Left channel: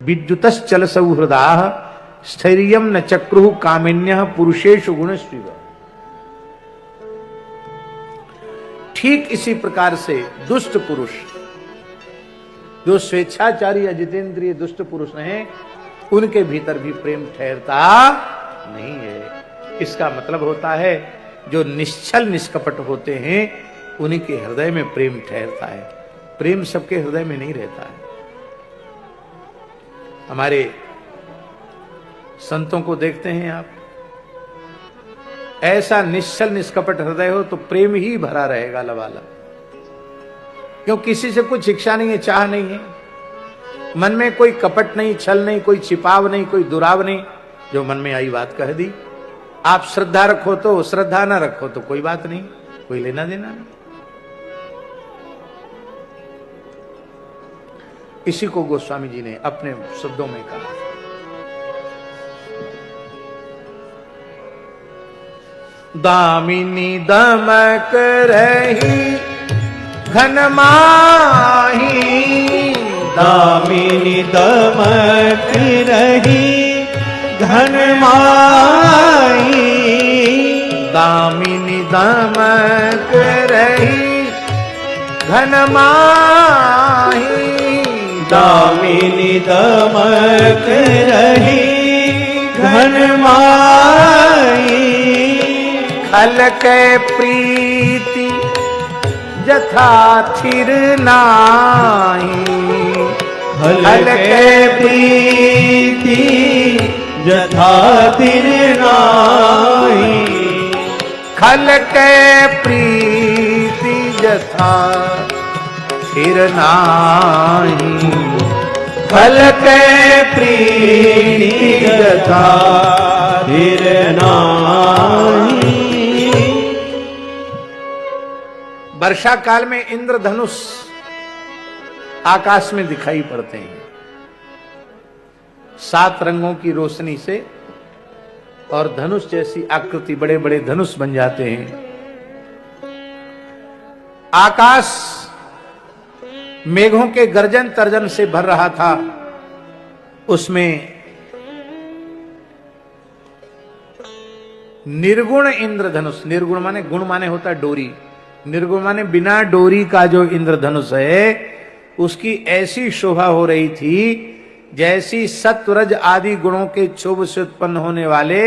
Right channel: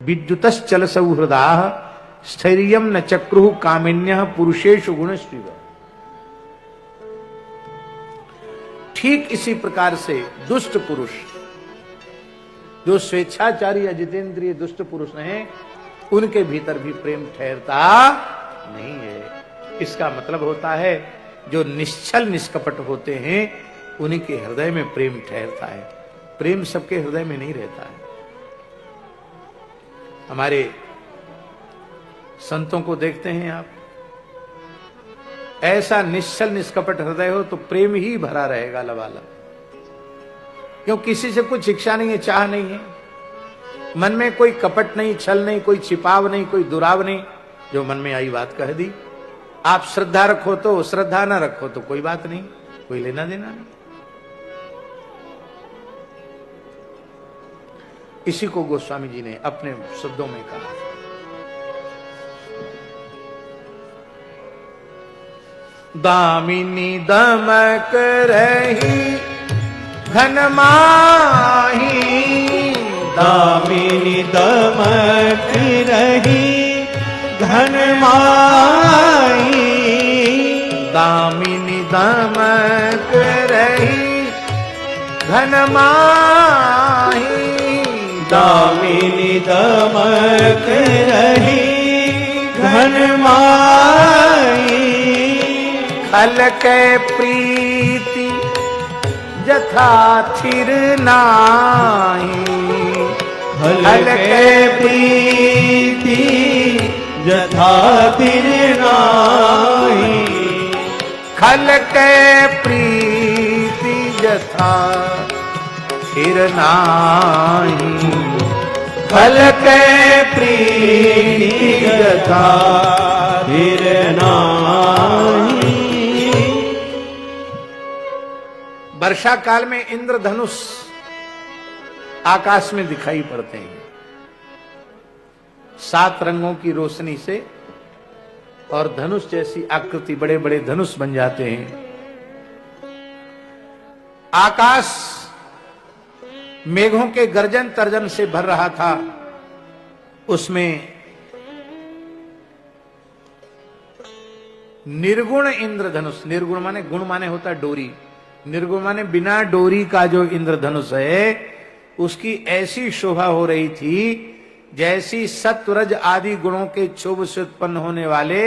विद्युतश्चल सौहृदा स्थैर्यम न चक्रु कामिन्य पुरुषेषु गुणश्रीव। ठीक इसी प्रकार से दुष्ट पुरुष, जो स्वेच्छाचारी अजितेंद्रिय दुष्ट पुरुष हैं, उनके भीतर भी प्रेम ठहरता नहीं है। इसका मतलब होता है जो निश्चल निष्कपट होते हैं उन्हीं के हृदय में प्रेम ठहरता है। प्रेम सबके हृदय में नहीं रहता है। हमारे संतों को देखते हैं आप, ऐसा निश्चल निष्कपट हृदय हो तो प्रेम ही भरा रहेगा लबालब, क्यों किसी से कुछ इच्छा नहीं है, चाह नहीं है, मन में कोई कपट नहीं, छल नहीं, कोई छिपाव नहीं, कोई दुराव नहीं। जो मन में आई बात कह दी। आप श्रद्धा रखो तो श्रद्धा ना रखो तो कोई बात नहीं, कोई लेना देना नहीं। इसी को गोस्वामी जी ने अपने शब्दों में कहा। दामिनी दमक रही घन माही, दामिनी दमक रही घन माही, दामिनी दमक रही घन माही, दामिनी दमक रही घन माही, खल के प्रीति जथा थिर नाही, खल के प्रीति जथा थिर नाही, खल के प्रीति जथा थिर नाही, खल के प्रीति जथा थिर नाही। वर्षा काल में इंद्रधनुष आकाश में दिखाई पड़ते हैं, 7 रंगों की रोशनी से, और धनुष जैसी आकृति, बड़े बड़े धनुष बन जाते हैं। आकाश मेघों के गर्जन तर्जन से भर रहा था। उसमें निर्गुण इंद्रधनुष, निर्गुण माने गुण माने होता डोरी, निर्गुण माने बिना डोरी का जो इंद्रधनुष है उसकी ऐसी शोभा हो रही थी जैसी सत्वरज आदि गुणों के क्षोभ से उत्पन्न होने वाले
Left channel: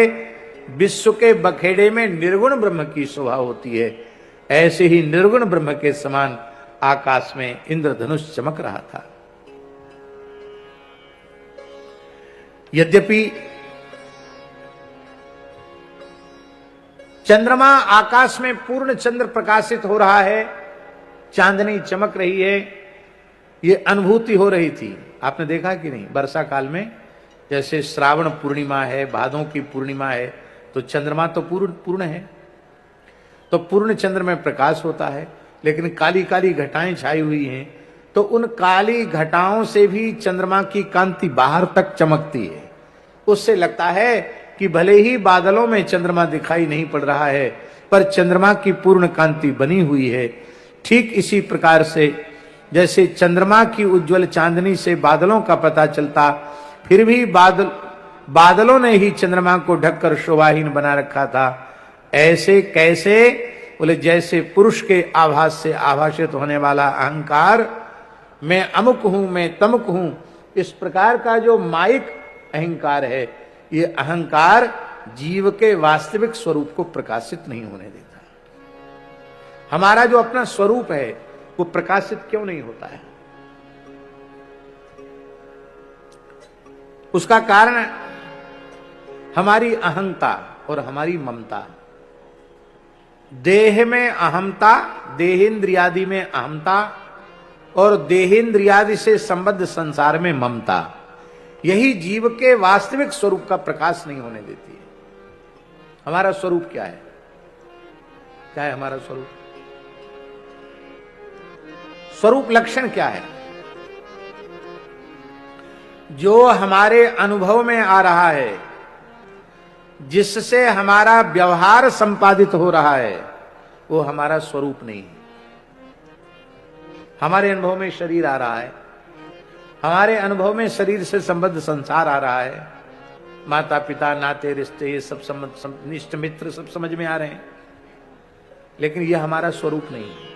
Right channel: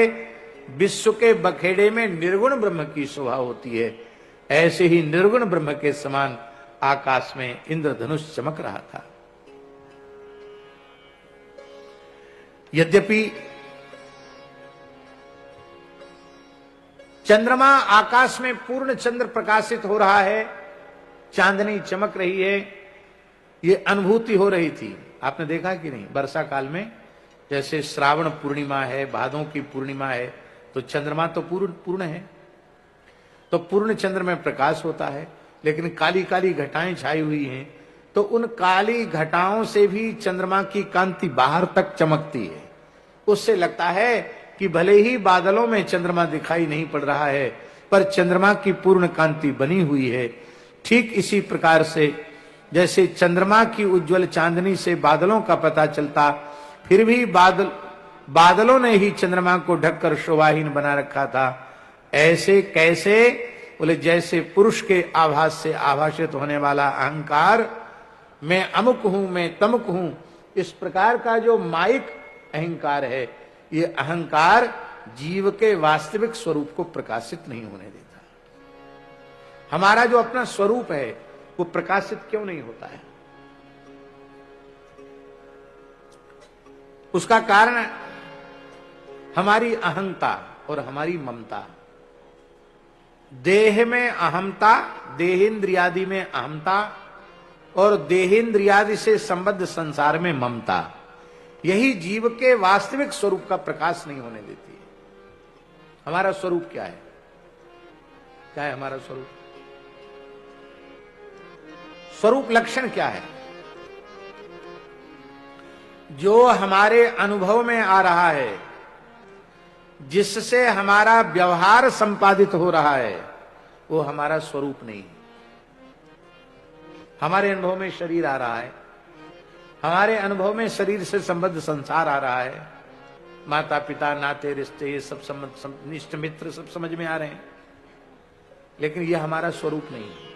विश्व के बखेड़े में निर्गुण ब्रह्म की शोभा होती है। ऐसे ही निर्गुण ब्रह्म के समान आकाश में इंद्रधनुष चमक रहा था। यद्यपि चंद्रमा आकाश में पूर्ण चंद्र प्रकाशित हो रहा है, चांदनी चमक रही है, ये अनुभूति हो रही थी। आपने देखा कि नहीं, वर्षा काल में जैसे श्रावण पूर्णिमा है, भादों की पूर्णिमा है, तो चंद्रमा तो पूर्ण है, तो पूर्ण चंद्र में प्रकाश होता है, लेकिन काली काली घटाएं छाई हुई हैं, तो उन काली घटाओं से भी चंद्रमा की कांति बाहर तक चमकती है। उससे लगता है कि भले ही बादलों में चंद्रमा दिखाई नहीं पड़ रहा है, पर चंद्रमा की पूर्ण कांति बनी हुई है। ठीक इसी प्रकार से जैसे चंद्रमा की उज्जवल चांदनी से बादलों का पता चलता, फिर भी बादलों ने ही चंद्रमा को ढककर शोभाहीन बना रखा था। ऐसे कैसे? बोले जैसे पुरुष के आभास से आभाषित होने वाला अहंकार, मैं अमुक हूं, मैं तमुक हूं, इस प्रकार का जो माइक अहंकार है, ये अहंकार जीव के वास्तविक स्वरूप को प्रकाशित नहीं होने देता। हमारा जो अपना स्वरूप है वो प्रकाशित क्यों नहीं होता है? उसका कारण हमारी अहंता और हमारी ममता। देह में अहंता, देहेंद्रियादि में अहंता, और देहेंद्रियादि से संबद्ध संसार में ममता, यही जीव के वास्तविक स्वरूप का प्रकाश नहीं होने देती है। हमारा स्वरूप क्या है? क्या है हमारा स्वरूप? स्वरूप लक्षण क्या है? जो हमारे अनुभव में आ रहा है, जिससे हमारा व्यवहार संपादित हो रहा है, वो हमारा स्वरूप नहीं है। हमारे अनुभव में शरीर आ रहा है, हमारे अनुभव में शरीर से संबद्ध संसार आ रहा है, माता पिता नाते रिश्ते ये सब निष्ठ मित्र सब समझ में आ रहे हैं, लेकिन यह हमारा स्वरूप नहीं है।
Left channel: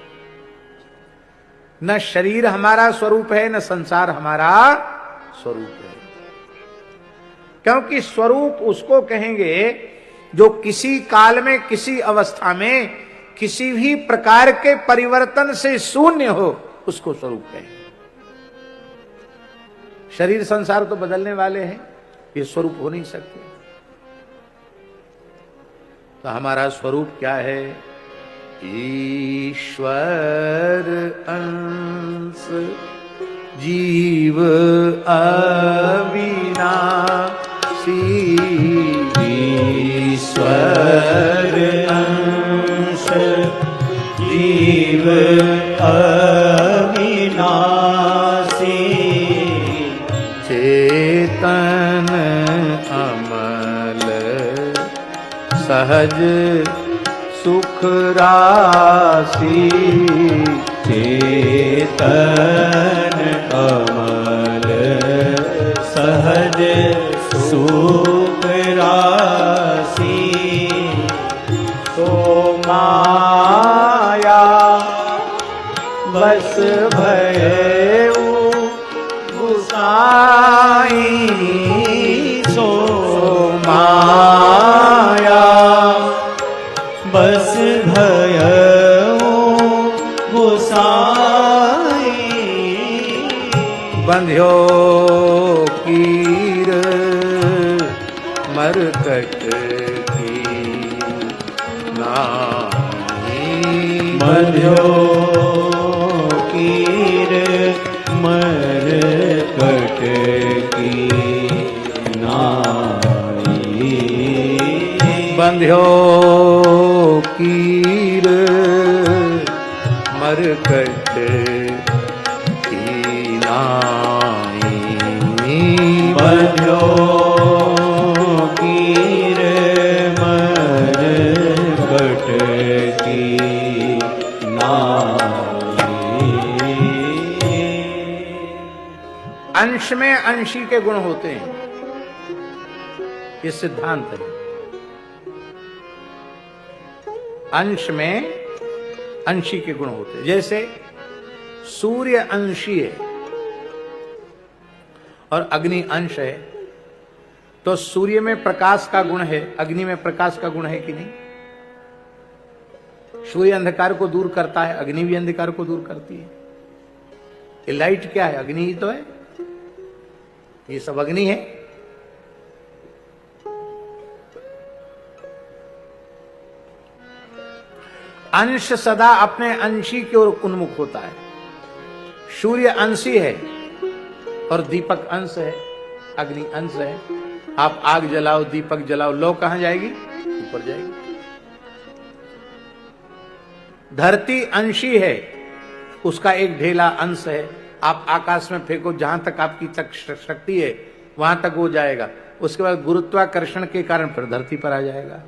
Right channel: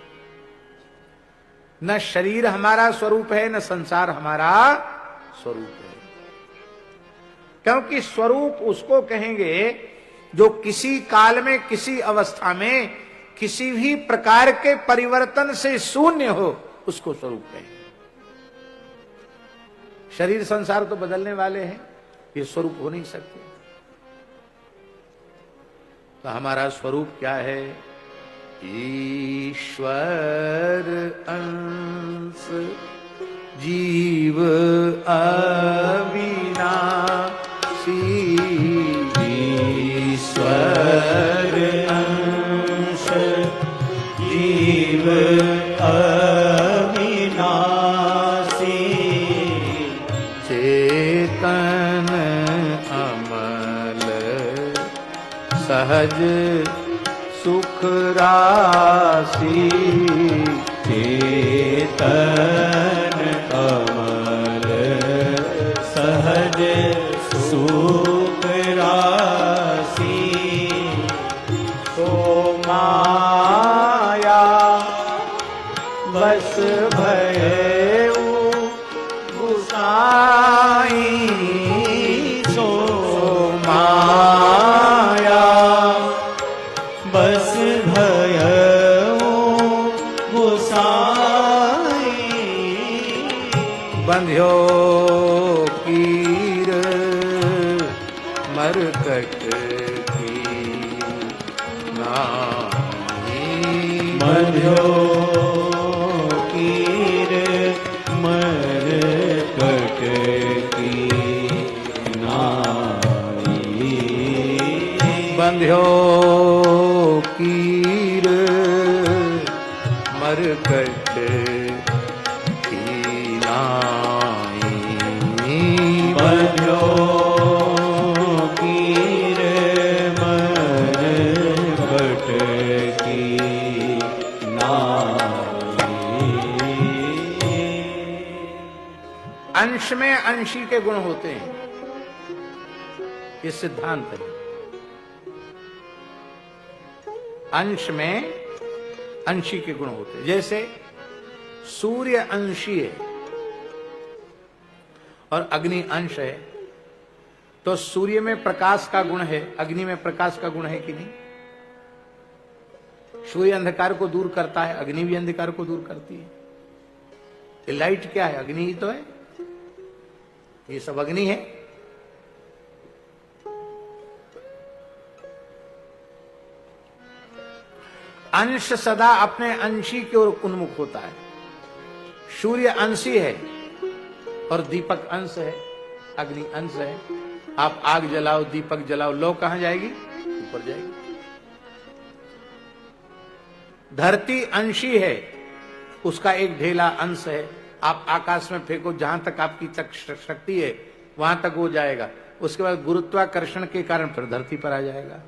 न शरीर हमारा स्वरूप है, न संसार हमारा स्वरूप है। क्योंकि स्वरूप उसको कहेंगे जो किसी काल में किसी अवस्था में किसी भी प्रकार के परिवर्तन से शून्य हो, उसको स्वरूप कहेंगे। शरीर संसार तो बदलने वाले हैं, ये स्वरूप हो नहीं सकते। तो हमारा स्वरूप क्या है? ईश्वर अंश जीव अविनाशी, ईश्वर अंश जीव अविनाशी, चेतन अमल सहज सुख राशि, चेतन अमल सहज सुख राशि, तो माया बस भयउ गुसाई, सो माया बस भयउ गुसाई, बंध्यो कीर मरकट की नाई, बंध्यो कीर मरकट की नाई, बंध्यो कीर मरकट की नाई, बंध्यो कीर मरकट की नाई। अंश में अंशी के गुण होते हैं, ये सिद्धांत है। अंश में अंशी के गुण होते हैं। जैसे सूर्य अंशी है और अग्नि अंश है, तो सूर्य में प्रकाश का गुण है, अग्नि में प्रकाश का गुण है कि नहीं? सूर्य अंधकार को दूर करता है, अग्नि भी अंधकार को दूर करती है। ये लाइट क्या है? अग्नि ही तो है, ये सब अग्नि है। अंश सदा अपने अंशी की ओर उन्मुख होता है। सूर्य अंशी है और दीपक अंश है, अग्नि अंश है। आप आग जलाओ, दीपक जलाओ, लौ कहां जाएगी? ऊपर जाएगी। धरती अंशी है, उसका एक ढेला अंश है। आप आकाश में फेंको, जहां तक आपकी शक्ति है वहां तक वो जाएगा। उसके बाद गुरुत्वाकर्षण के कारण फिर धरती पर आ जाएगा।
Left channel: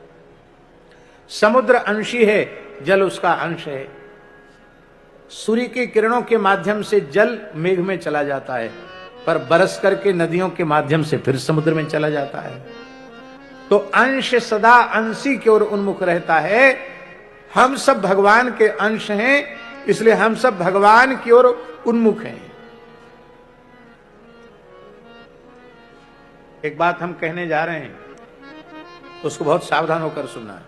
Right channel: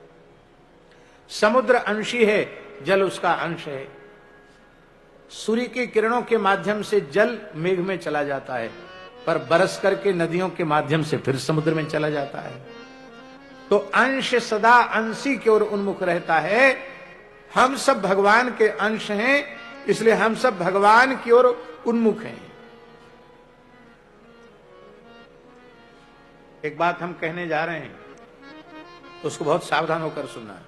समुद्र अंशी है, जल उसका अंश है। सूर्य की किरणों के माध्यम से जल मेघ में चला जाता है, पर बरस करके नदियों के माध्यम से फिर समुद्र में चला जाता है। तो अंश सदा अंशी की ओर उन्मुख रहता है। हम सब भगवान के अंश हैं, इसलिए हम सब भगवान की ओर उन्मुख हैं। एक बात हम कहने जा रहे हैं, उसको बहुत सावधान होकर सुनना।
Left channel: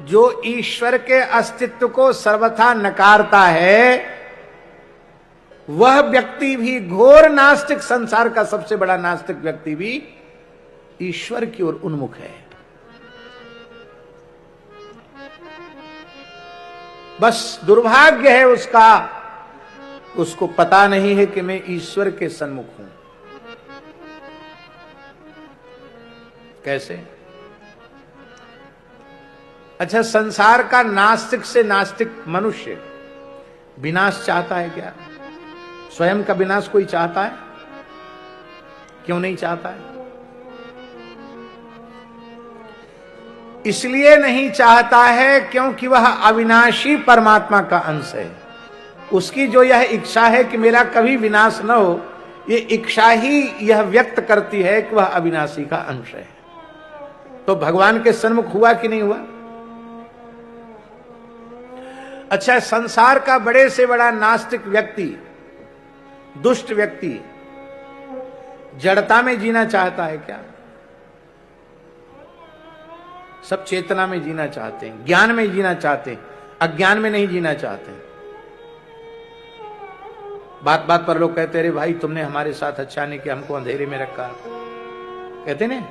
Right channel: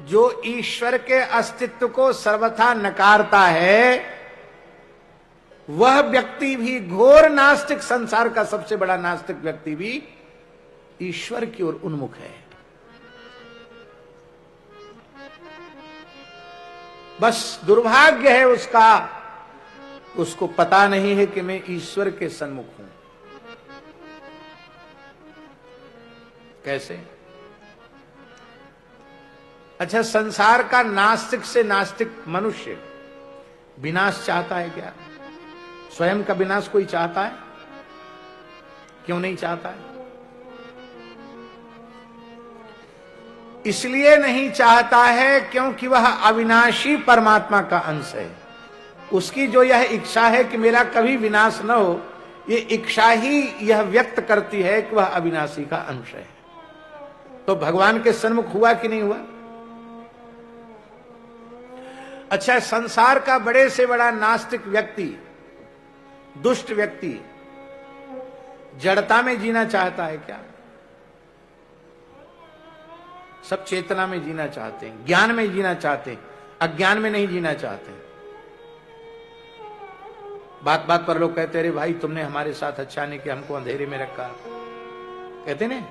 जो ईश्वर के अस्तित्व को सर्वथा नकारता है, वह व्यक्ति भी, घोर नास्तिक, संसार का सबसे बड़ा नास्तिक व्यक्ति भी ईश्वर की ओर उन्मुख है। बस दुर्भाग्य है उसका, उसको पता नहीं है कि मैं ईश्वर के सन्मुख हूं। कैसे? अच्छा, संसार का नास्तिक से नास्तिक मनुष्य विनाश चाहता है क्या? स्वयं का विनाश कोई चाहता है? क्यों नहीं चाहता है? इसलिए नहीं चाहता है क्योंकि वह अविनाशी परमात्मा का अंश है। उसकी जो यह इच्छा है कि मेरा कभी विनाश न हो, ये इच्छा ही यह व्यक्त करती है कि वह अविनाशी का अंश है। तो भगवान के सन्मुख हुआ कि नहीं हुआ? अच्छा, संसार का बड़े से बड़ा नास्तिक व्यक्ति, दुष्ट व्यक्ति जड़ता में जीना चाहता है क्या? सब चेतना में जीना चाहते हैं, ज्ञान में जीना चाहते हैं, अज्ञान में नहीं जीना चाहते। बात बात पर लोग कहते, अरे भाई तुमने हमारे साथ अच्छा नहीं किया, हमको अंधेरे में रखा। कहते ने,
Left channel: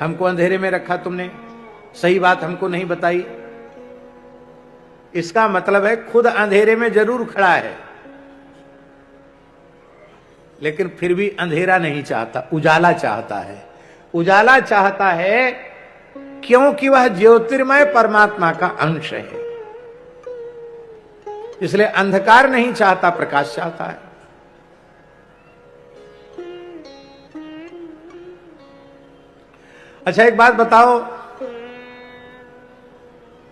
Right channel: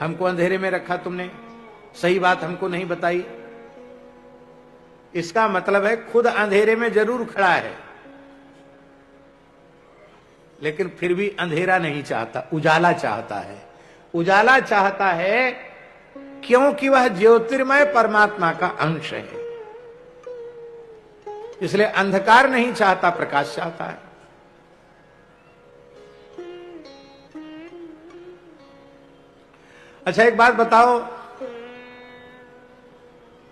हमको अंधेरे में रखा तुमने, सही बात हमको नहीं बताई। इसका मतलब है खुद अंधेरे में जरूर खड़ा है, लेकिन फिर भी अंधेरा नहीं चाहता, उजाला चाहता है। उजाला चाहता है क्योंकि वह ज्योतिर्मय परमात्मा का अंश है, इसलिए अंधकार नहीं चाहता, प्रकाश चाहता है। अच्छा, एक बात बताओ,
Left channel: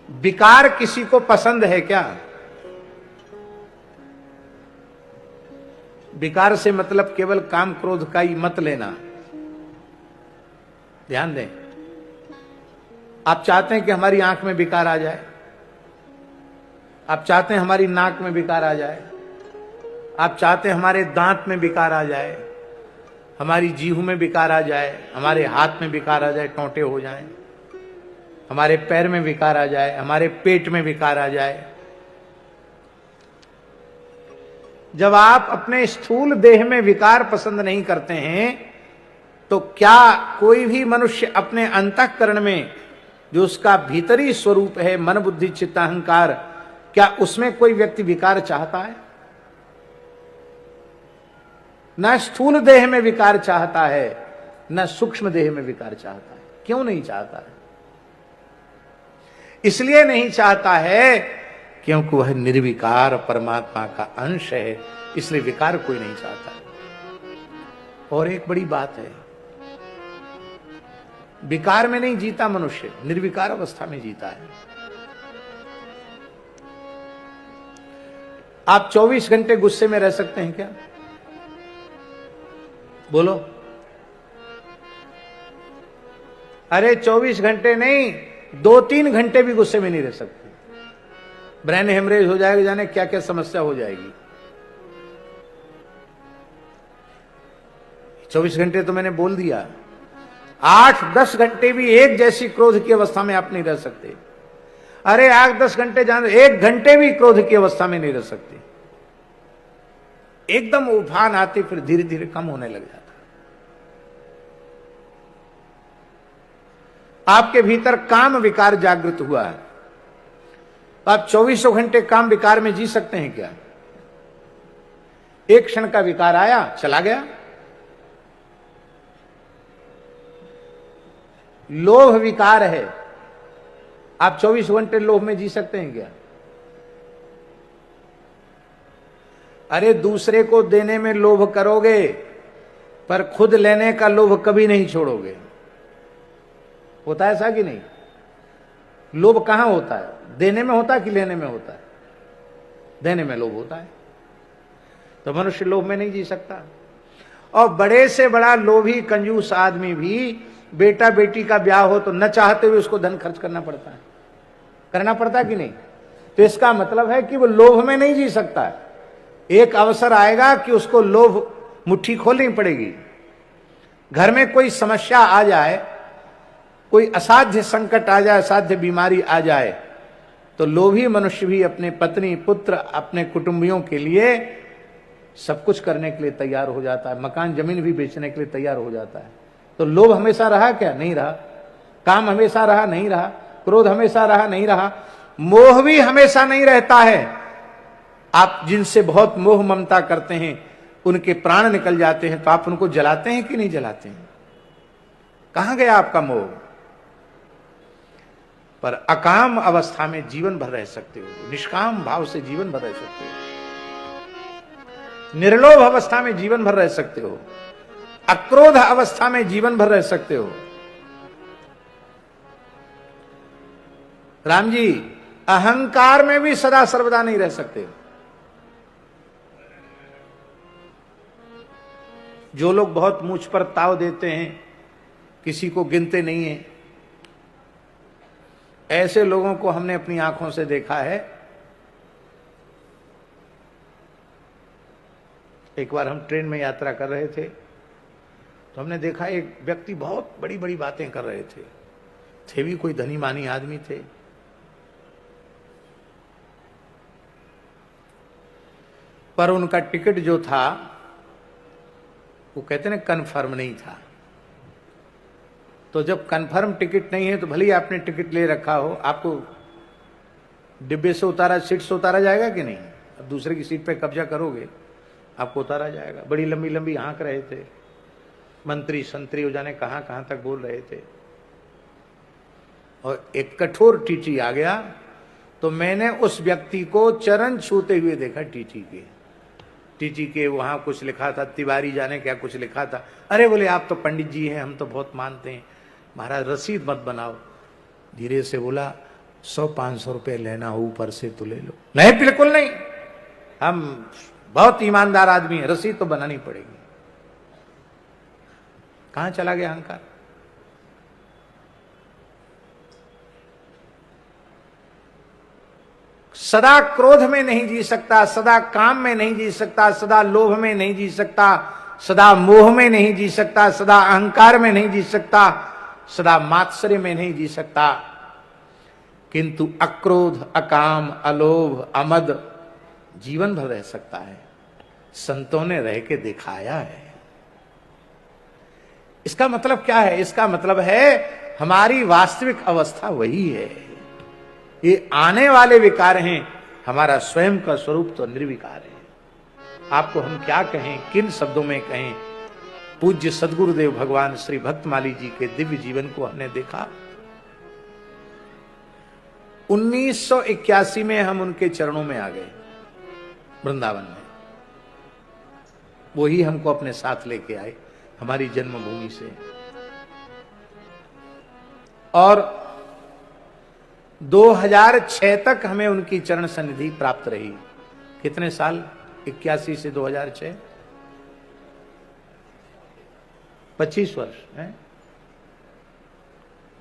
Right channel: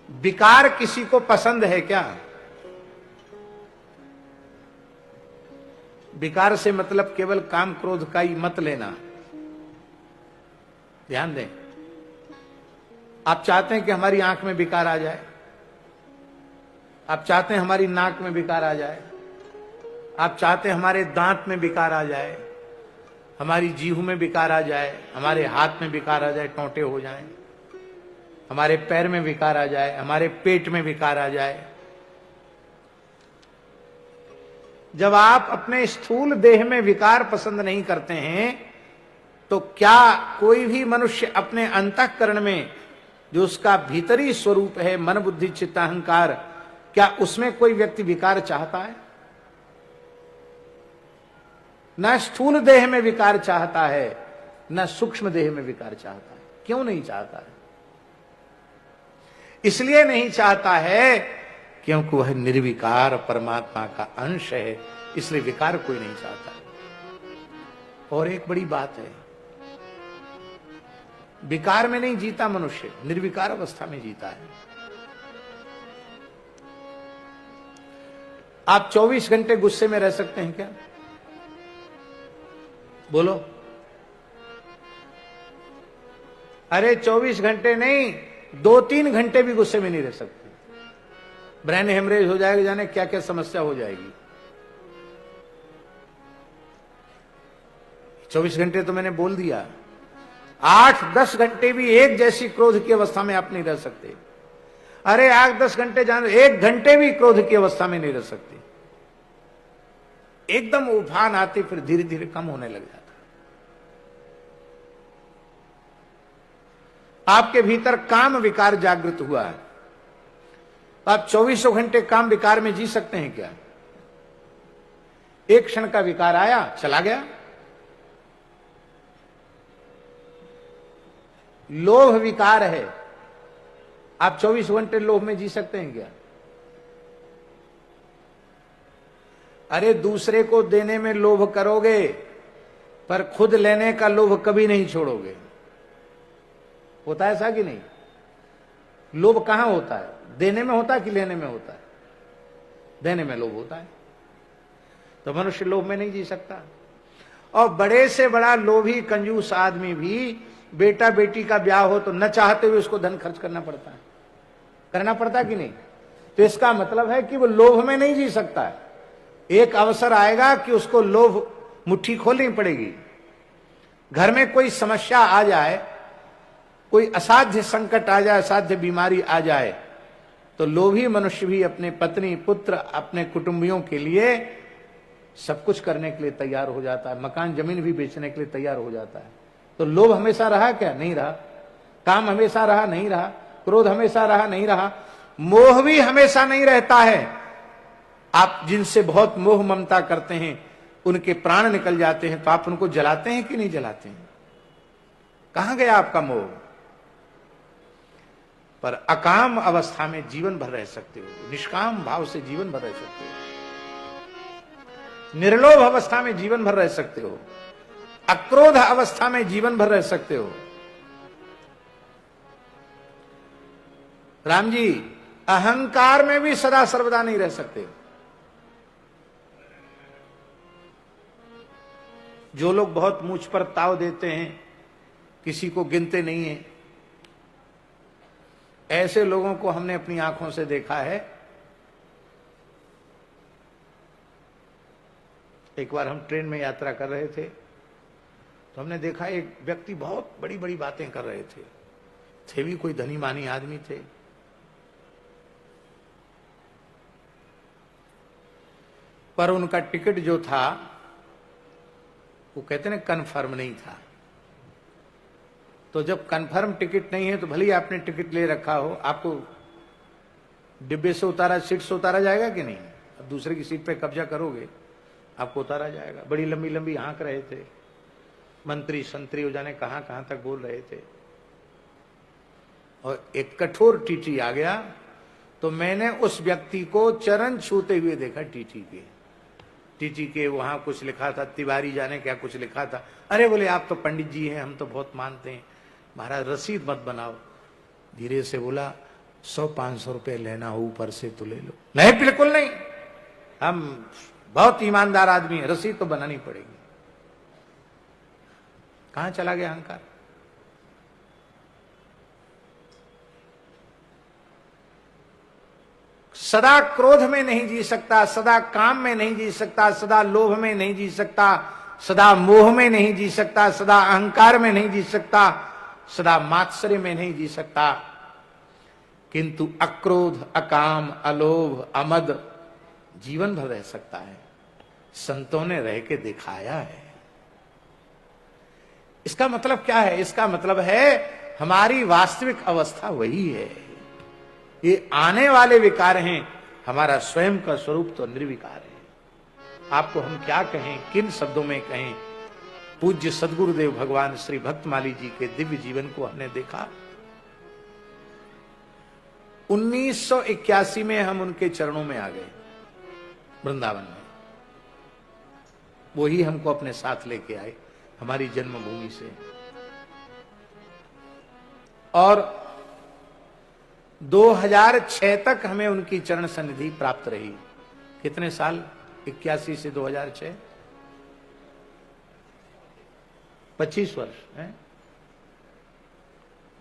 विकार किसी को पसंद है क्या? विकार से मतलब केवल काम क्रोध का ही मत लेना, ध्यान दें। आप चाहते हैं कि हमारी आंख में विकार आ जाए, आप चाहते हैं हमारी नाक में विकार आ जाए, आप चाहते हैं हमारे दांत में विकार आ जाए, हमारी जीभ में विकार आ जाए, हमारे हाथ में विकार आ जाए, टोंटे हो जाएं, हमारे पैर में विकार आ जाए, हमारे पेट में विकार आ जाए। जब आप अपने स्थूल देह में विकार पसंद नहीं करते हैं, तो क्या कोई भी मनुष्य अपने अंतःकरण में जो उसका भीतरी स्वरूप है, मन बुद्धि चित्त अहंकार, क्या उसमें कोई व्यक्ति विकार चाहता है? न स्थूल देह में विकार चाहता है, न सूक्ष्म देह में विकार चाहता है। क्यों नहीं चाहता है? इसलिए नहीं चाहता है क्योंकि वह निर्विकार परमात्मा का अंश है, इसलिए विकार कोई नहीं चाहता है। और एक बड़ी बात है, विकार में नहीं जीता मनुष्य, निर्विकार अवस्था में जीता है। आप 24 घंटे गुस्से में रह सकते हैं क्या? बोलो। अरे 24 घंटे नहीं, 2-3 घंटे भी गुस्से में नहीं रह सकते। ब्रेन हेमरेज हो जाएगा, जाने क्या क्या समस्या हो जाएगी। 24 घंटे तो मैंने बोल दिया, 8-10 घंटे भी एक जैसी क्रोध की अवस्था में आप नहीं रह सकते। अरे 8-10 घंटे जाने, 1 घंटे भी क्रोध की अवस्था में नहीं रह सकते। एकदम उफान आती, फिर धीरे धीरे कम होने लग जाता। आपके भीतर काम विकार जागृत हुआ है, आप 24 घंटे काम विकार में जी सकते हैं क्या? एक क्षण का विकार आया, चला गया। लोभ विकार है, आप 24 घंटे लोभ में जी सकते हैं क्या? अरे दूसरे को देने में लोभ करोगे, पर खुद लेने का लोभ कभी नहीं छोड़ोगे। होता है ऐसा कि नहीं? लोभ कहां होता है? देने में होता है कि लेने में होता है? देने में लोभ होता है। तो मनुष्य लोभ में नहीं जी सकता। और बड़े से बड़ा लोभी कंजूस आदमी भी बेटा बेटी का ब्याह हो तो न चाहते हुए उसको धन खर्च करना पड़ता है, करना पड़ता है कि नहीं? तो इसका मतलब है कि वो लोभ में नहीं जी सकता है। एक अवसर आएगा कि उसको लोभ मुट्ठी खोलनी पड़ेगी। घर में कोई समस्या आ जाए, कोई असाध्य संकट आ जाए, असाध्य बीमारी आ जाए, तो लोभी मनुष्य भी अपने पत्नी पुत्र अपने कुटुंबियों के लिए सब कुछ करने के लिए तैयार हो जाता है, मकान जमीन भी बेचने के लिए तैयार हो जाता है। तो लोभ हमेशा रहा क्या? नहीं रहा। काम हमेशा रहा? नहीं रहा। क्रोध हमेशा रहा? नहीं रहा। मोह भी हमेशा नहीं रहता है। आप जिनसे बहुत मोह ममता करते हैं, उनके प्राण निकल जाते हैं, तो आप उनको जलाते हैं कि नहीं जलाते हैं? कहां गया आपका मोह? पर अकाम अवस्था में जीवन भर रह सकते हो, निष्काम भाव से जीवन भर रह सकते हो, निर्लोभ अवस्था में जीवन भर रह सकते हो, अक्रोध अवस्था में जीवन भर रह सकते हो। राम जी, अहंकार में भी सदा सर्वदा नहीं रह सकते। जो लोग बहुत मूछ पर ताव देते हैं, किसी को गिनते नहीं है, ऐसे लोगों को हमने अपनी आंखों से देखा है। एक बार हम ट्रेन में यात्रा कर रहे थे तो हमने देखा एक व्यक्ति बहुत बड़ी बड़ी बातें कर रहे थे भी कोई धनी मानी आदमी थे। पर उनका टिकट जो था वो कहते ना कन्फर्म नहीं था। तो जब कन्फर्म टिकट नहीं है तो भले ही आपने टिकट ले रखा हो, आपको डिब्बे से उतारा, सीट से उतारा जाएगा कि नहीं? अब दूसरे की सीट पे कब्जा करोगे, आपको उतारा जाएगा। बड़ी लंबी लंबी हाँक रहे थे, मंत्री संतरी हो जाने कहां कहां तक बोल रहे थे। और एक कठोर टीटी आ गया तो मैंने उस व्यक्ति को चरण छूते हुए देखा। टीटी के वहां कुछ लिखा था, तिवारी जाने क्या कुछ लिखा था। अरे बोले आप तो पंडित जी हैं, हम तो बहुत मानते हैं, महाराज रसीद मत बनाओ। धीरे से बोला 100-500 रुपए लेना हो ऊपर से तो ले लो। नहीं बिल्कुल नहीं, हम बहुत ईमानदार आदमी है, रसीद तो बनानी पड़ेगी। कहां चला गया अहंकार? सदा क्रोध में नहीं जी सकता, सदा काम में नहीं जी सकता, सदा लोभ में नहीं जी सकता, सदा मोह में नहीं जी सकता, सदा अहंकार में नहीं जी सकता, सदा मात्सर्य में नहीं जी सकता। किंतु अक्रोध, अकाम, अलोभ, अमद जीवन भर रह सकता है। संतों ने रह के दिखाया है। इसका मतलब क्या है? इसका मतलब है हमारी वास्तविक अवस्था वही है। ये आने वाले विकार हैं, हमारा स्वयं का स्वरूप तो निर्विकार है। आपको हम क्या कहें, किन शब्दों में कहें? पूज्य सदगुरुदेव भगवान श्री भक्तमाली जी के दिव्य जीवन को हमने देखा। 1981 में हम उनके चरणों में आ गए वृंदावन में। वो ही हमको अपने साथ लेके आए हमारी जन्मभूमि से। और 2006 तक हमें उनकी चरण सन्निधि प्राप्त रही। कितने साल? 81 से 2006, 25 वर्ष है।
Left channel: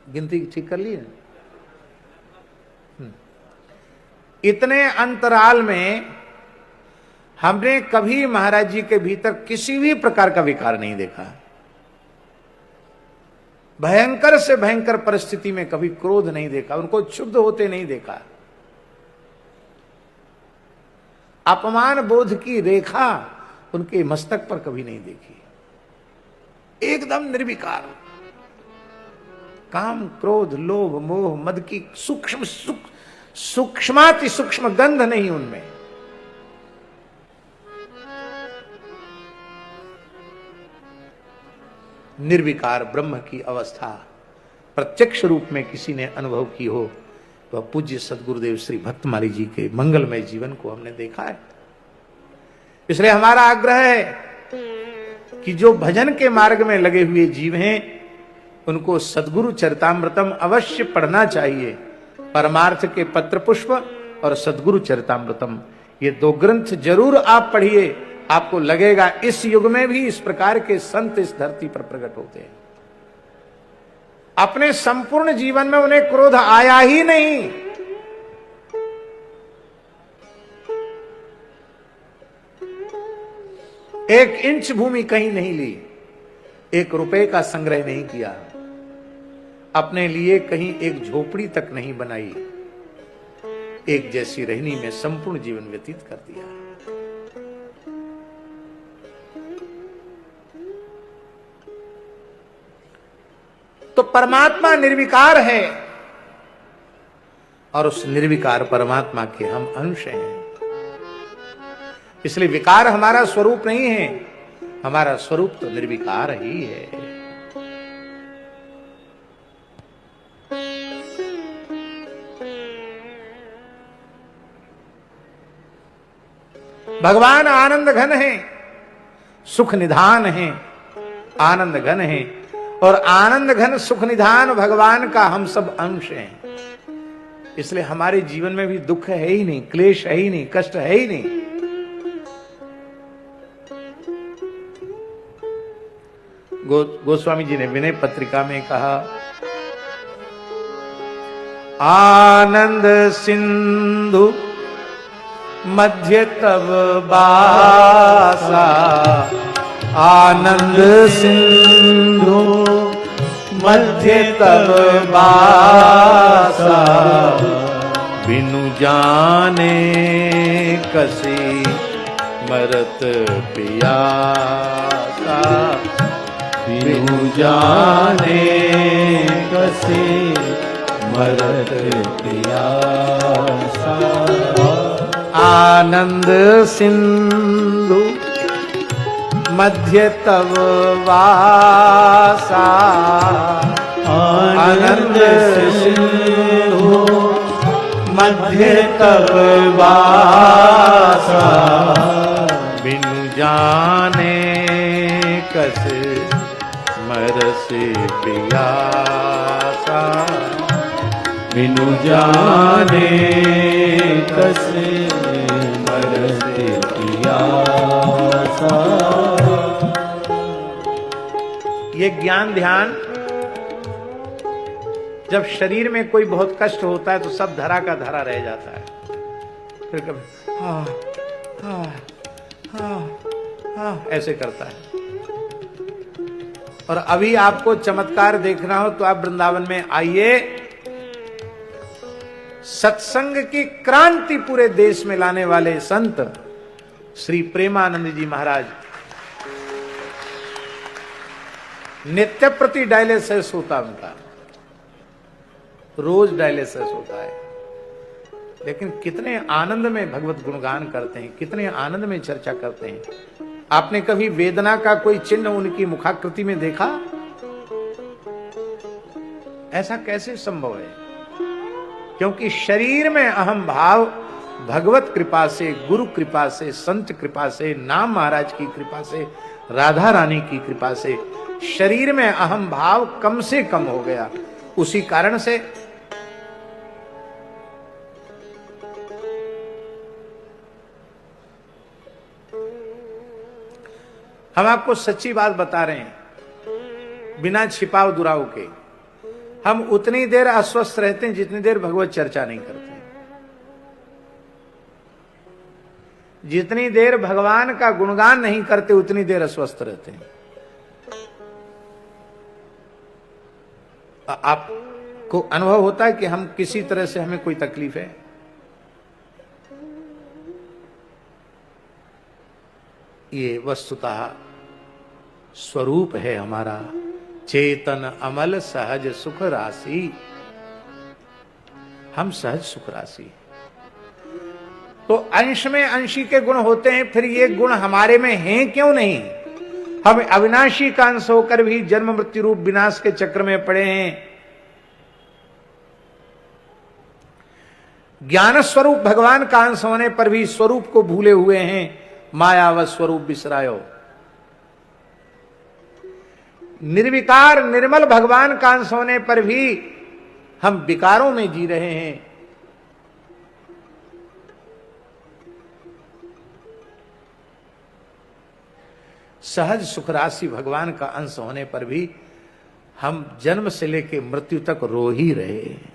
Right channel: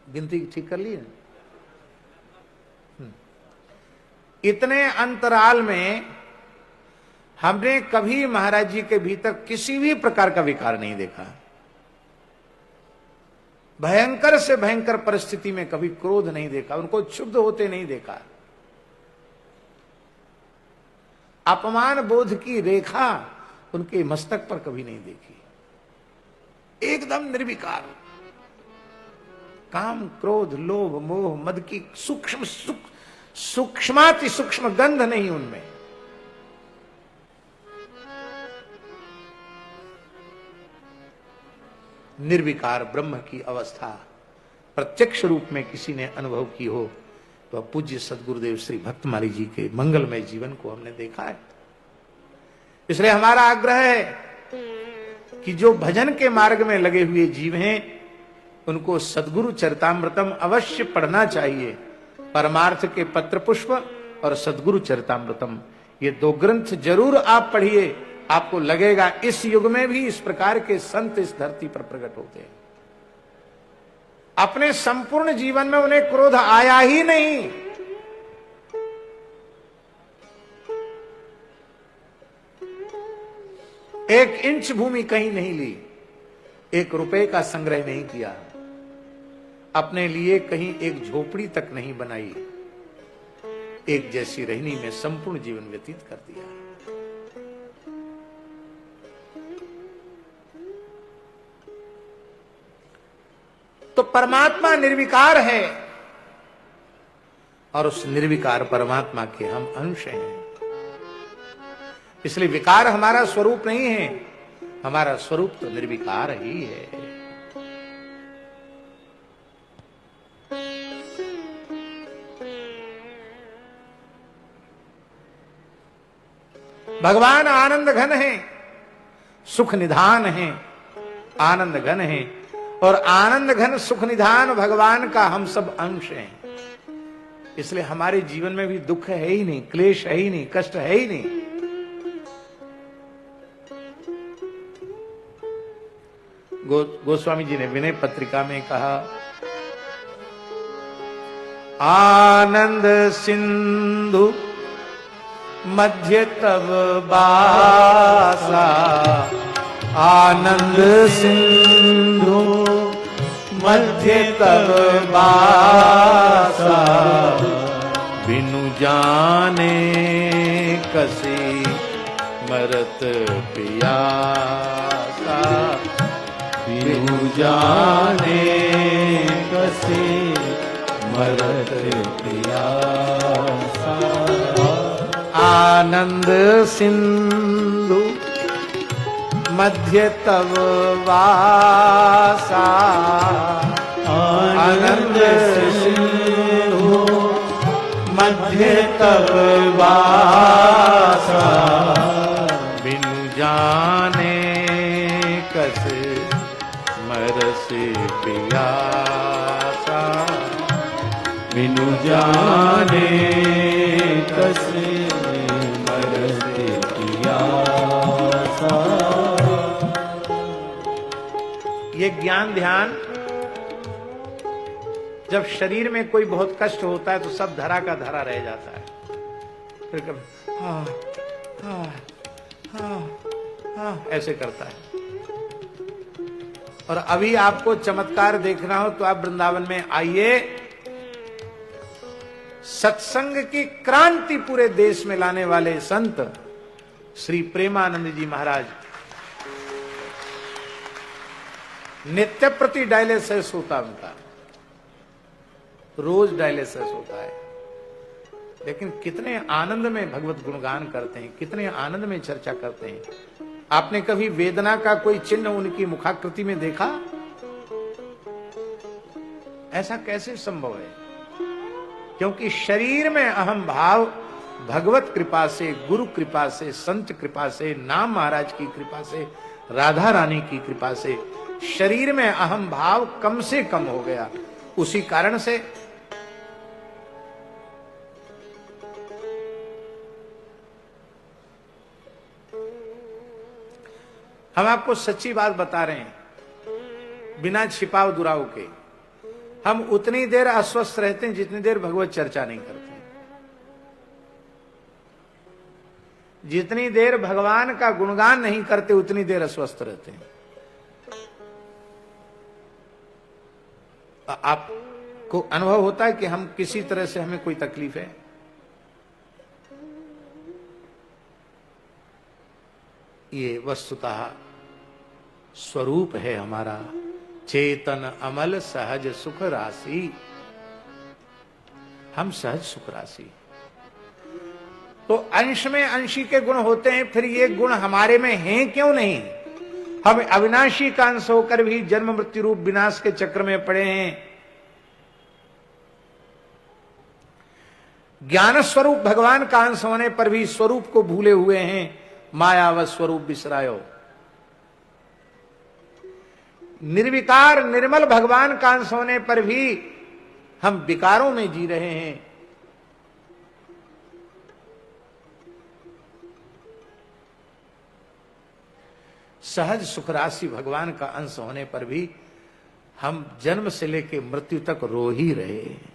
गिनती ठीक कर ली है। इतने अंतराल में हमने कभी महाराज जी के भीतर किसी भी प्रकार का विकार नहीं देखा। भयंकर से भयंकर परिस्थिति में कभी क्रोध नहीं देखा, उनको क्षुब्ध होते नहीं देखा। अपमान बोध की रेखा उनके मस्तक पर कभी नहीं देखी। एकदम निर्विकार। काम, क्रोध, लोभ, मोह, मद की सूक्ष्माति सूक्ष्म गंध नहीं उनमें। निर्विकार ब्रह्म की अवस्था प्रत्यक्ष रूप में किसी ने अनुभव की हो तो पूज्य सदगुरुदेव श्री भक्तमाली जी के मंगलमय जीवन को हमने देखा है। इसलिए हमारा आग्रह है कि जो भजन के मार्ग में लगे हुए जीव हैं उनको सदगुरु चरितामृतम अवश्य पढ़ना चाहिए। परमार्थ के पत्र पुष्प और सदगुरु चरितामृतम, ये 2 ग्रंथ जरूर आप पढ़िए। आपको लगेगा इस युग में भी इस प्रकार के संत इस धरती पर प्रकट होते हैं। अपने संपूर्ण जीवन में उन्हें क्रोध आया ही नहीं। एक इंच भूमि कहीं नहीं ली, 1 रुपए का संग्रह नहीं किया, अपने लिए कहीं एक झोपड़ी तक नहीं बनाई, एक जैसी रहनी में संपूर्ण जीवन व्यतीत कर दिया। तो परमात्मा निर्विकार है और उस निर्विकार परमात्मा के हम अंश हैं। इसलिए विकार हमारा स्वरूप नहीं है, हमारा स्वरूप तो निर्विकार ही है। भगवान आनंद घन है, सुख निधान है, आनंद घन है। और आनंद घन सुख निधान भगवान का हम सब अंश हैं। इसलिए हमारे जीवन में भी दुख है ही नहीं, क्लेश है ही नहीं, कष्ट है ही नहीं। गोस्वामी जी ने विनय पत्रिका में कहा, आनंद सिंधु मध्य तब बासा, आनंद सिंधु मध्य तब बासा, बिनु जाने कसी मरत पियासा, बिनु जाने कसी मरत पियासा। आनंद सिंधु मध्य तव वासा, आनंद सिंधु मध्य तव वासा, बिनु जाने कस मरस पियासा, बिनु जाने कस मरस पियासा। ये ज्ञान ध्यान जब शरीर में कोई बहुत कष्ट होता है तो सब धरा का धरा रह जाता है, फिर कभी हाँ हाँ हाँ हाँ ऐसे करता है। और अभी आपको चमत्कार देखना हो तो आप वृंदावन में आइए, सत्संग की क्रांति पूरे देश में लाने वाले संत श्री प्रेमानंद जी महाराज नित्य प्रति डायलिसिस होता उनका, रोज डायलिसिस होता है, लेकिन कितने आनंद में भगवत गुणगान करते हैं, कितने आनंद में चर्चा करते हैं। आपने कभी वेदना का कोई चिन्ह उनकी मुखाकृति में देखा? ऐसा कैसे संभव है? क्योंकि शरीर में अहम भाव भगवत कृपा से, गुरु कृपा से, संत कृपा से, नाम महाराज की कृपा से, राधा रानी की कृपा से शरीर में अहम भाव कम से कम हो गया। उसी कारण से हम आपको सच्ची बात बता रहे हैं, बिना छिपाव दुराव के। हम उतनी देर अस्वस्थ रहते हैं जितनी देर भगवत चर्चा नहीं करते। जितनी देर भगवान का गुणगान नहीं करते उतनी देर अस्वस्थ रहते हैं। आपको अनुभव होता है कि हम किसी तरह से हमें कोई तकलीफ है, ये वस्तुतः स्वरूप है हमारा चेतन अमल सहज सुख राशि। हम सहज सुख राशि, तो अंश में अंशी के गुण होते हैं, फिर ये गुण हमारे में हैं क्यों नहीं? हम अविनाशी का अंश होकर भी जन्म मृत्यु रूप विनाश के चक्र में पड़े हैं। ज्ञान स्वरूप भगवान का अंश होने पर भी स्वरूप को भूले हुए हैं। मायावत स्वरूप बिसरायो। निर्विकार निर्मल भगवान का अंश होने पर भी हम विकारों में जी रहे हैं। सहज सुख राशि भगवान का अंश होने पर भी हम जन्म से लेकर मृत्यु तक रो ही रहे हैं।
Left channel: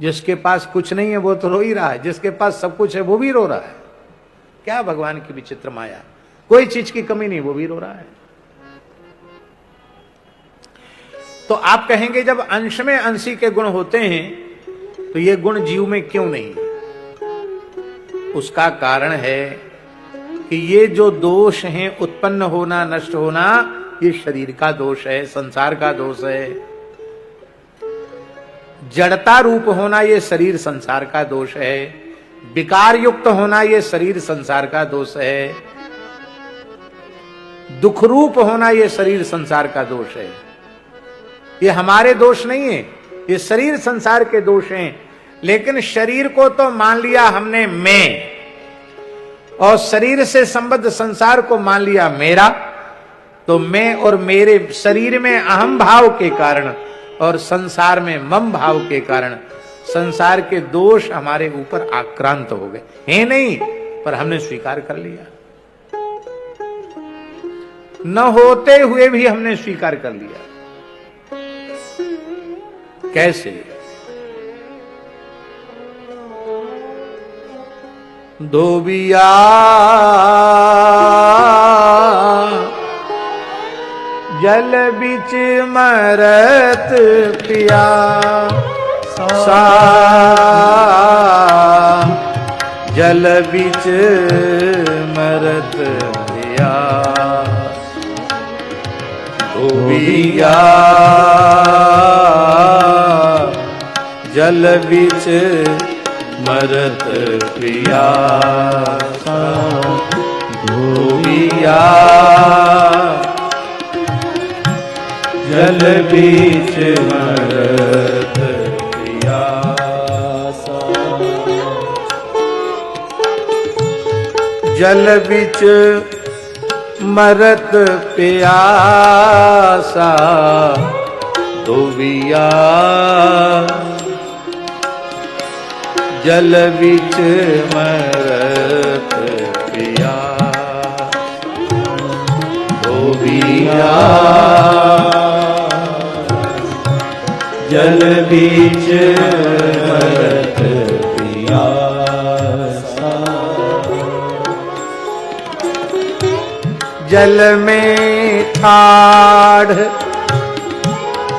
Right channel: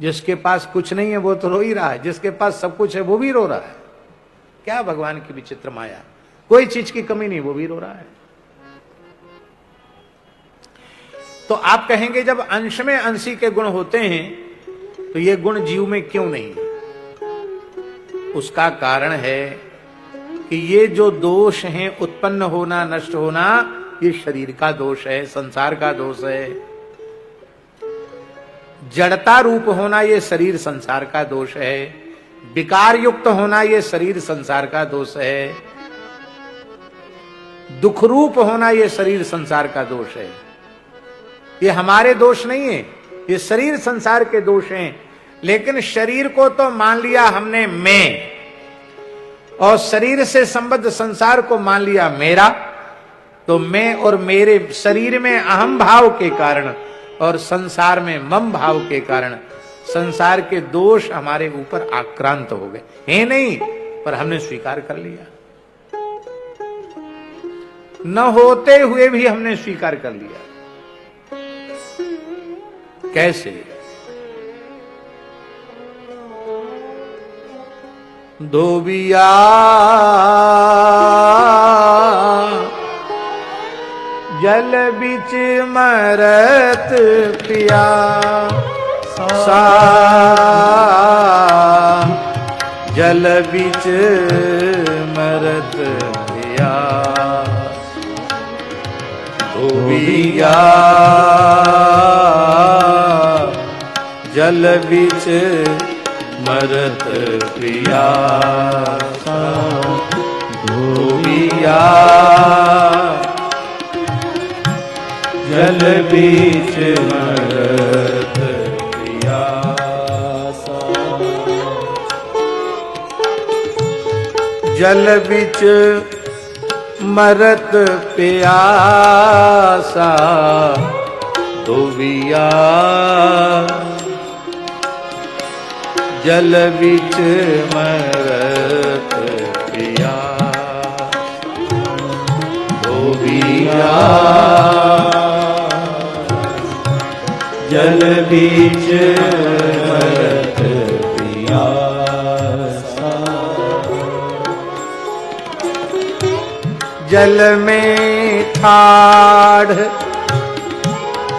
जिसके पास कुछ नहीं है वो तो रो ही रहा है, जिसके पास सब कुछ है वो भी रो रहा है। क्या भगवान की विचित्र माया, कोई चीज की कमी नहीं, वो भी रो रहा है। तो आप कहेंगे जब अंश में अंशी के गुण होते हैं तो ये गुण जीव में क्यों नहीं? उसका कारण है कि ये जो दोष हैं, उत्पन्न होना नष्ट होना, ये शरीर का दोष है, संसार का दोष है। जड़ता रूप होना ये शरीर संसार का दोष है। विकार युक्त होना ये शरीर संसार का दोष है। दुख रूप होना ये शरीर संसार का दोष है। ये हमारे दोष नहीं है, ये शरीर संसार के दोष हैं। लेकिन शरीर को तो मान लिया हमने मैं, और शरीर से संबद्ध संसार को मान लिया मेरा। तो मैं और मेरे शरीर में अहम भाव के कारण और संसार में मम भाव के कारण संसार के दोष हमारे ऊपर आक्रांत हो गए हैं। नहीं, पर हमने स्वीकार कर लिया। न होते हुए भी हमने स्वीकार कर लिया। कैसे? धोबिया जल बिच मरत पिया सा, जल बिच मरत पिया। धोबिया जल बिच मरत पिया सा, धोबिया जल बीच मरत पियासा। जल बीच मरत पियासा, धोबिया जल बीच मरत पिया। धोबिया जल बीच मरत पियासा। जल में ठाढ़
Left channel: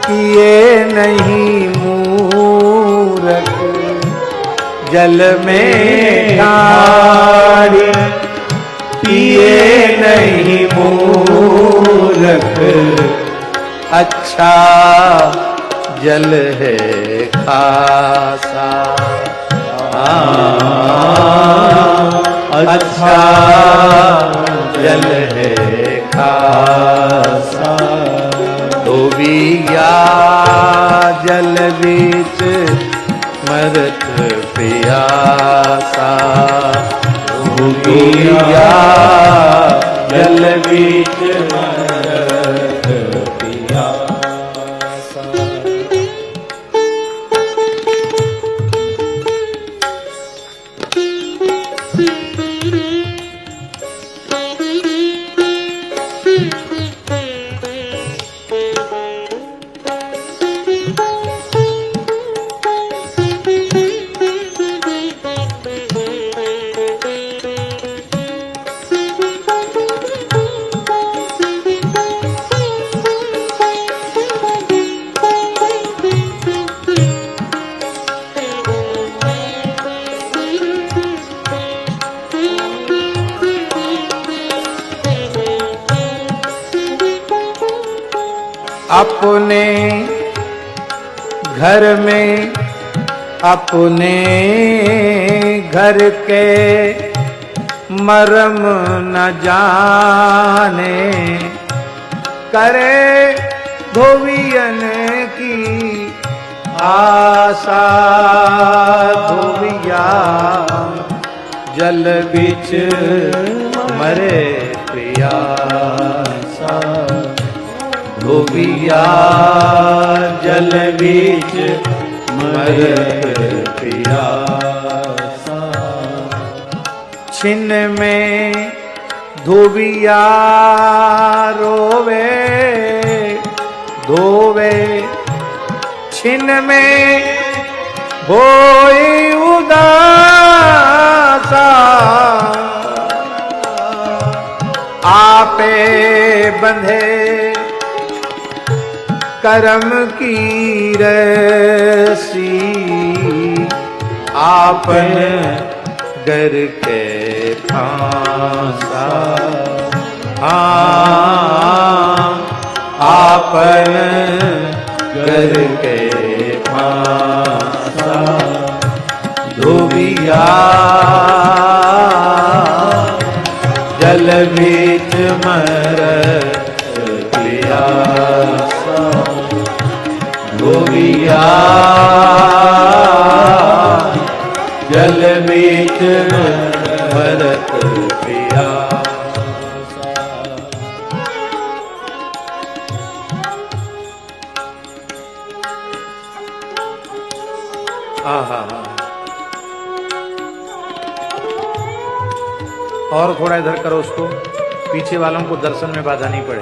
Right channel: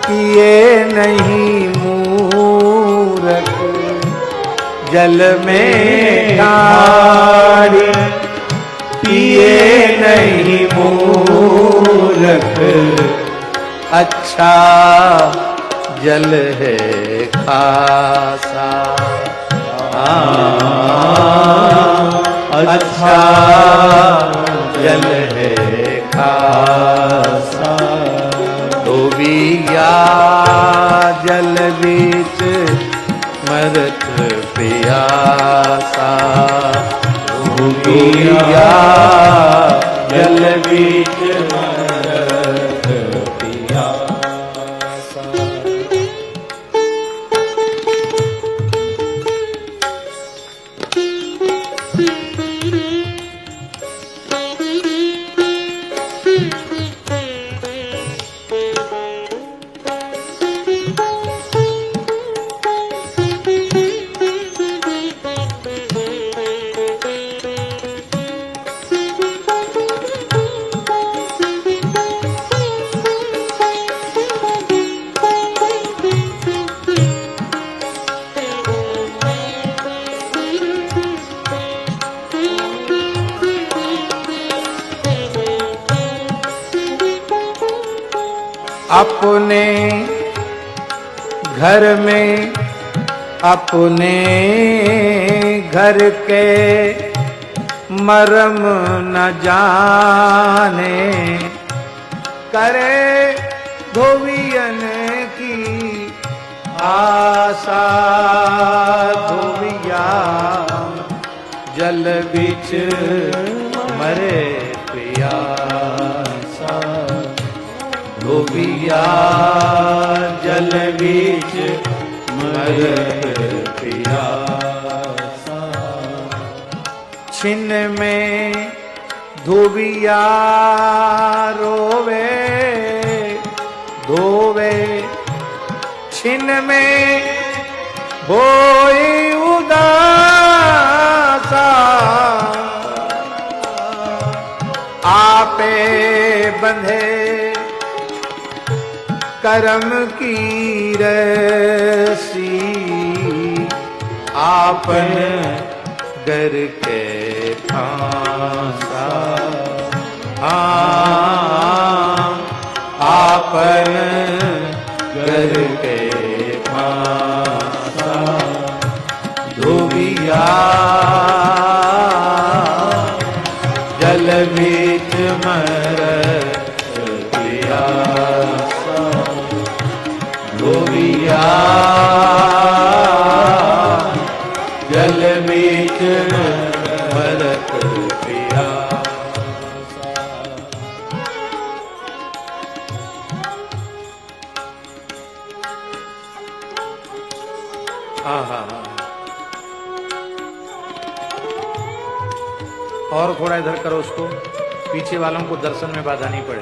किए नहीं मूरख, जल में ठाढ़ किए नहीं मूरख। अच्छा जल है खासा, अच्छा जल है खासा। धोबिया जल बीच मरत पियासा। धोबिया जल बीच मरत पियासा। अपने घर में अपने घर के मरम न जाने, करे धोबियन की आशा। धोबिया जल बिच मरे पियासा। धोबिया जल बीच मरत पियासा। छिन में धोबिया रोवे धोवे, छिन में होई उदासा। आपे बंधे करम की रसी, आपन घर के फांसा। आपन घर के फांसा। धोबिया जल बीच मरत पियासा। धोबिया जल बीच मरत पियासा। और थोड़ा इधर करो उसको। पीछे वालों को दर्शन में बाधा नहीं पड़े।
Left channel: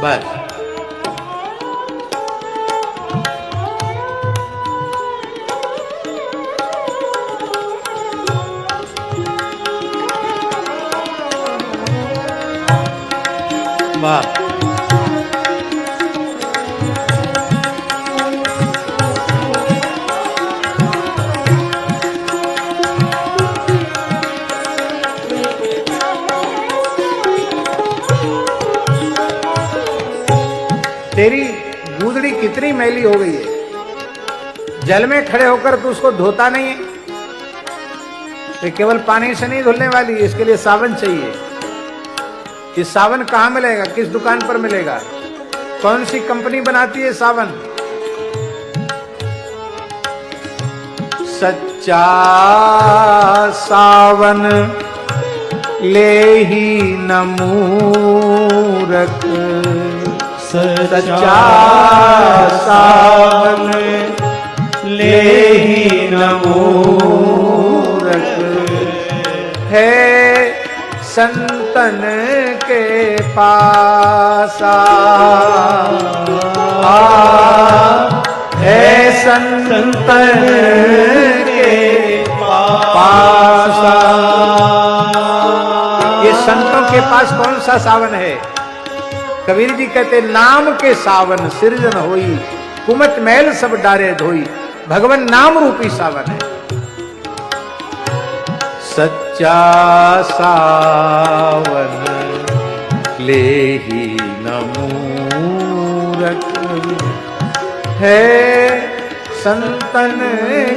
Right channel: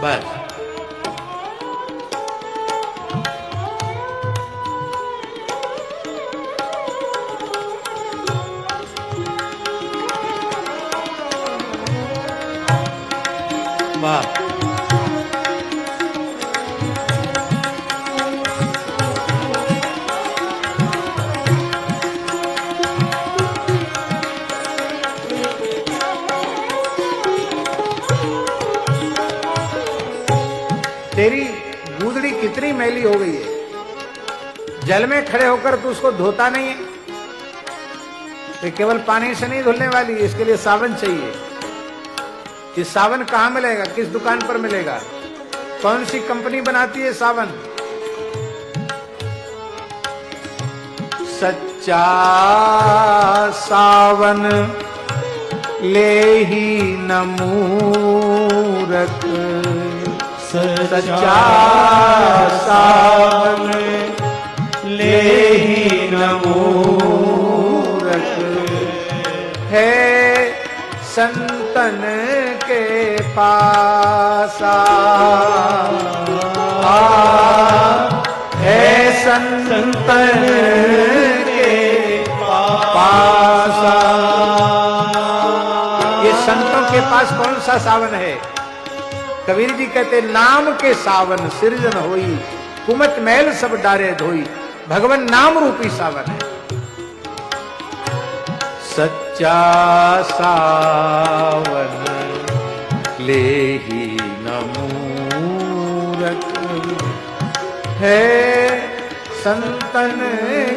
बस वाह। तेरी गूदड़ी कितनी मैली हो गई है, जल में खड़े होकर तू उसको धोता नहीं है। तो केवल पानी से नहीं धुलने वाली, इसके लिए साबन चाहिए। ये साबन कहाँ मिलेगा, किस दुकान पर मिलेगा, कौन सी कंपनी बनाती है साबन? सच्चा सावन ले ही न मूरख, सच्चा सावन ले ही न मूरख है संतन के पासा, है संतन के पासा। ये संतों के पास कौन सा सावन है? कबीर जी कहते नाम के सावन सृजन होई, कुमत मैल सब डारे धोई, भगवान नाम रूपी सावन है। सच्चा सावन ले ही न मूरख है संतन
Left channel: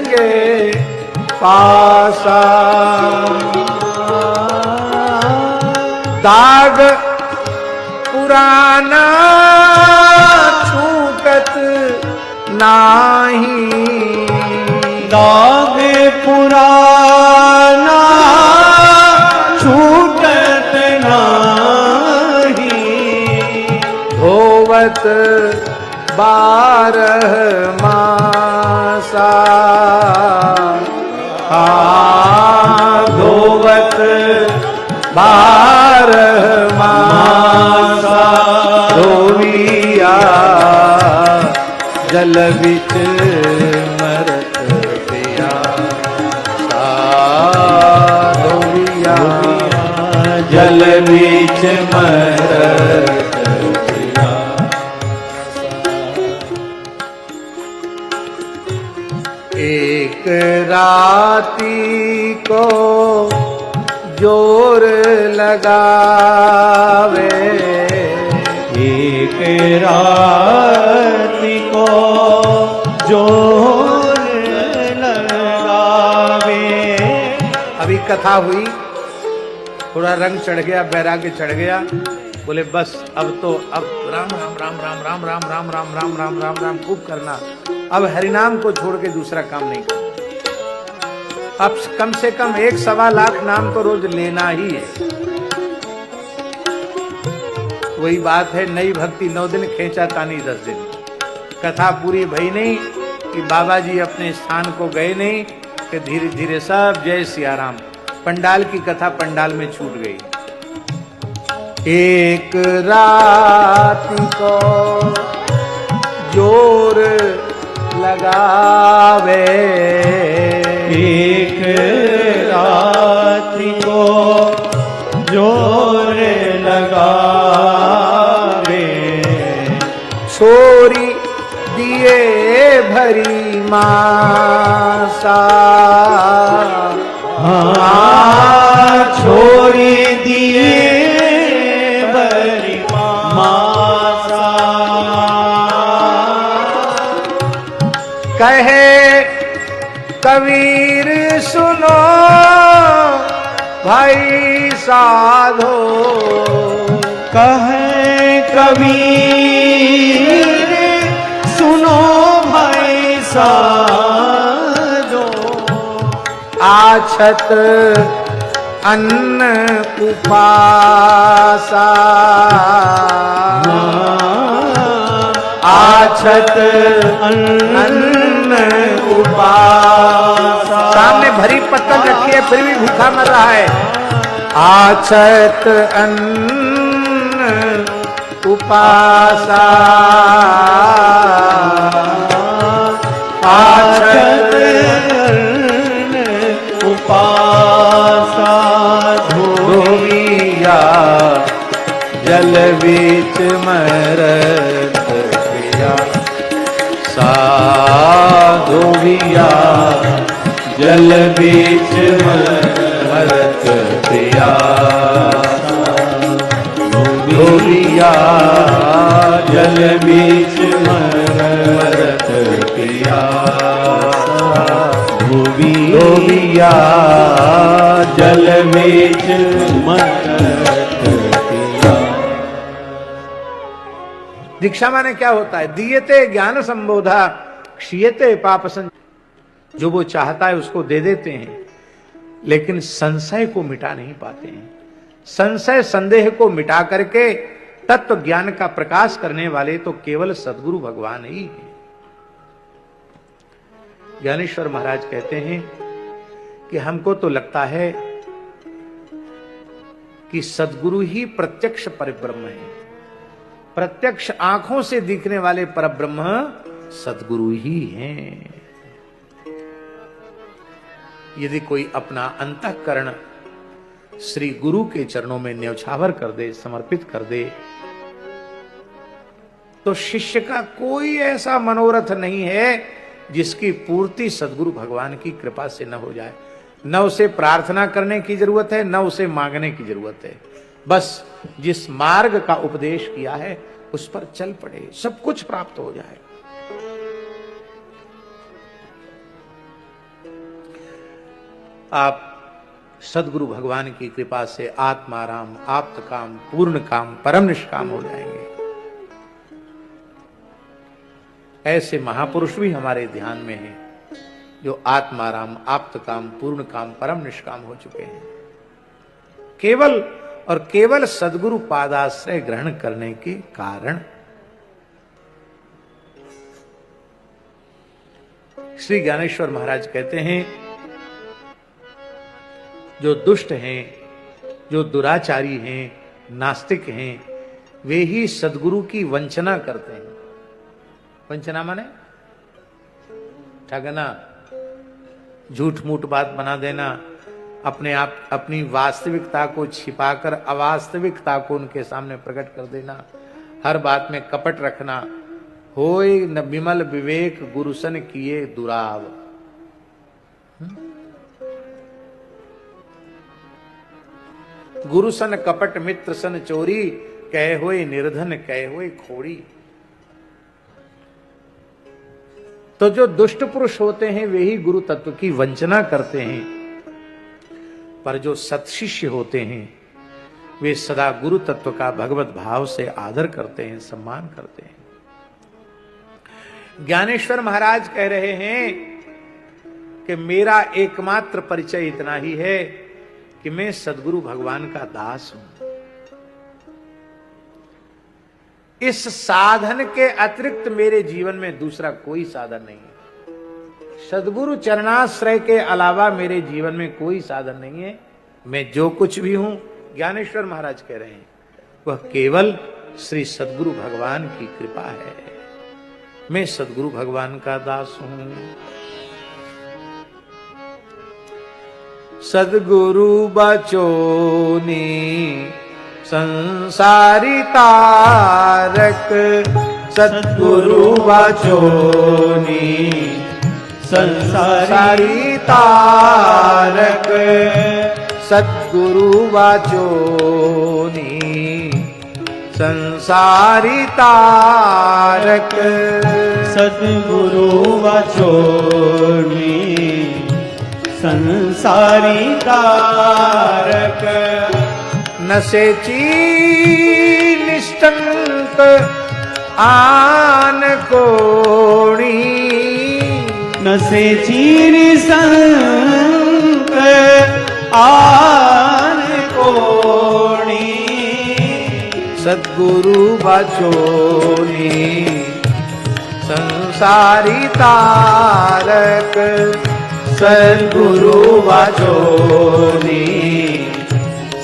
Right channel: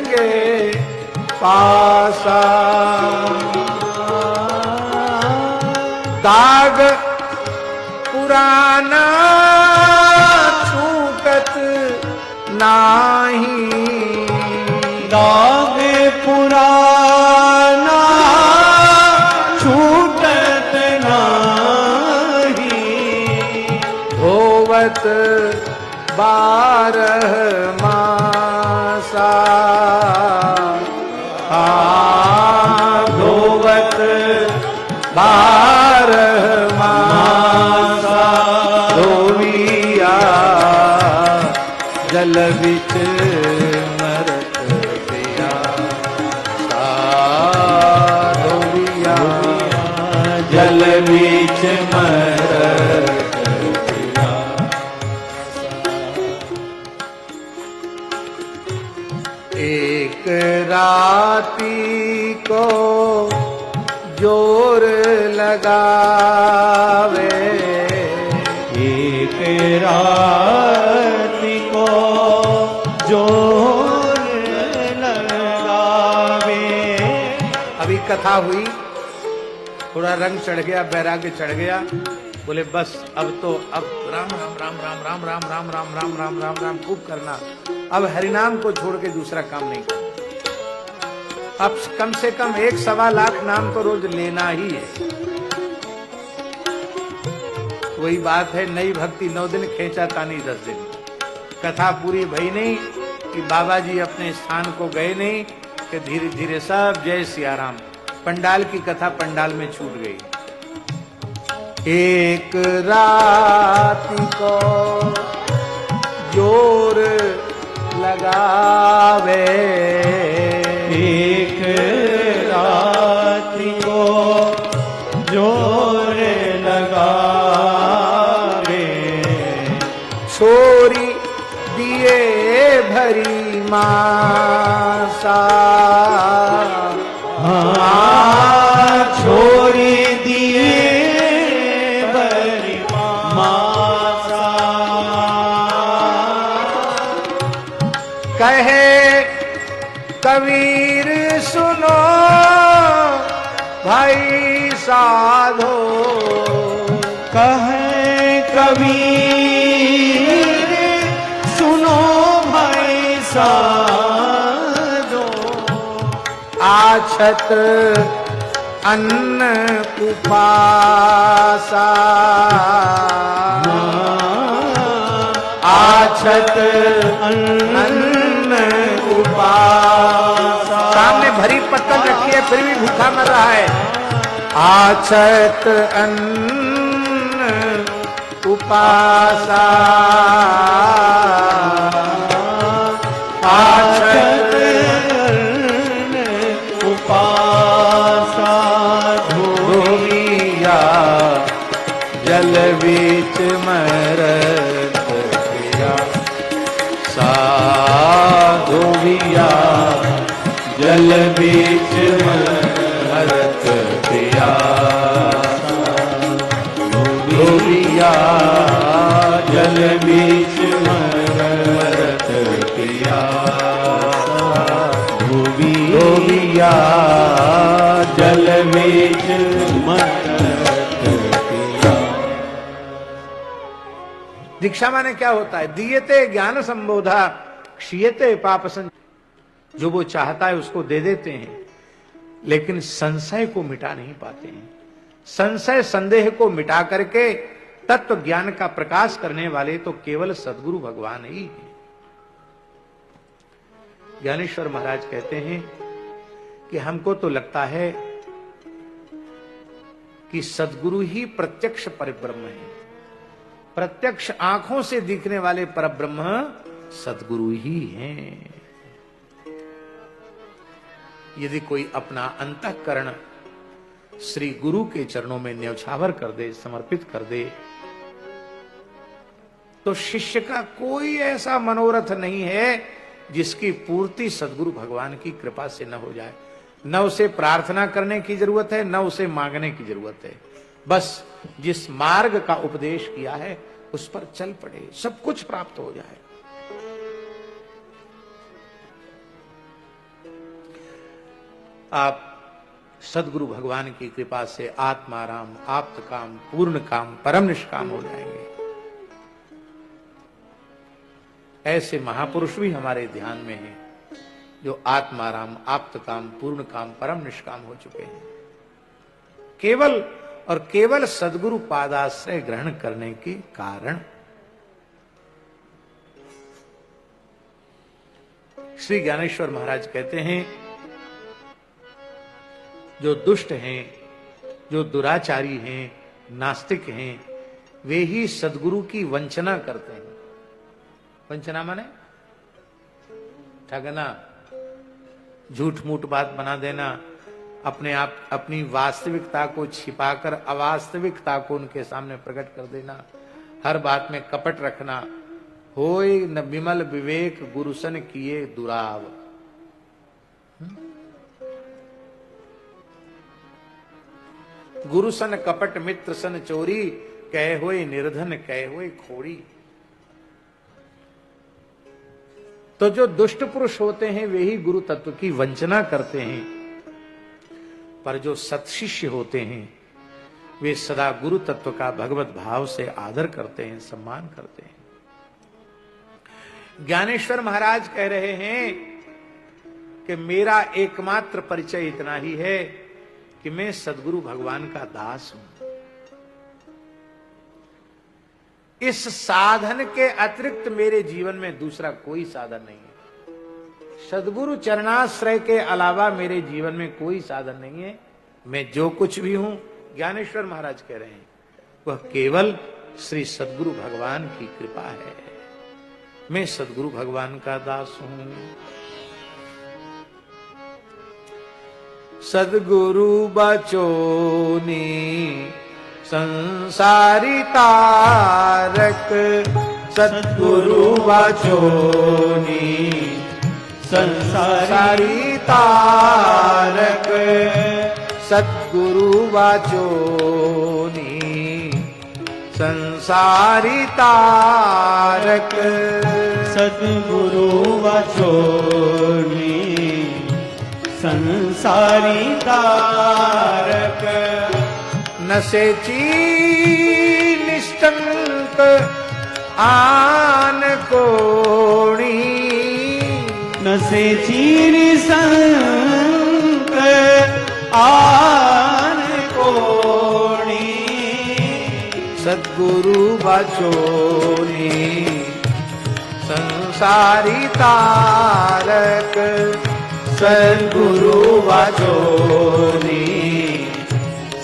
के पासा। दाग पुराना छूटत नाही, दाग पुराना छूटत नाही, धोवत बारह मासा, धोवत बारह मासा, धोविया जल बिच मरत दिया, धोविया जल बिच मरत दिया। एक राती को जोर लगावे, एक राती को जोर लगावे। अभी कथा हुई, थोड़ा रंग चढ़ गया, बैराग्य चढ़ गया, बोले बस अब राम राम राम राम राम राम राम राम राम राम राम राम खूब करना, अब हरिनाम को छोड़ के दूसरा काम नहीं करना। अब कम से कम 1.25 लाख नाम तो रोज लेना ही है। वही बात है, नई भक्ति 9 दिन, खेचा तानी 10 दिन। कथा पूरी भई नहीं कि बाबा जी अपने स्थान को गए नहीं, कि धीरे धीरे सब जय सिया राम, पंडाल की कथा पंडाल में छूट गई। एक रात को जोर लगावे, एक रात को जोर लगावे, छोरी दिए भरी मासा, छोरी दिए भरी मासा, कहे कबीर सुनो भाई साधो, कहे कबीर सुनो भाई साधो, आछत अन्न उपासा, आछत अन्न भरी पत्तल रखी है फिर भी भूखा मर रहा है। आछत अन्न उपासा, आछत अन्न उपासा, धोविया जल बीच मरत पिया, धोविया जल बीच मरत पिया, धोविया जल बीच मरत पिया, धोविया जल बीच मरत पिया। दीक्षा माने क्या होता है? दीयते ज्ञान संबोधा क्षीयते पाप संच। जो वो चाहता है उसको दे देते हैं, लेकिन संशय को मिटा नहीं पाते हैं। संशय संदेह को मिटा करके तत्व ज्ञान का प्रकाश करने वाले तो केवल सद्गुरु भगवान ही हैं। ज्ञानेश्वर महाराज कहते हैं कि हमको तो लगता है कि सद्गुरु ही प्रत्यक्ष परिब्रह्म है। प्रत्यक्ष आंखों से दिखने वाले परब्रह्म सद्गुरु ही हैं। यदि कोई अपना अंतःकरण श्री गुरु के चरणों में न्यौछावर कर दे, समर्पित कर दे, तो शिष्य का कोई ऐसा मनोरथ नहीं है जिसकी पूर्ति सद्गुरु भगवान की कृपा से न हो जाए। न उसे प्रार्थना करने की जरूरत है, न उसे मांगने की जरूरत है। बस जिस मार्ग का उपदेश किया है उस पर चल पड़े, सब कुछ प्राप्त हो जाए। आप सद्गुरु भगवान की कृपा से आत्माराम, आप्त काम, पूर्ण काम, परम निष्काम हो जाएंगे। ऐसे महापुरुष भी हमारे ध्यान में हैं जो आत्माराम, आप्त काम, पूर्ण काम, परम निष्काम हो चुके हैं, केवल और केवल सद्गुरु पादाश्रय ग्रहण करने के कारण। श्री ज्ञानेश्वर महाराज कहते हैं, जो दुष्ट हैं, जो दुराचारी हैं, नास्तिक हैं, वे ही सद्गुरु की वंचना करते हैं। वंचना माने ठगना, झूठ मूठ बात बना देना, अपने आप अपनी वास्तविकता को छिपाकर अवास्तविकता को उनके सामने प्रकट कर देना, हर बात में कपट रखना। होय न विमल विवेक गुरुसन किए दुराव। गुरुसन कपट मित्र सन चोरी, कहे होए निर्धन कहे होए खोड़ी। तो जो दुष्ट पुरुष होते हैं वे ही गुरु तत्व की वंचना करते हैं, पर जो सत्शिष्य होते हैं वे सदा गुरु तत्व का भगवत भाव से आदर करते हैं, सम्मान करते हैं। ज्ञानेश्वर महाराज कह रहे हैं कि मेरा एकमात्र परिचय इतना ही है कि मैं सद्गुरु भगवान का दास हूं। इस साधन के अतिरिक्त मेरे जीवन में दूसरा कोई साधन नहीं है। सद्गुरु चरणाश्रय के अलावा मेरे जीवन में कोई साधन नहीं है। मैं जो कुछ भी हूं, ज्ञानेश्वर महाराज कह रहे हैं, वह केवल श्री सद्गुरु भगवान की कृपा है। मैं सद्गुरु भगवान का दास हूं। सद्गुरु बचोनी संसारी तारक, सद्गुरु बचोनी संसारी तारक, सद्गुरु बचोनी संसारी तारक, सद्गुरु बचोनी संसारी तारक, नसेची निष्ठंक आन कोणी, नसेची निष्ठंक आन कोणी, सद्गुरु बचोनी संसारी तारक, सद्गुरु वाचोनी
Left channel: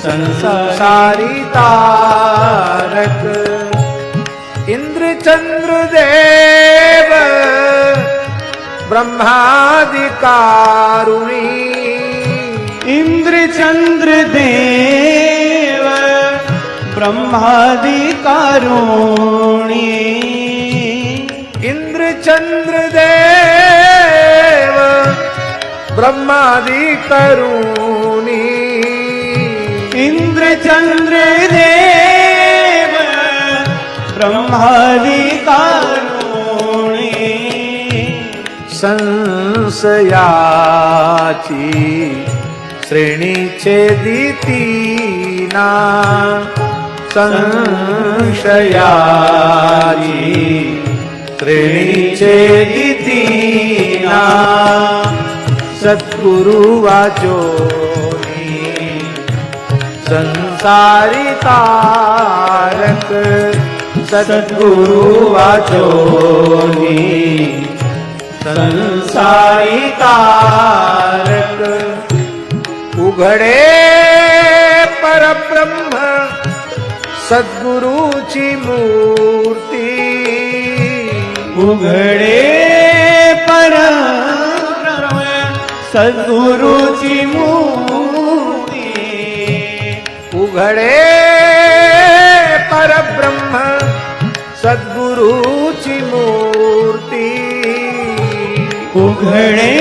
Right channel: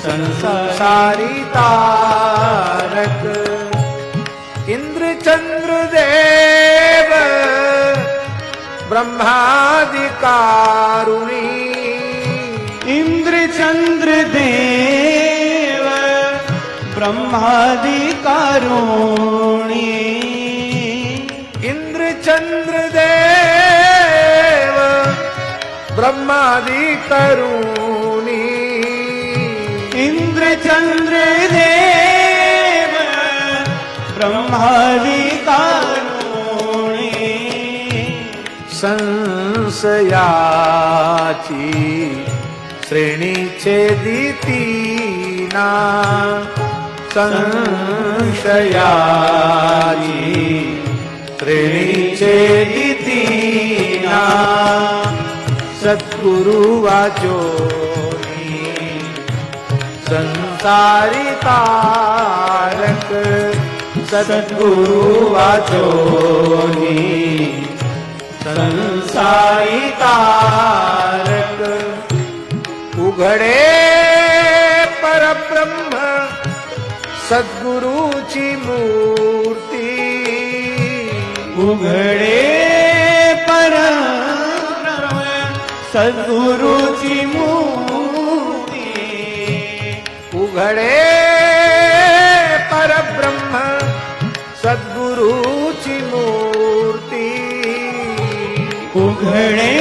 संसारी तारक इंद्र चंद्र देव ब्रह्मादि कारुणी इंद्र चंद्र देव ब्रह्मादि कारुणी इंद्र चंद्र देव ब्रह्मादि करुणी इंद्र चंद्र देव ब्रह्मादि कारुणी संशयाची श्रेणी छेदितीना संशयाची श्रेणी छेदितीना सद्गुरु वाचोनी संसारी तारक सद्गुरु वाचोनी संसारी तारक उघडे परब्रह्म सद्गुरूची मूर्ती उघडे परब्रह्म सद्गुरूची मूर्ती उघडे परब्रह्म सद्गुरूची मूर्ती उघडे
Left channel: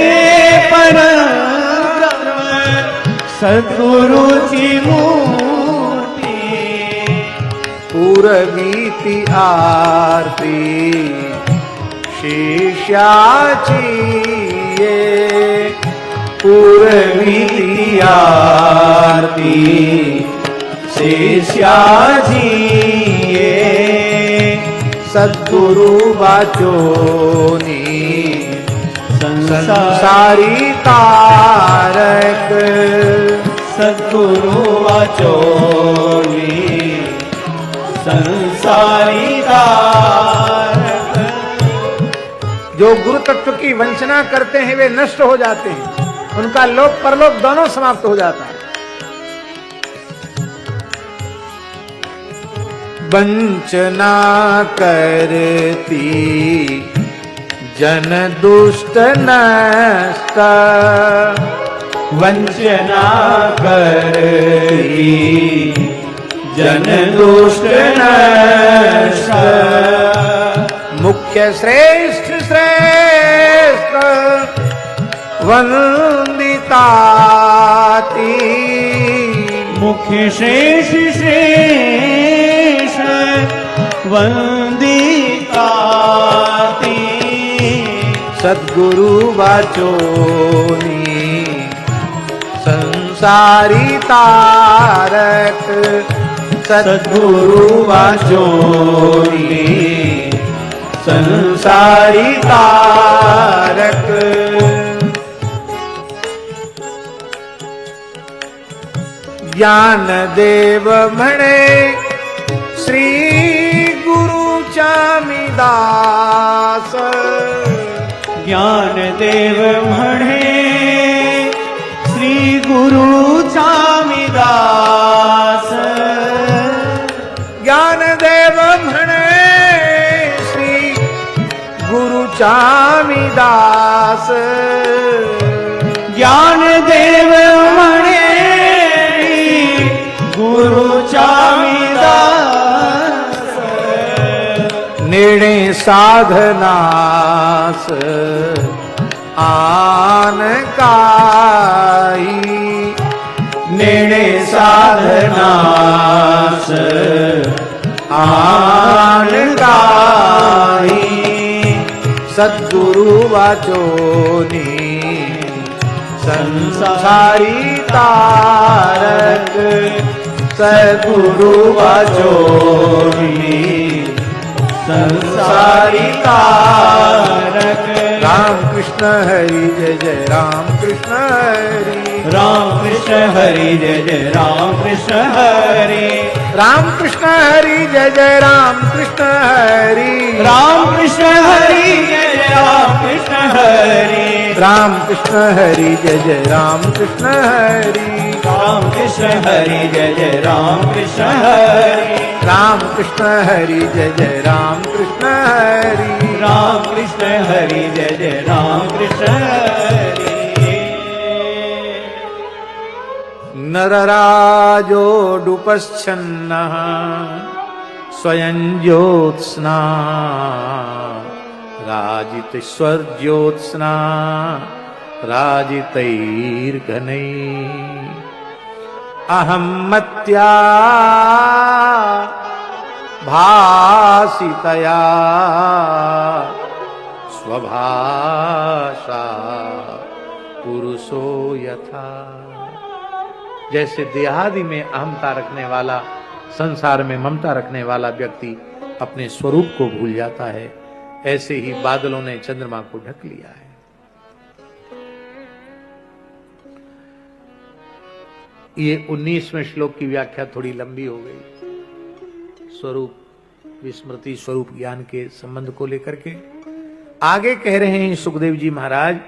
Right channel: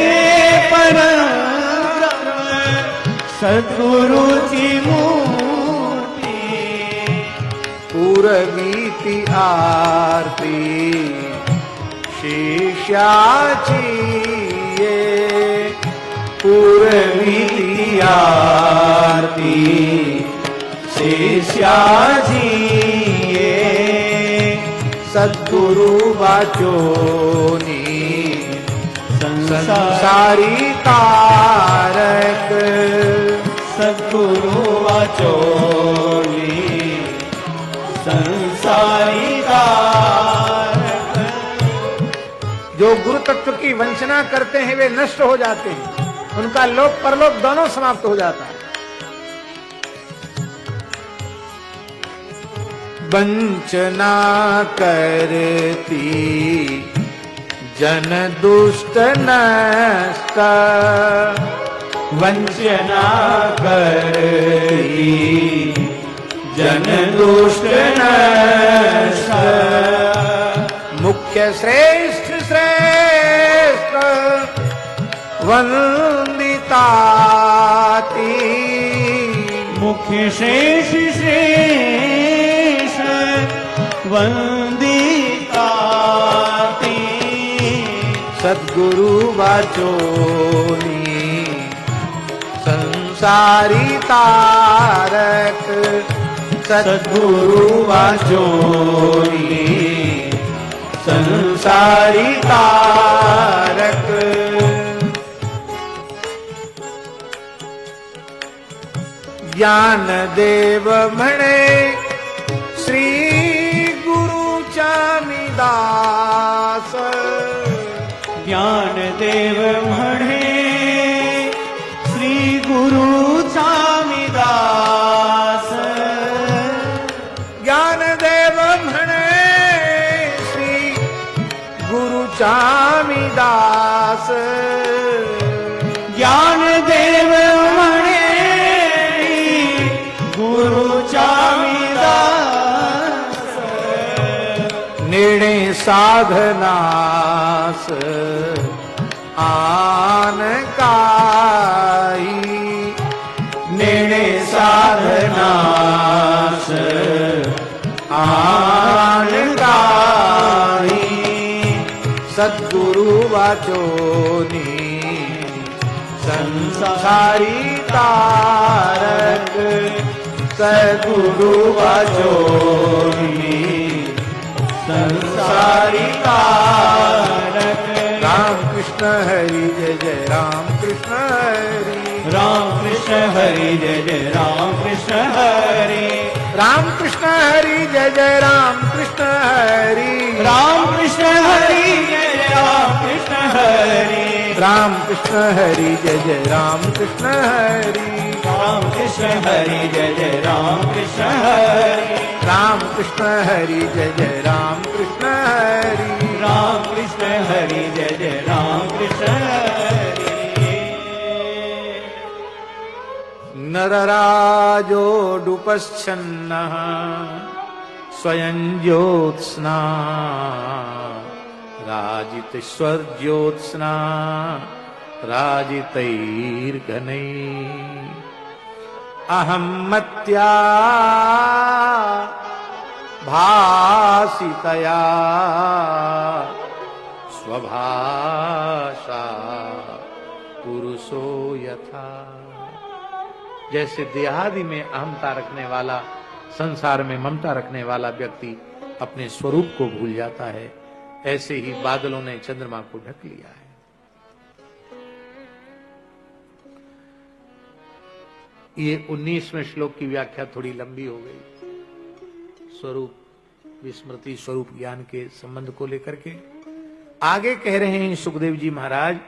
परब्रह्म सद्गुरूची मूर्ती पुरवीती आरती शिष्याची ये पुरवीती आरती शिष्याची ये सद्गुरु वाचोनी संसारी तारक सद्गुरु वाचोनी संसारी तारक जो गुरु तत्व की वंचना करते हैं वे नष्ट हो जाते हैं, उनका लोक परलोक दोनों समाप्त हो जाता है। वंचना करती जन दुष्ट नष्ट वंचना करती जन दुष्ट नष्ट मुख्य श्रेष्ठ श्रेष्ठ वंदिताती मुख्य शेष शेष वंदिताती सद्गुरु वाचोनी संसारी तारक सद्गुरु वाचोनी संसारी तारक ज्ञान देव म्हणे श्री गुरुचा मी दास ज्ञानदेव म्हणे श्री गुरुचा मी दास ज्ञानदेव म्हणे श्री गुरुचा मी दास ज्ञानदेव म्हणे गुरुचा मी दास नेणे साधनास आन काही नेणे साधनास आन काही सद्गुरु वाचोनी संसारी तारक सद्गुरु वाचोनी संसारी तारक राम कृष्ण हरि जय जय राम कृष्ण हरि राम कृष्ण हरि जय जय राम कृष्ण हरि राम कृष्ण हरि जय जय राम कृष्ण हरि राम कृष्ण हरि जय जय राम कृष्ण हरि राम कृष्ण हरि जय जय राम कृष्ण हरि राम कृष्ण हरि जय जय राम कृष्ण हरि राम कृष्ण हरि जय जय राम कृष्ण हरि राम कृष्ण हरि जय जय राम कृष्ण हरि नरराजोडुपश्छन्नः स्वयं ज्योत्स्ना राजितस्वर्ज्योत्स्ना राजितैर्घनैः अहं मत्या भासितया स्वभाषा पुरुषो यथा। जैसे देहादि में अहमता रखने वाला, संसार में ममता रखने वाला व्यक्ति अपने स्वरूप को भूल जाता है, ऐसे ही बादलों ने चंद्रमा को ढक लिया है। ये 19वें श्लोक की व्याख्या थोड़ी लंबी हो गई, स्वरूप विस्मृति स्वरूप ज्ञान के संबंध को लेकर के। आगे कह रहे हैं सुखदेव जी महाराज,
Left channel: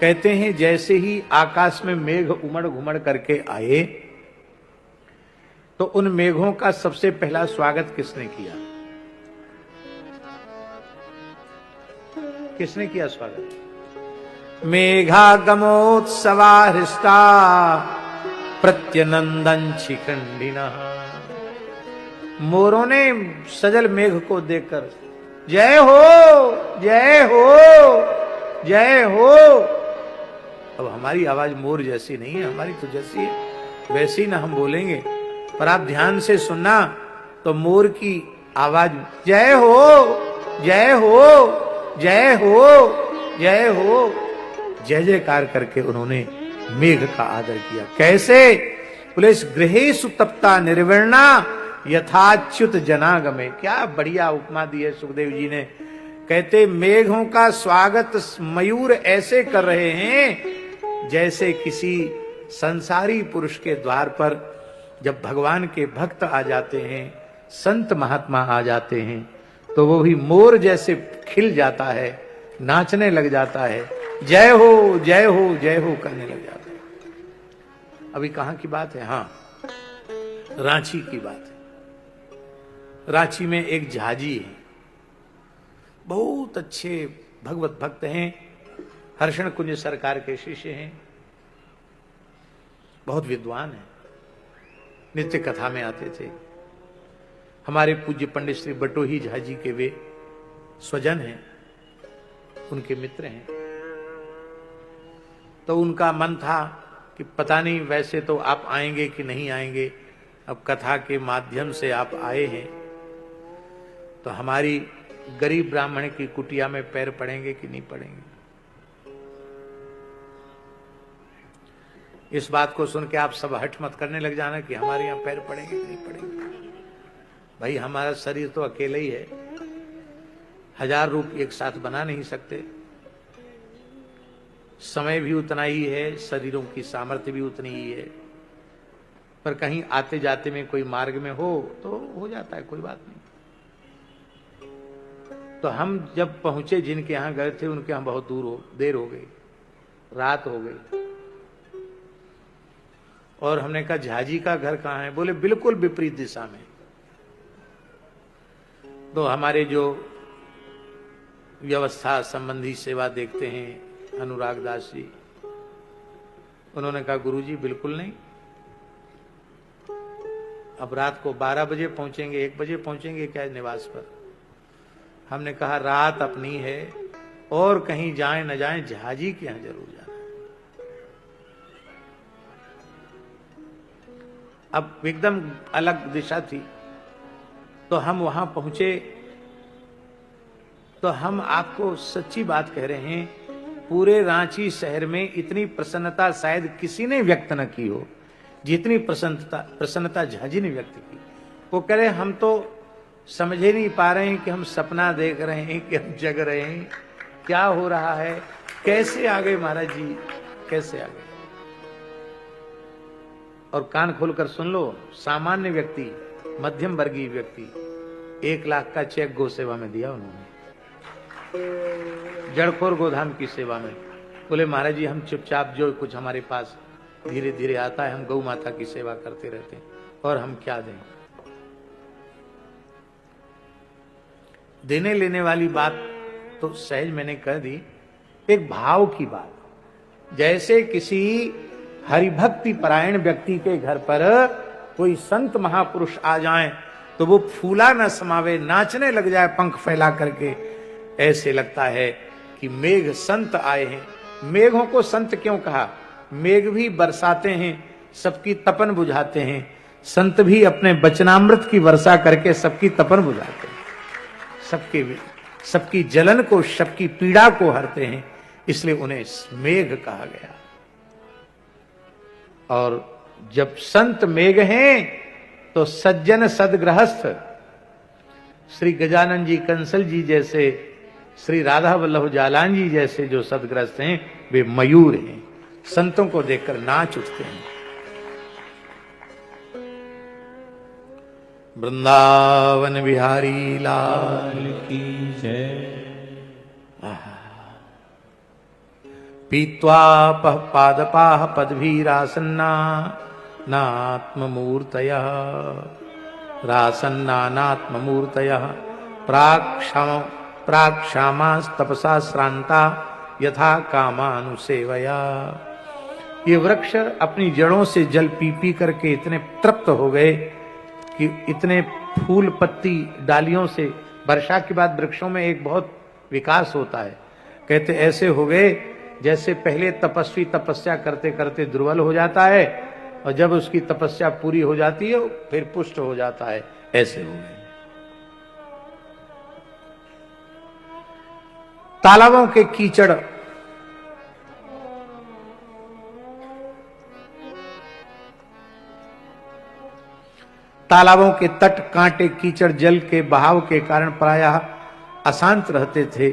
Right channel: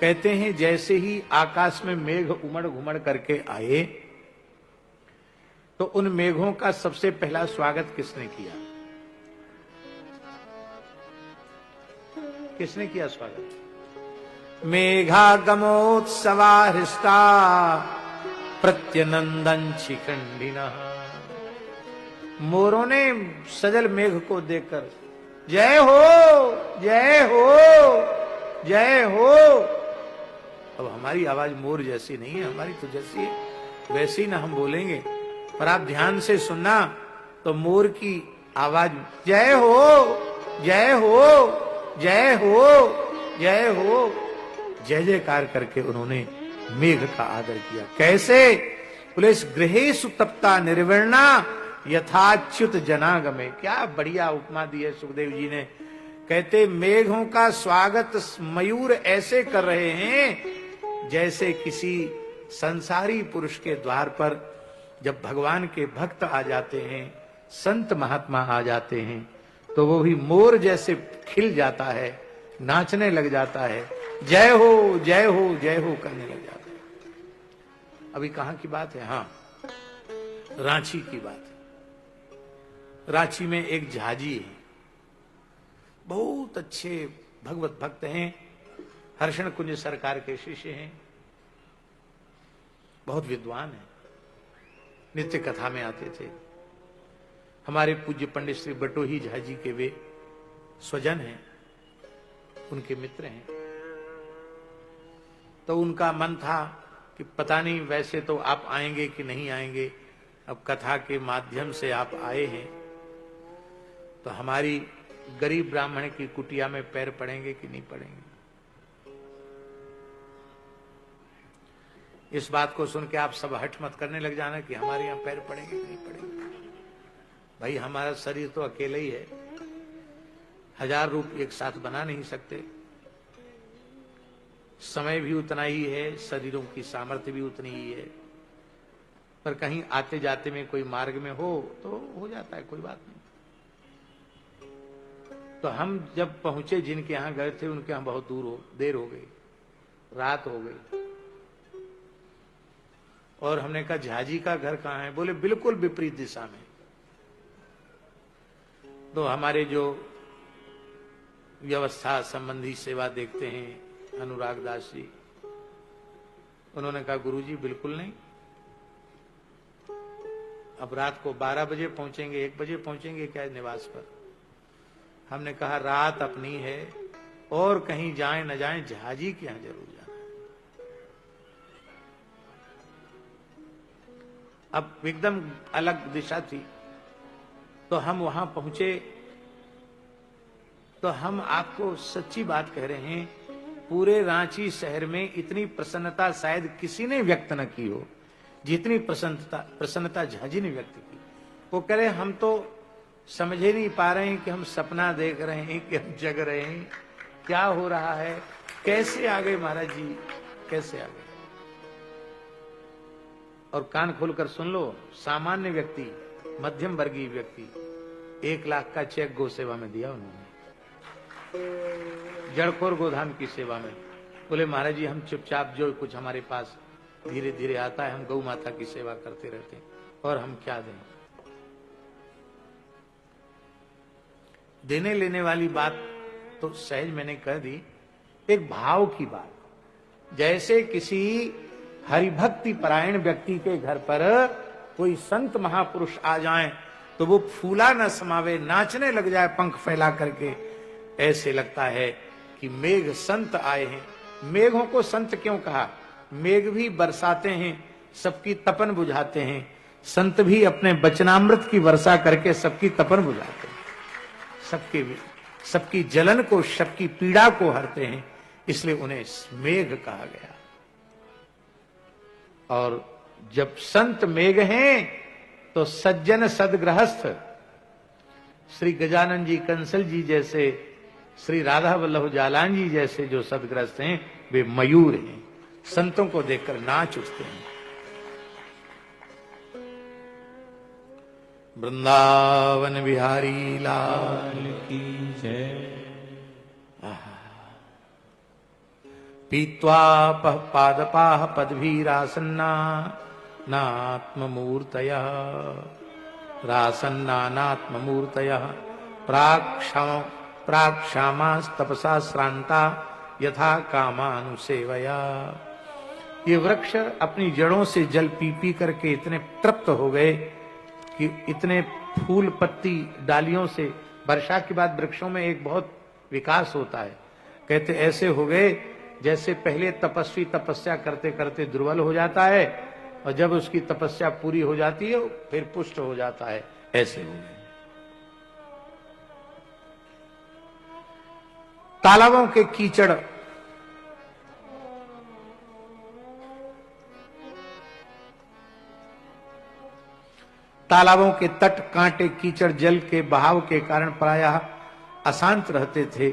कहते हैं जैसे ही आकाश में मेघ उमड़ घुमड़ करके आए तो उन मेघों का सबसे पहला स्वागत किसने किया? किसने किया स्वागत? मेघागमोत्सवा हृष्टा प्रत्यनंदन शिखंडिनः। मोरों ने सजल मेघ को देखकर जय हो जय हो जय हो। अब हमारी आवाज मोर जैसी नहीं है, हमारी तो जैसी है वैसी ना हम बोलेंगे, पर आप ध्यान से सुनना तो मोर की आवाज जय हो जय हो जय हो जय हो, जय जयकार करके उन्होंने मेघ का आदर किया। कैसे? पुलिस गृहेषु तप्ता निर्विण्णा यथाच्युत जनागमे। क्या बढ़िया उपमा दी है सुखदेव जी ने। कहते मेघों का स्वागत मयूर ऐसे कर रहे हैं जैसे किसी संसारी पुरुष के द्वार पर जब भगवान के भक्त आ जाते हैं, संत महात्मा आ जाते हैं, तो वो भी मोर जैसे खिल जाता है, नाचने लग जाता है, जय हो जय हो जय हो करने लग जाता है। अभी कहाँ की बात है? हाँ, रांची की बात है। रांची में एक झाजी है, बहुत अच्छे भगवत भक्त हैं, हर्षण कुंज सरकार के शिष्य हैं, बहुत विद्वान हैं, नित्य कथा में आते थे। हमारे पूज्य पंडित श्री बटोही झाजी के वे स्वजन हैं, उनके मित्र हैं। तो उनका मन था कि पता नहीं वैसे तो आप आएंगे कि नहीं आएंगे, अब कथा के माध्यम से आप आए हैं तो हमारी गरीब ब्राह्मण की कुटिया में पैर पड़ेंगे कि नहीं पड़ेंगे। इस बात को सुन के आप सब हट मत करने लग जाना कि हमारे यहाँ पैर पड़ेंगे कि नहीं पड़ेंगे। भाई हमारा शरीर तो अकेला ही है, 1000 रूप एक साथ बना नहीं सकते, समय भी उतना ही है, शरीरों की सामर्थ्य भी उतनी ही है, पर कहीं आते जाते में कोई मार्ग में हो तो हो जाता है, कोई बात नहीं। तो हम जब पहुंचे जिनके यहां गए थे उनके यहां बहुत देर हो गई, रात हो गई, और हमने कहा झाजी का घर कहाँ है? बोले बिल्कुल विपरीत दिशा में। तो हमारे जो व्यवस्था संबंधी सेवा देखते हैं अनुराग दास जी, उन्होंने कहा गुरुजी बिल्कुल नहीं, अब रात को 12 बजे पहुंचेंगे, 1 बजे पहुंचेंगे क्या निवास पर? हमने कहा रात अपनी है और कहीं जाए न जाए, झाजी के यहां जरूर जाना। अब एकदम अलग दिशा थी, तो हम वहां पहुंचे। तो हम आपको सच्ची बात कह रहे हैं, पूरे रांची शहर में इतनी प्रसन्नता शायद किसी ने व्यक्त न की हो जितनी प्रसन्नता झाजी ने व्यक्त की। वो कह रहे हम तो समझ ही नहीं पा रहे हैं कि हम सपना देख रहे हैं कि हम जग रहे हैं, क्या हो रहा है, कैसे आ गए महाराज जी, कैसे आ गए। और कान खोलकर सुन लो, सामान्य व्यक्ति, मध्यम वर्गीय व्यक्ति 1 लाख का चेक गौ सेवा में दिया उन्होंने, जड़खोर गोधाम की सेवा में बोले महाराज जी हम चुपचाप जो कुछ हमारे पास धीरे धीरे आता है हम गौ माता की सेवा करते रहते हैं, और हम क्या दें। देने लेने वाली बात तो सहज मैंने कह दी, एक भाव की बात। जैसे किसी हरिभक्ति परायण व्यक्ति के घर पर कोई संत महापुरुष आ जाएं तो वो फूला न समावे, नाचने लग जाए पंख फैला करके, ऐसे लगता है कि मेघ संत आए हैं। मेघों को संत क्यों कहा? मेघ भी बरसाते हैं, सबकी तपन बुझाते हैं। संत भी अपने वचनामृत की वर्षा करके सबकी तपन बुझाते हैं, सबकी जलन को, सबकी पीड़ा को हरते हैं, इसलिए उन्हें मेघ कहा गया। और जब संत मेघ हैं तो सज्जन सदगृहस्थ, श्री गजानन जी कंसल जी जैसे, श्री राधा वल्लभ जालान जी जैसे जो सदगृहस्थ हैं वे मयूर हैं, संतों को देखकर नाच उठते हैं। वृंदावन बिहारी लाल की जय। पीत्वा पादपाः पद्भिरासन्ना नात्ममूर्तयः, रासन्ना नात्ममूर्तयः प्राक्षामास्तपसा श्रांता यथा कामानुसेवया। ये वृक्ष अपनी जड़ों से जल पी पी करके इतने तृप्त हो गए कि इतने फूल पत्ती डालियों से, वर्षा के बाद वृक्षों में एक बहुत विकास होता है, कहते ऐसे हो गए जैसे पहले तपस्वी तपस्या करते करते दुर्बल हो जाता है और जब उसकी तपस्या पूरी हो जाती है फिर पुष्ट हो जाता है, ऐसे हो गए। तालाबों के कीचड़, तालाबों के तट कांटे कीचड़ जल के बहाव के कारण प्रायः अशांत रहते थे,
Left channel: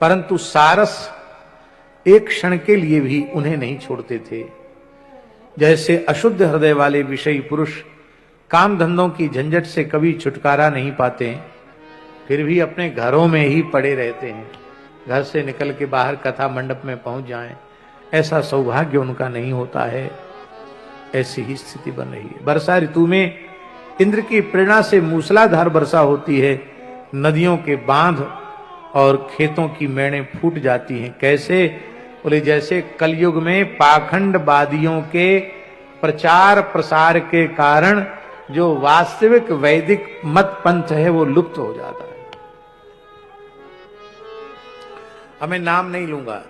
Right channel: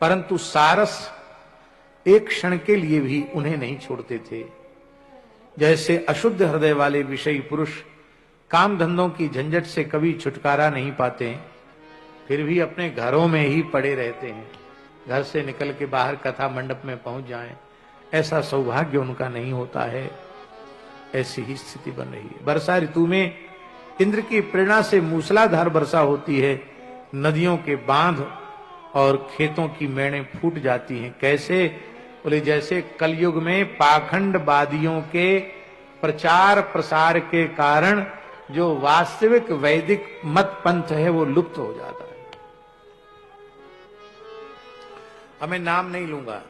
परंतु सारस एक क्षण के लिए भी उन्हें नहीं छोड़ते थे। जैसे अशुद्ध हृदय वाले विषयी पुरुष काम धंधों की झंझट से कभी छुटकारा नहीं पाते, फिर भी अपने घरों में ही पड़े रहते हैं, घर से निकल के बाहर कथा मंडप में पहुंच जाएं, ऐसा सौभाग्य उनका नहीं होता है। ऐसी ही स्थिति बन रही है। वर्षा ऋतु में इंद्र की प्रेरणा से मूसलाधार वर्षा होती है, नदियों के बांध और खेतों की मेड़ें फूट जाती हैं। कैसे? बोले जैसे कलयुग में पाखंडवादियों के प्रचार प्रसार के कारण जो वास्तविक वैदिक मत पंथ है वो लुप्त हो जाता है। हमें नाम नहीं लूंगा,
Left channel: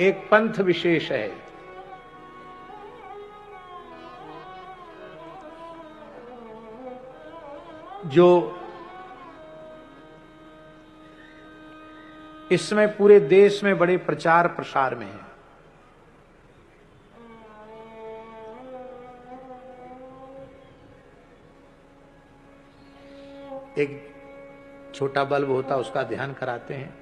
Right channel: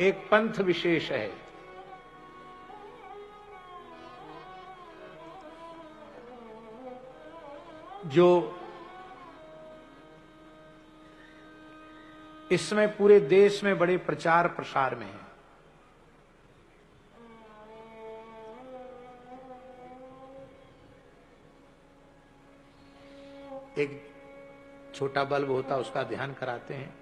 एक पंथ विशेष है जो इसमें पूरे देश में बड़े प्रचार प्रसार में है। एक छोटा बल्ब होता उसका ध्यान कराते हैं,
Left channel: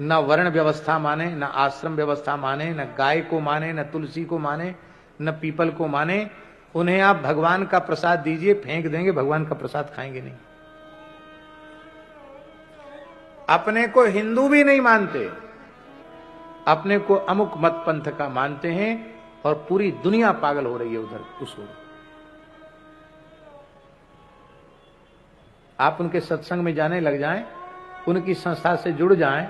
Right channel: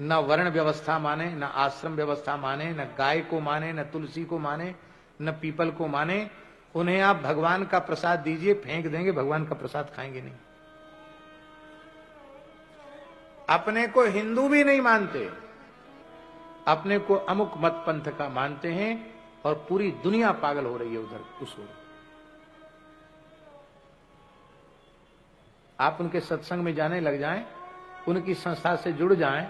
न वर्ण व्यवस्था माने, न आश्रम व्यवस्था माने, न गाय को माने, न तुलसी को माने, न पीपल को माने। उन्हें आप भगवान का प्रसाद दीजिए, फेंक देंगे, भगवान का प्रसाद खाएंगे नहीं। अपने को हिंदू भी नहीं मानते, अपने को अमुक मत पंथ का मानते हैं और पूरी दुनिया पागल हो रही है उधर उस ओर। आप उनके सत्संग में जाने लग जाएं, उनकी संस्था से जुड़ जाएं,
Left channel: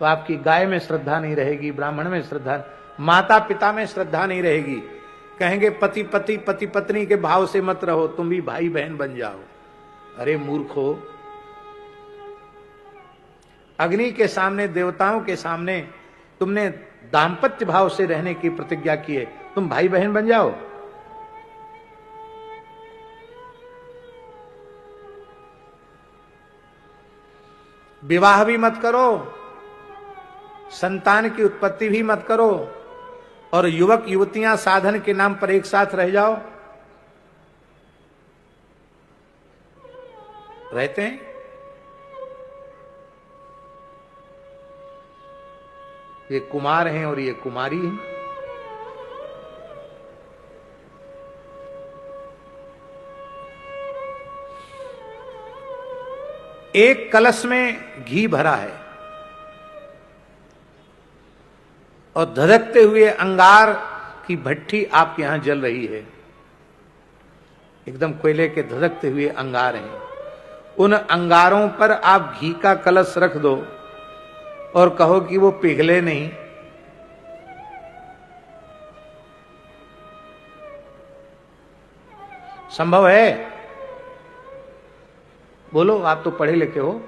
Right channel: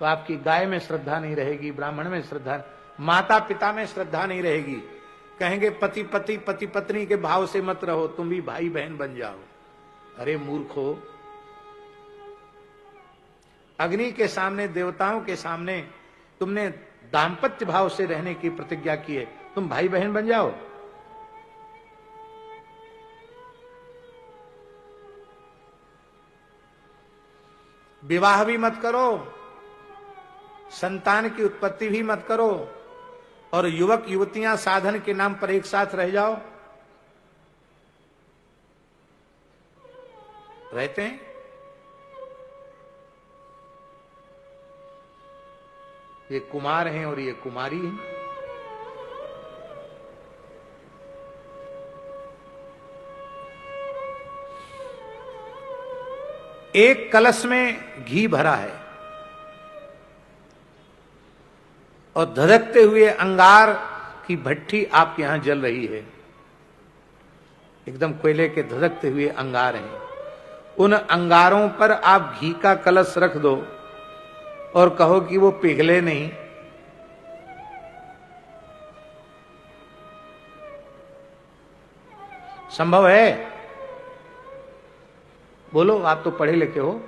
तो आपकी गाय में श्रद्धा नहीं रहेगी, ब्राह्मण में श्रद्धा, माता पिता में श्रद्धा नहीं रहेगी। कहेंगे पति पति पति पत्नी के भाव से मत रहो, तुम भी भाई बहन बन जाओ। अरे मूर्खो, अग्नि के सामने, देवताओं के सामने तुमने दाम्पत्य भाव से रहने की प्रतिज्ञा की है, तुम भाई बहन बन जाओ। विवाह भी मत करो, संतान की उत्पत्ति भी मत करो, और युवक युवतियां साधन के नाम पर एक साथ रह जाओ। रहते हैं। ये कुमार हैं और ये कुमारी हैं। एक कलश में घी भरा है और धधकते हुए अंगार की भट्ठी आपके यहां जल रही है, एकदम कोयले के धधकते हुए अंगार हैं। उन अंगारों पर आप घी का कलश रख दो और कहो कि वो पिघले नहीं, संभव है? बोलो, आप तो पढ़े लिखे हो।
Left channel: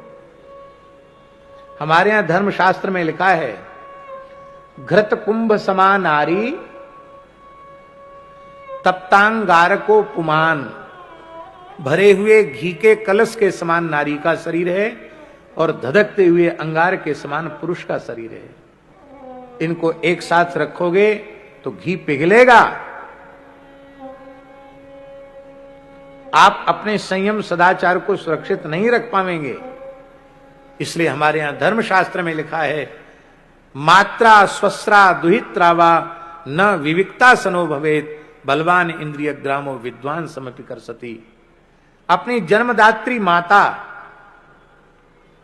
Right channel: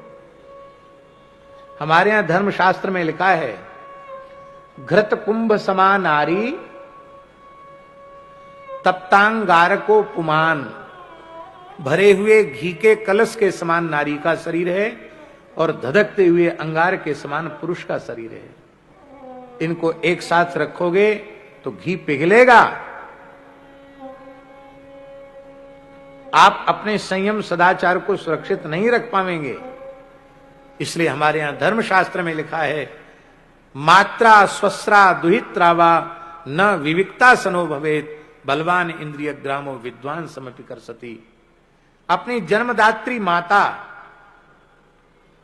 हमारे यहां धर्मशास्त्र में लिखा है, घृत कुंभ समान नारी तप्तांगार को पुमान। भरे हुए घी के कलश के समान नारी का शरीर है और धधकते हुए अंगार के समान पुरुष का शरीर है। इनको एक साथ रखोगे तो घी पिघलेगा। आप अपने संयम सदाचार को सुरक्षित नहीं रख पाएंगे। इसलिए हमारे यहां धर्मशास्त्र में लिखा है, मात्रा स्वस्रा दुहित्रावा न विविक्ता सनो भवेत बलवान इंद्रिय ग्रामो विद्वान समपि कर सती। अपनी जन्मदात्री माता,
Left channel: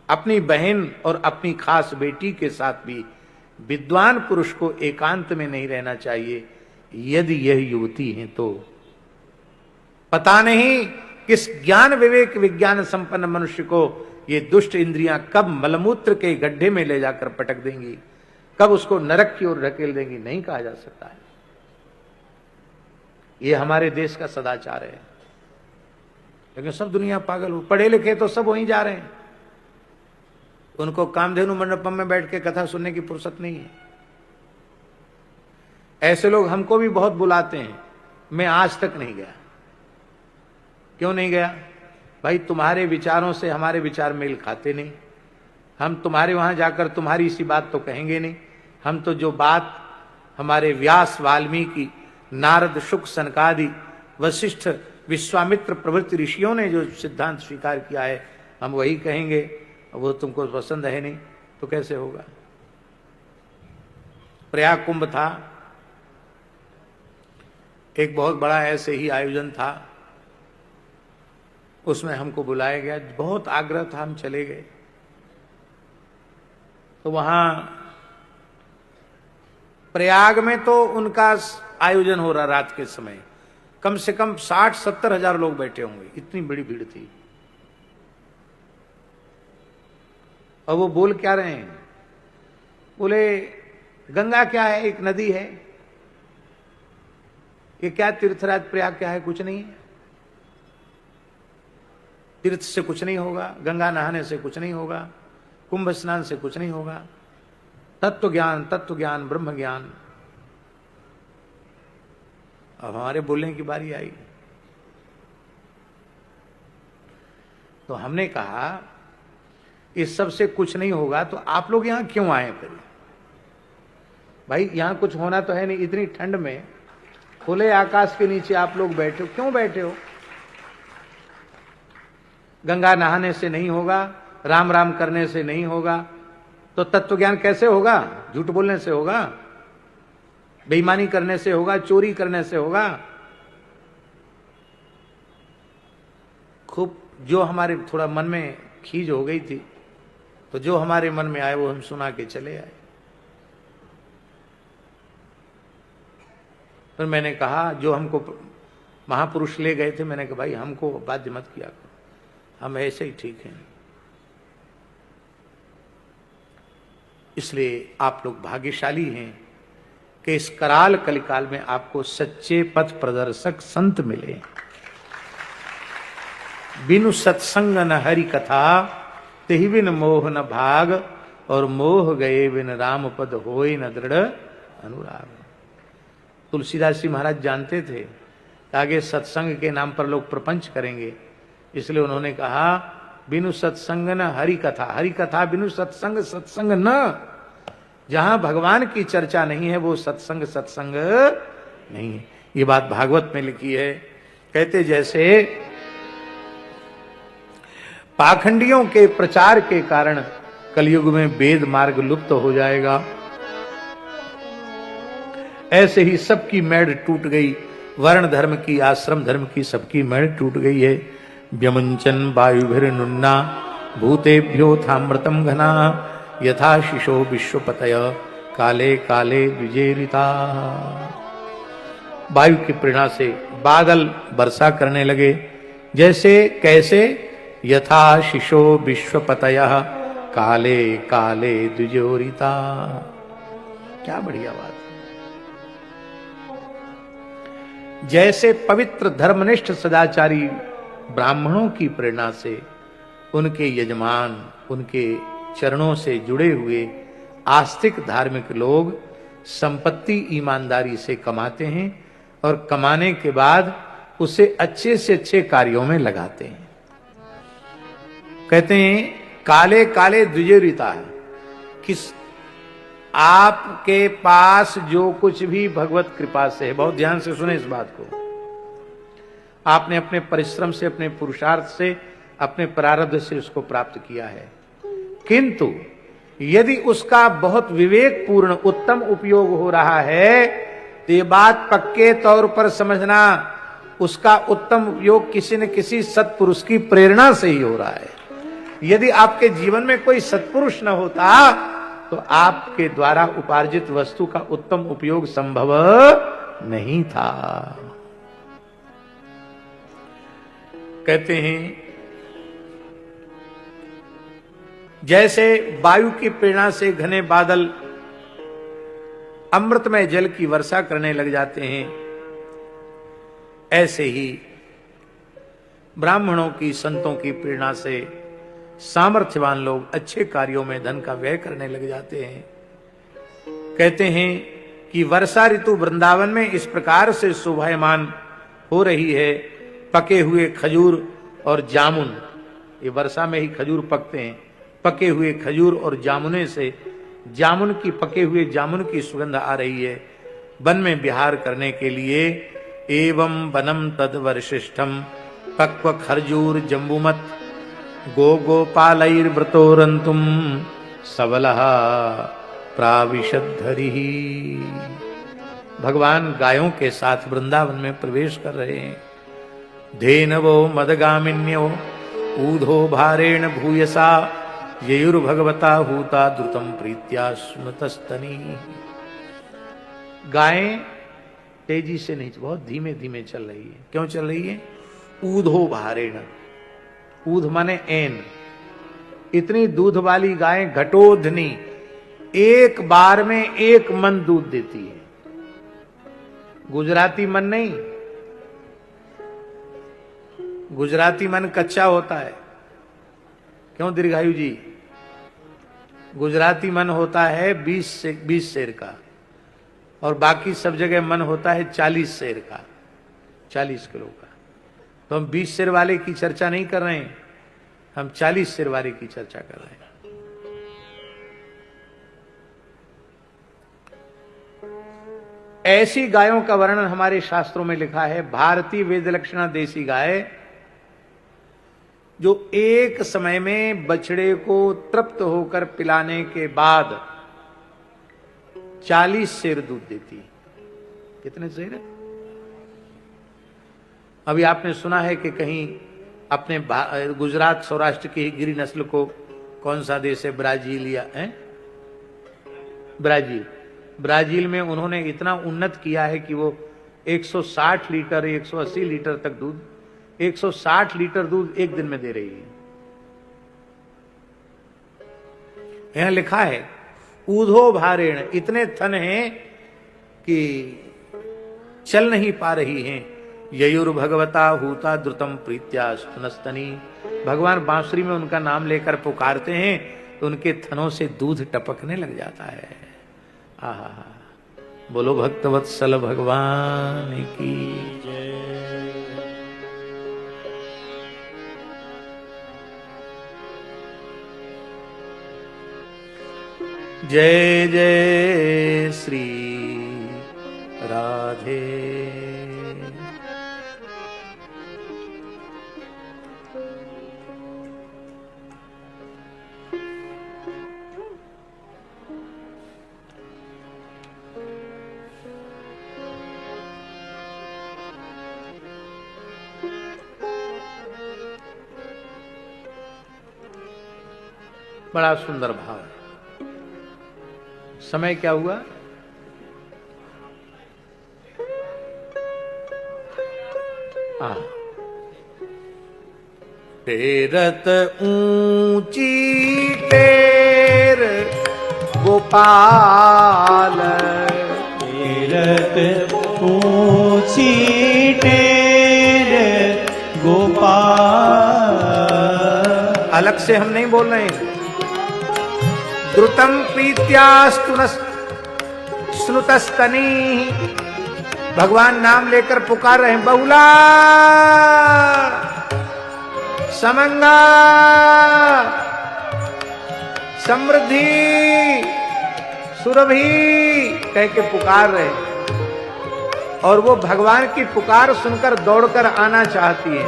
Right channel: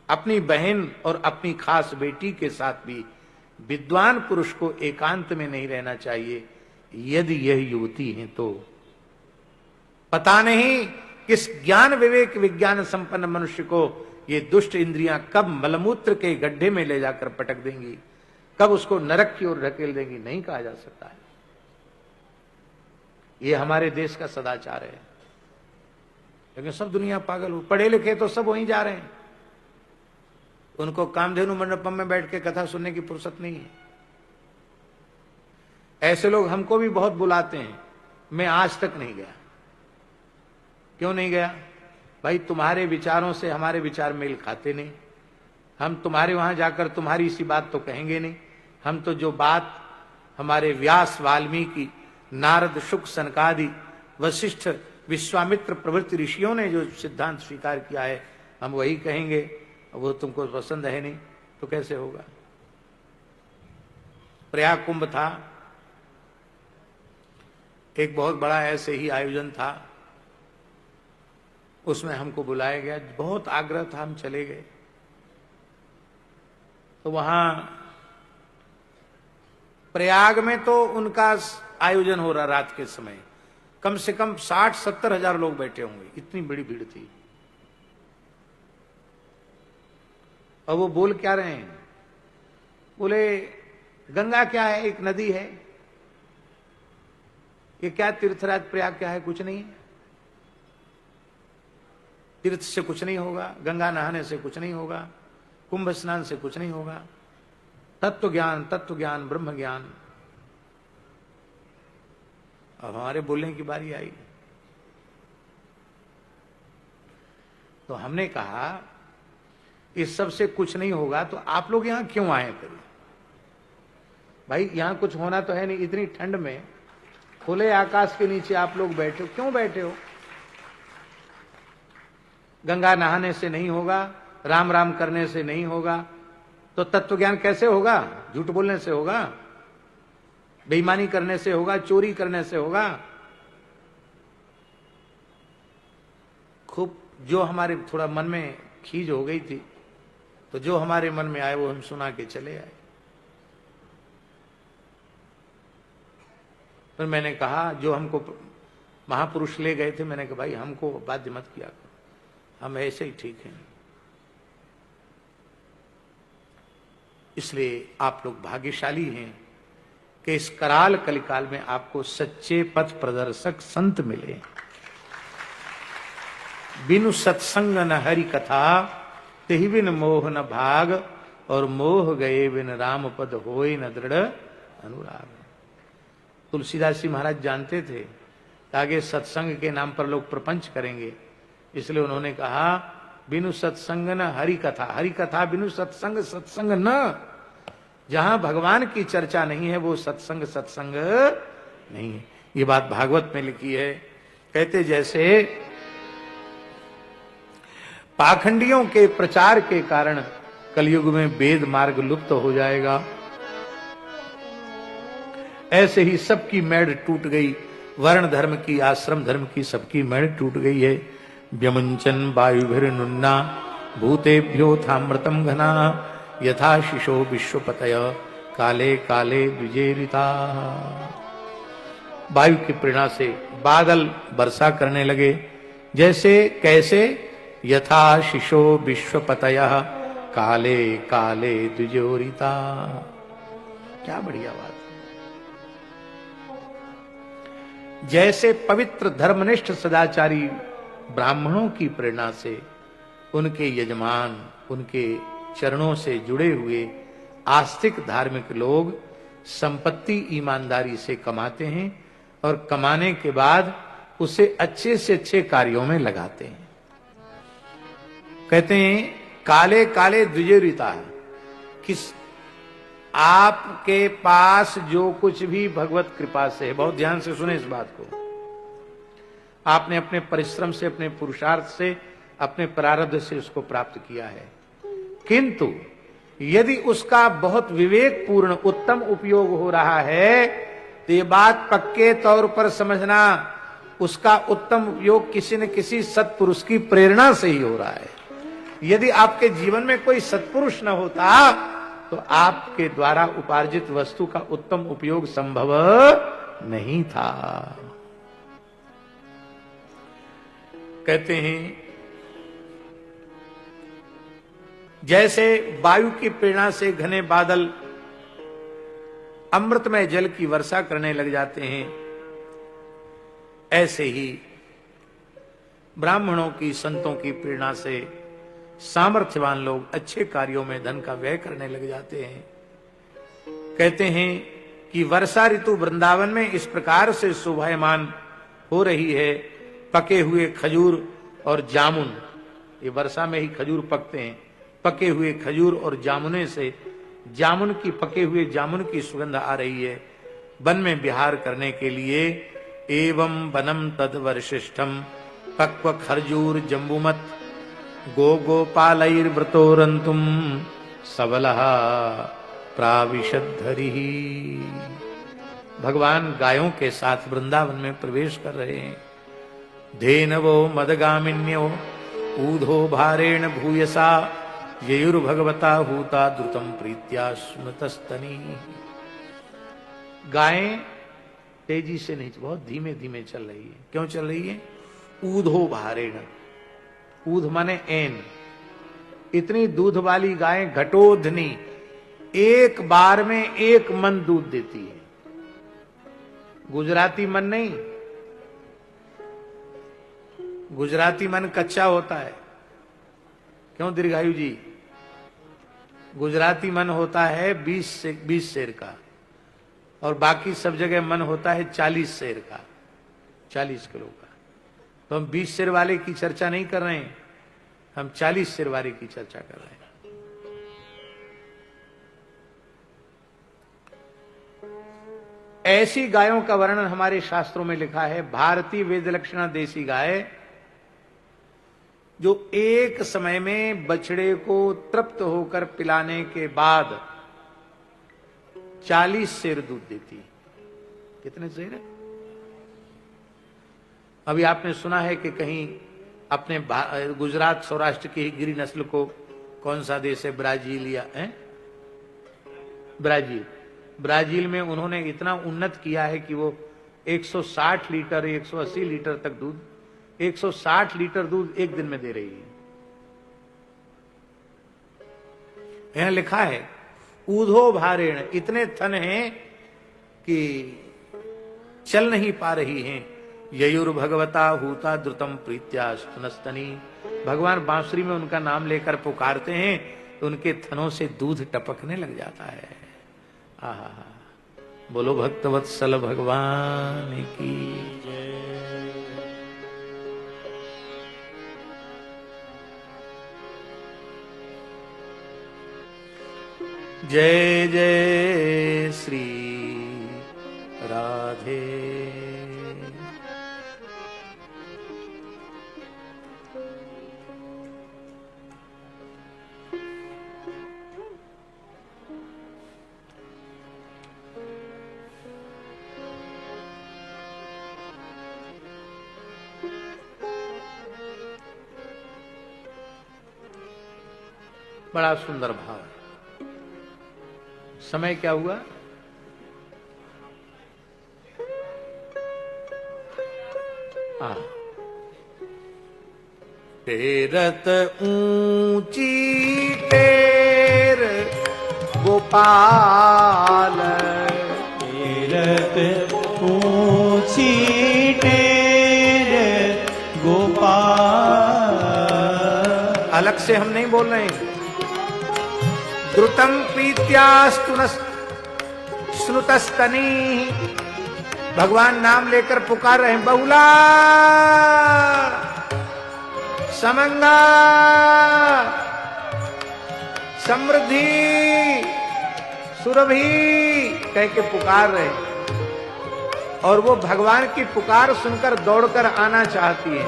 अपनी बहन और अपनी खास बेटी के साथ भी विद्वान पुरुष को एकांत में नहीं रहना चाहिए, यदि यह युवती है तो। पता नहीं किस ज्ञान विवेक विज्ञान संपन्न मनुष्य को ये दुष्ट इंद्रियां कब मलमूत्र के गड्ढे में ले जाकर पटक देंगी, कब उसको नरक की ओर ढकेल देंगी, नहीं कहा जा सकता है। ये हमारे देश का सदाचार है। लेकिन सब दुनिया पागल हो, पढ़े लिखे तो सब वहीं जा रहे हैं। उनको कामधेनु मंडपम में बैठ के कथा सुनने की फुर्सत नहीं है। ऐसे लोग हमको भी बहुत बुलाते हैं, मैं आज तक नहीं गया। क्यों नहीं गया? भाई, तुम्हारे विचारों से हमारे विचार मेल खाते नहीं। हम तुम्हारे वहां जाकर तुम्हारी सी बात तो कहेंगे नहीं। हम तो जो बात हमारे व्यास, वाल्मीकि, नारद, शुक, सनकादि, वशिष्ठ, विश्वामित्र प्रभृति ऋषियों ने जो सिद्धांत स्वीकार किया है, हम वही कहेंगे। वो तुमको पसंद है नहीं तो कैसे होगा? प्रयाग कुंभ था, एक बहुत बड़ा ऐसे ही आयोजन था, उसमें हमको बुलाया गया। बहुत आग्रह था, हम चले गए। तो वहां प्रयाग में तो उनका आयोजन हो रहा रात के समय, कम से कम 60-70 हजार लोग बैठे होंगे, इतनी बड़ी भीड़ थी। और वो बोल क्या रहे हैं? बोले, गंगा क्या है? एक नदी है। ये क्या तीर्थराज प्रयाग क्या है? कुछ नहीं है। तीर्थ से कुछ नहीं होगा, गंगा नहाने से कुछ नहीं होगा, कुंभ स्नान से कुछ नहीं होगा। तत्व ज्ञान ब्रह्म ज्ञान। अब हमारे बोलने की बारी आई तो हमने कहा, इस सब से कुछ नहीं होगा तो आप लोग यहां क्यों आए? फिर भाई, यहां कुछ होना तो है नहीं। इतनी ठंड में खुले आकाश के नीचे आप लोग बैठे हो, क्यों बैठे हो? गंगा नहाने से नहीं होगा, राम राम करने से नहीं होगा, तो तत्व ज्ञान कैसे होगा? झूठ बोलने से होगा, बेईमानी करने से होगा, चोरी करने से होगा। खूब जो हमारे थोड़ा मन में खीज हो गई थी, तो जो हमारे मन में आए वो हम सुना के चले आए। फिर मैंने कहा, जो हमको महापुरुष ले गए थे, मैंने कहा भाई हमको बाध्य मत किया करो, हम ऐसे ही ठीक हैं। इसलिए आप लोग भाग्यशाली हैं कि इस कराल कलिकाल में आपको सच्चे पथ प्रदर्शक संत मिले। बिनु सत्संग न हरि कथा, तेहि बिन मोह न भाग, और मोह गए बिन राम पद होय न दृढ़ अनुराग। तुलसीदास जी महाराज जानते थे कि आगे सत्संग के नाम पर लोग प्रपंच करेंगे, इसलिए उन्होंने कहा, बिनु सत्संग न हरि कथा। हरि कथा बिनु सत्संग, सत्संग न। जहां भगवान की चर्चा नहीं है वो सत्संग सत्संग नहीं है। ये बात भागवत में लिखी है। कहते जैसे पाखंडियों के प्रचार के कारण कलयुग में वेद मार्ग लुप्त हो जाएगा, ऐसे ही सबकी मैड़ टूट गई। वर्ण धर्म की, आश्रम धर्म की सबकी मैड़ टूट गई है। व्यमंचन वायुभिर्नुन्ना भूतेभ्योऽथामृतं घना यथा शिशो विश्वपतय काले काले द्विजेरिता। वायु की प्रेरणा से बादल वर्षा करने लगे, जैसे कैसे, यथा शिशो विश्वपतय काले काले द्विजोरिता। क्या बढ़िया बात है। जैसे पवित्र धर्मनिष्ठ सदाचारी ब्राह्मणों की प्रेरणा से उनके यजमान, उनके चरणों से जुड़े हुए आस्तिक धार्मिक लोग संपत्ति ईमानदारी से कमाते हैं और कमाने के बाद उसे अच्छे से अच्छे कार्यों में लगाते हैं। कहते हैं काले काले द्विजेरिता है। किस आपके पास जो कुछ भी भगवत कृपा से है, बहुत ध्यान से सुने इस बात को, आपने अपने परिश्रम से, अपने पुरुषार्थ से, अपने प्रारब्ध से उसको प्राप्त किया है, किंतु यदि उसका बहुत विवेकपूर्ण उत्तम उपयोग हो रहा है तो ये बात पक्के तौर पर समझना, उसका उत्तम उपयोग किसी न किसी सत्पुरुष की प्रेरणा से ही हो रहा है। यदि आपके जीवन में कोई सत्पुरुष न होता तो आपके द्वारा उपार्जित वस्तु का उत्तम उपयोग संभव नहीं था। कहते हैं जैसे वायु की प्रेरणा से घने बादल अमृतमय जल की वर्षा करने लग जाते हैं, ऐसे ही ब्राह्मणों की, संतों की प्रेरणा से सामर्थ्यवान लोग अच्छे कार्यों में धन का व्यय करने लग जाते हैं। कहते हैं कि वर्षा ऋतु वृंदावन में इस प्रकार से शोभायमान हो रही है, पके हुए खजूर और जामुन, ये वर्षा में ही खजूर पकते हैं, पके हुए खजूर और जामुने से जामुन की, पके हुए जामुन की सुगंध आ रही है। वन में विहार करने के लिए एवं वनम तद वरिष्ठम पक्व खरजूर जम्बुमत गो गोपालैर्व्रतोरंतुम सबलः प्राविशद्धरि। भगवान गायों के साथ वृंदावन में प्रवेश कर रहे हैं। धेनवो मदगामिन्यो ऊधो भारेण भूयसा ययुर्भगवता हूता द्रुतम प्रीत्या स्मृतस्तनी। गायें तेजी से नहीं, बहुत धीमे धीमे चल रही है। क्यों चल रही है? ऊधो भारेण, ऊध माने एन, इतनी दूध वाली गायें घटोधनी एक बार में 1 मन दूध देती है। गुजराती मन नहीं, गुजराती मन कच्चा होता है। क्यों दीर्घायु जी? गुजराती मन होता है 20 सेर का, और बाकी सब जगह मन होता है 40 सेर का, 40 किलो का। तो हम 20 सेर वाले की चर्चा नहीं कर रहे हैं, हम 40 सेर वाले की चर्चा कर रहे हैं। ऐसी गायों का वर्णन हमारे शास्त्रों में लिखा है। भारतीय वेद लक्षणा देसी गाय जो एक समय में बछड़े को तृप्त होकर पिलाने के बाद 40 सेर दूध देती है। कितने सेर है? अभी आपने सुना है कि कहीं अपने गुजरात सौराष्ट्र की गिरी नस्ल को कौन सा देश है, ब्राजील या है, ब्राजील में उन्होंने इतना उन्नत किया है कि वो 160 लीटर 180 लीटर तक दूध, 160 लीटर दूध एक दिन में दे रही है। यहां लिखा है ऊधो भारेण, इतने थन हैं कि चल नहीं पा रही हैं। ययुर भगवता हूता द्रुतम प्रीत्या स्तनस्तनी। भगवान बांसुरी में उनका नाम लेकर पुकारते हैं तो उनके थनों से दूध टपकने लग जाता है। आहा, बोलो भक्तवत्सल भगवान की जय। जय जय श्री राधे। बड़ा सुंदर भाव। समय क्या हुआ? टेरत ऊंची टेर गोपाल, टेरत ऊंची टेर गोपाल। अलग से हम नहीं बोल रहे हैं। द्रुतम प्रीत्यास्तु स्नुतस्तनी, भगवान नाम लेकर पुकार रहे हैं। बहुला समंगा समृद्धि सुरभि कह के पुकार रहे, और वो भगवान की पुकार सुनकर दौड़कर आना चाहती है,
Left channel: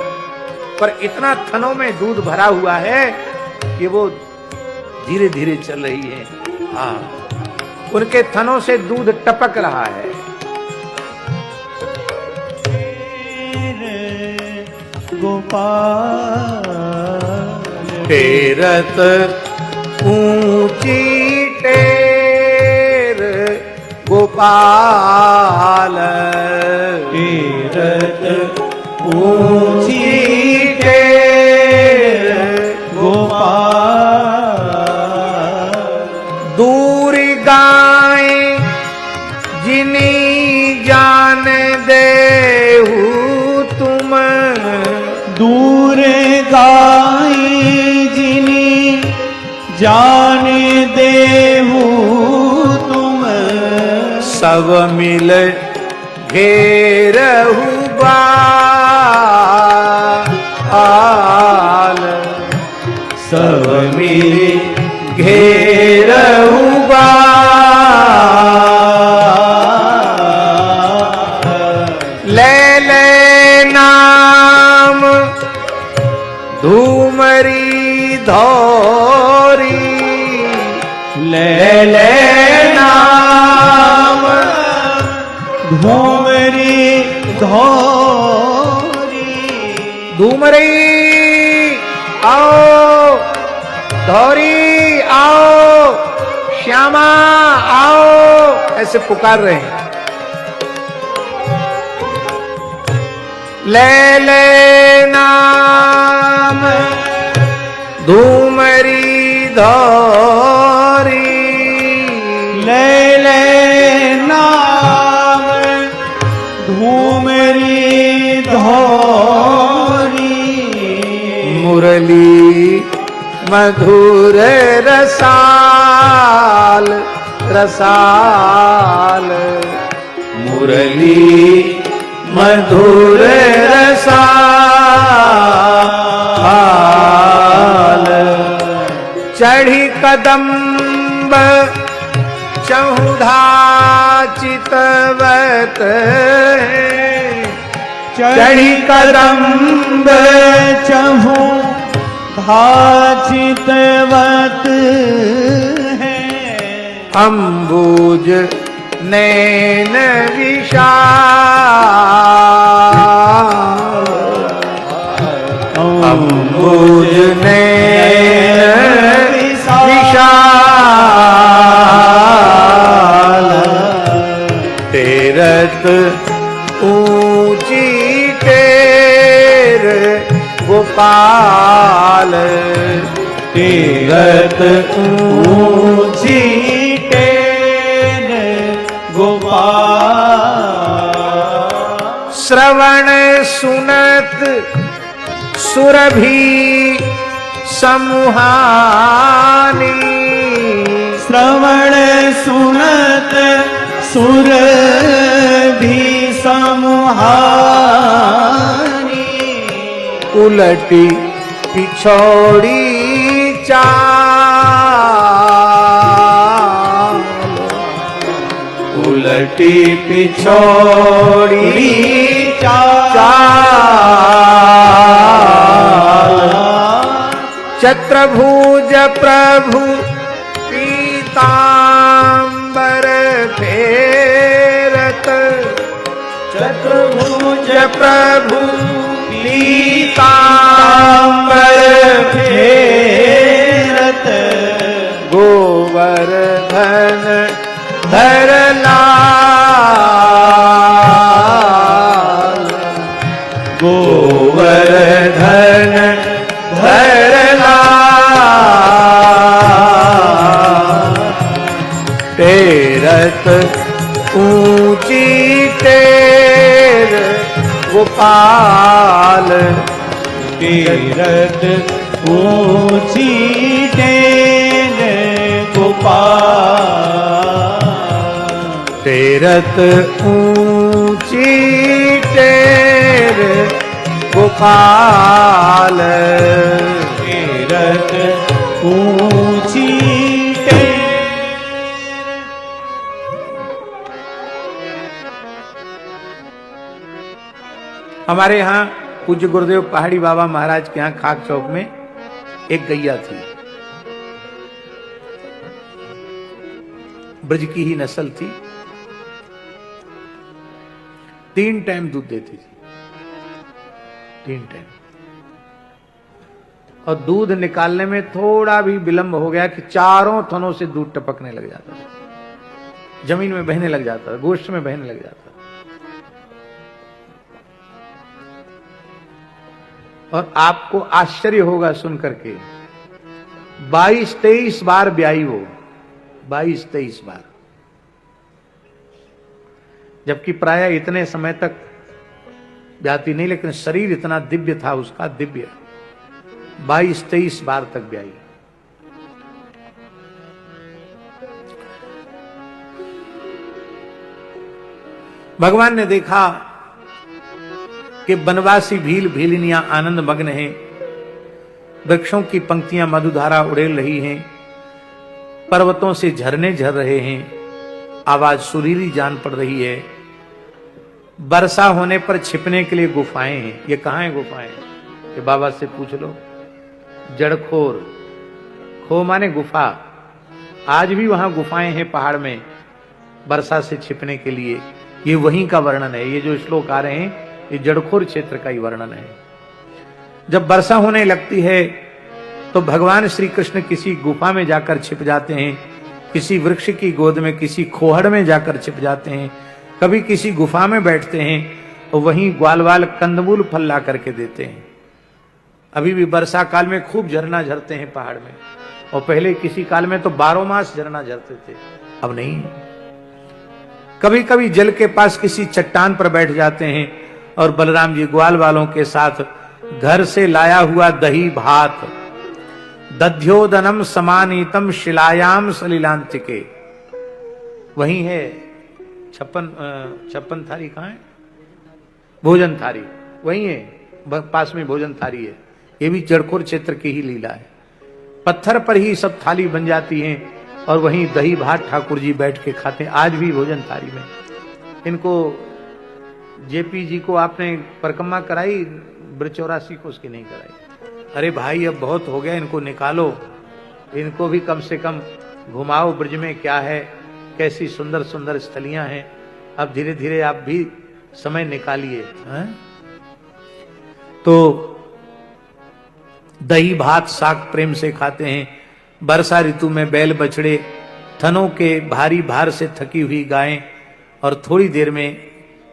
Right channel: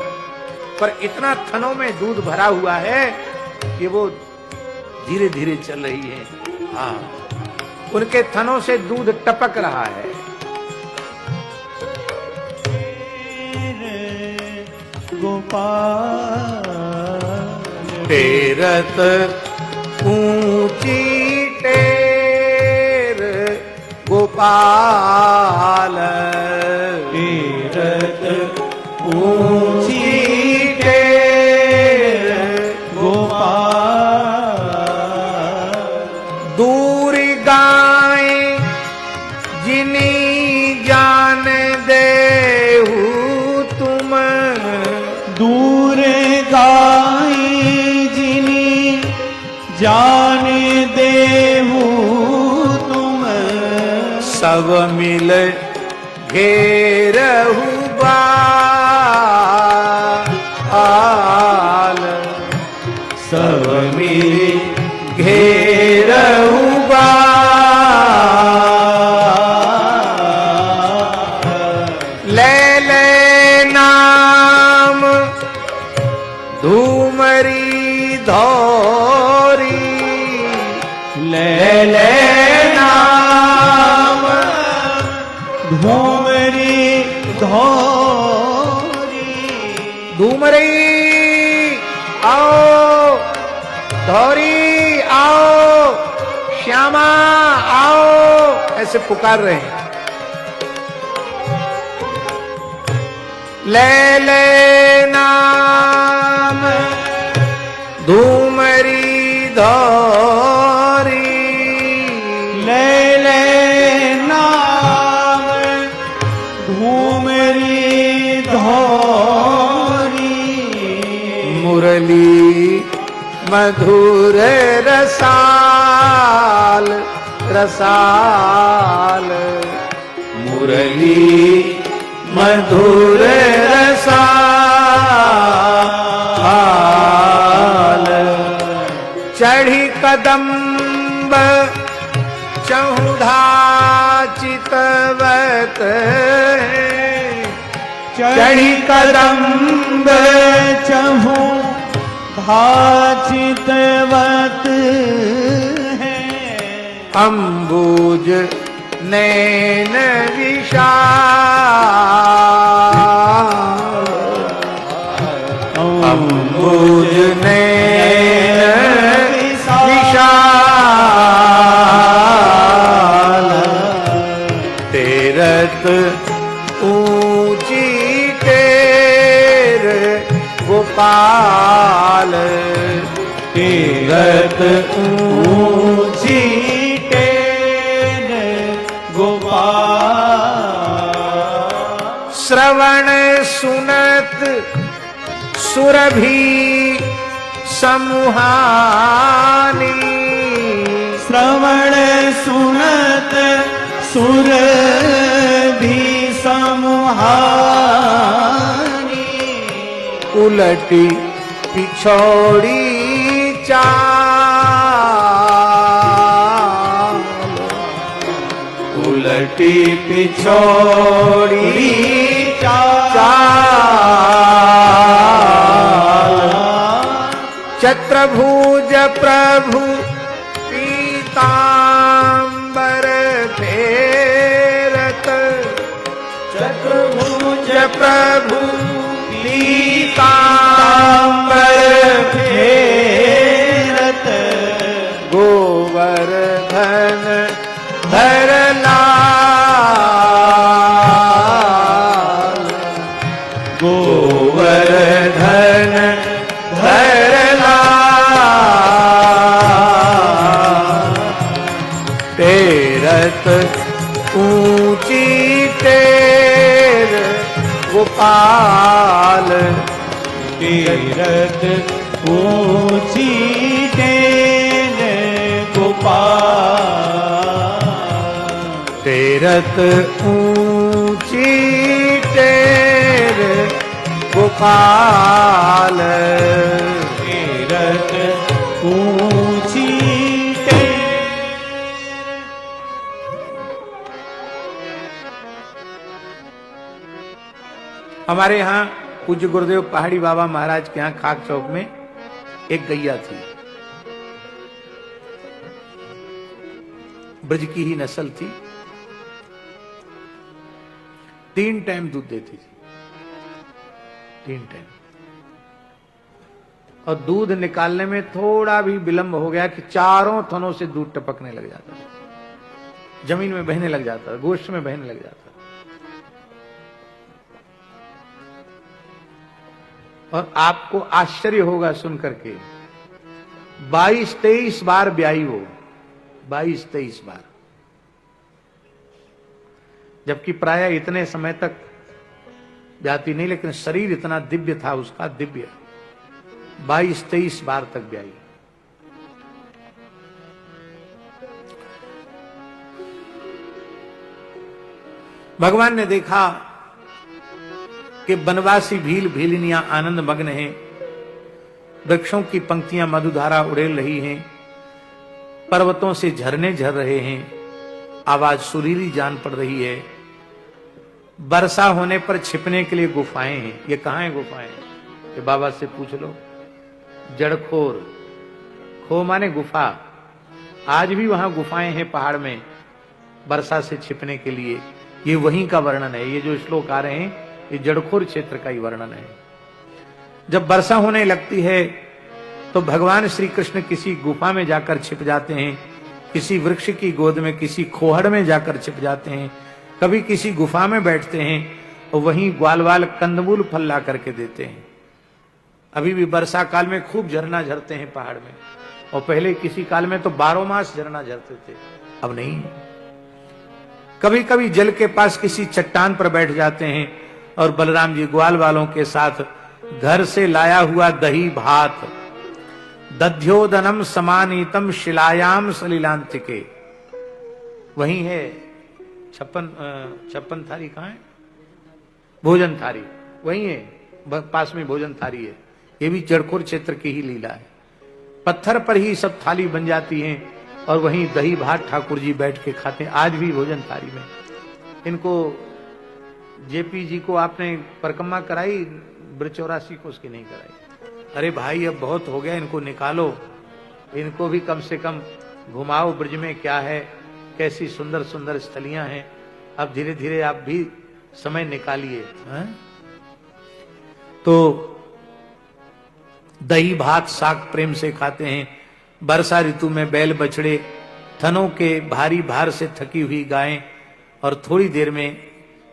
पर इतना थनों में दूध भरा हुआ है कि वो धीरे धीरे चल रही है। हाँ, उनके थनों से दूध टपक रहा है। गोपाल टेरत ऊंची टेर गोपाल, टेरत ऊंची टेर गोपाल। दूर गाय जिनी जान देहु तुम, दूर गाई जिनी जान देहु तुम, सब मिल घेरहु बाल, सब मिल घेरहु ले ले नाम धूमरी धौरी, ले ले नाम धूमरी धौरी। धूमरी आओ, धौरी आओ, श्यामा आओ, ऐसे पुकार रहे हैं। ले ले नाम धूमरी धौरी, ले ले नाम धूमरी धौरी। मुरली मधुर रसाल रसाल, मुरली मधुर रसाल। चढ़ी कदम्ब चहुधा चितवत, चढ़ी कदम्ब चहु धाचितवत है, अम्बुज नैन विशाल, अम्बुज नैन विशाल। टेरत ऊंची टेर गोपाल, टेरत ऊंची टेर गोपाल। श्रवण सुनत सुरभि समूहानी, श्रवण सुनत सुरभि समूहानी। उलटी पिछौड़ी चाल, उलटी पिछौड़ी चाल। चत्रभुज प्रभु पीतांबर फेरत, चत्रभुज प्रभु पीतांबर फेरत, गोवर्धन भरला तेरत ऊंची तेर गोपाल तीरथ ऊंची टेन गोपाल तेरत ऊंची तेर गोपाल तीरथ ऊंची टेन। हमारे यहाँ पूज्य गुरुदेव पहाड़ी बाबा महाराज के यहाँ खाक चौक में एक गैया थी, ब्रज की ही नस्ल थी, 3 टाइम दूध देती थी, 3 टाइम। और दूध निकालने में थोड़ा भी विलंब हो गया कि चारों थनों से दूध टपकने लग जाता था, जमीन में बहने लग जाता था, गोश्त में बहने लग जाता था। और आपको आश्चर्य होगा सुन करके, 22-23 बार ब्याई वो, 22-23 बार, जबकि प्राय इतने समय तक ब्याती नहीं, लेकिन शरीर इतना दिव्य था उसका, दिव्य, 22-23 बार तक ब्याई। भगवान ने देखा कि बनवासी भील भीलिनियां आनंद मग्न हैं, वृक्षों की पंक्तियां मधुधारा उड़ेल रही हैं, पर्वतों से झरने झर रहे हैं, आवाज सुरीली जान पड़ रही है, वर्षा होने पर छिपने के लिए गुफाएं हैं। ये कहां है गुफाएं? ये बाबा से पूछ लो। जड़खोर, खो माने गुफा, आज भी वहां गुफाएं हैं पहाड़ में वर्षा से छिपने के लिए। ये वहीं का वर्णन है, ये जो श्लोक आ रहे हैं ये जड़खोर क्षेत्र का ही वर्णन है। जब वर्षा होने लगती है तो भगवान श्री कृष्ण किसी गुफा में जाकर छिप जाते हैं, किसी वृक्ष की गोद में, किसी खोहड़ में जाकर छिप जाते हैं, कभी किसी गुफा में बैठते हैं और वहीं ग्वालवाल कंदमूल फल ला करके देते हैं। अभी भी वर्षा काल में खूब झरना झरते हैं पहाड़ में, और पहले किसी काल में तो 12 मास झरना झरते थे, अब नहीं। कभी कभी जल के पास किसी चट्टान पर बैठ जाते हैं और बलराम जी ग्वाल वालों के साथ घर से लाया हुआ दही भात, दध्योदनम समानीतम शिलायाम सलिलांतिके, वही है 56 थाली। कहाँ है भोजन थाली? वही है, पास में भोजन थाली है। ये भी जड़खोर क्षेत्र की ही लीला है। पत्थर पर ही सब थाली बन जाती हैं और वहीं दही भात ठाकुर जी बैठ के खाते हैं, आज भी भोजन थाली में। इनको जेपी जी को आपने परिक्रमा कराई, ब्रजचौरासी को उसकी नहीं कराई। अरे भाई अब बहुत हो गया, इनको निकालो, इनको भी कम से कम घुमाओ ब्रज में क्या है, कैसी सुंदर सुंदर स्थलियां हैं। अब धीरे धीरे आप भी समय निकालिए। तो दही भात साग प्रेम से खाते हैं। वर्षा ऋतु में बैल बछड़े थनों के भारी भार से थकी हुई गायें और थोड़ी देर में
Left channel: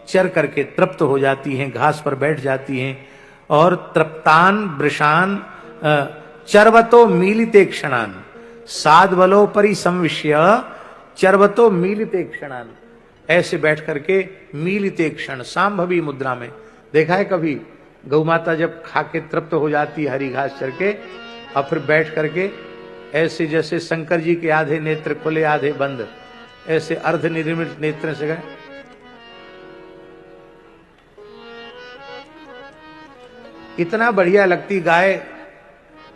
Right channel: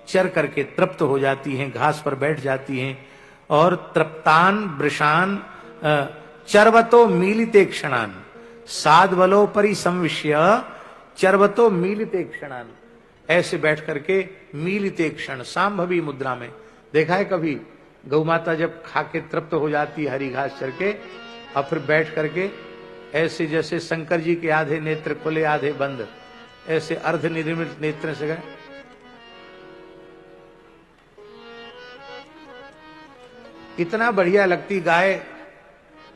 चर करके तृप्त हो जाती हैं, घास पर बैठ जाती हैं और तृप्तान वृषान चरवतो मीलिते क्षणान साधवलो परिसंविष्य चरवतो मीलिते क्षणान, ऐसे बैठ करके मीलिते क्षण, सांभवी मुद्रा में। देखा है कभी गौ माता जब खा के तृप्त हो जाती है हरी घास चर के, और फिर बैठ करके ऐसे जैसे शंकर जी के आधे नेत्र खुले आधे बंद, ऐसे अर्ध निर्मित नेत्र से गए। इतना बढ़िया लगती गाय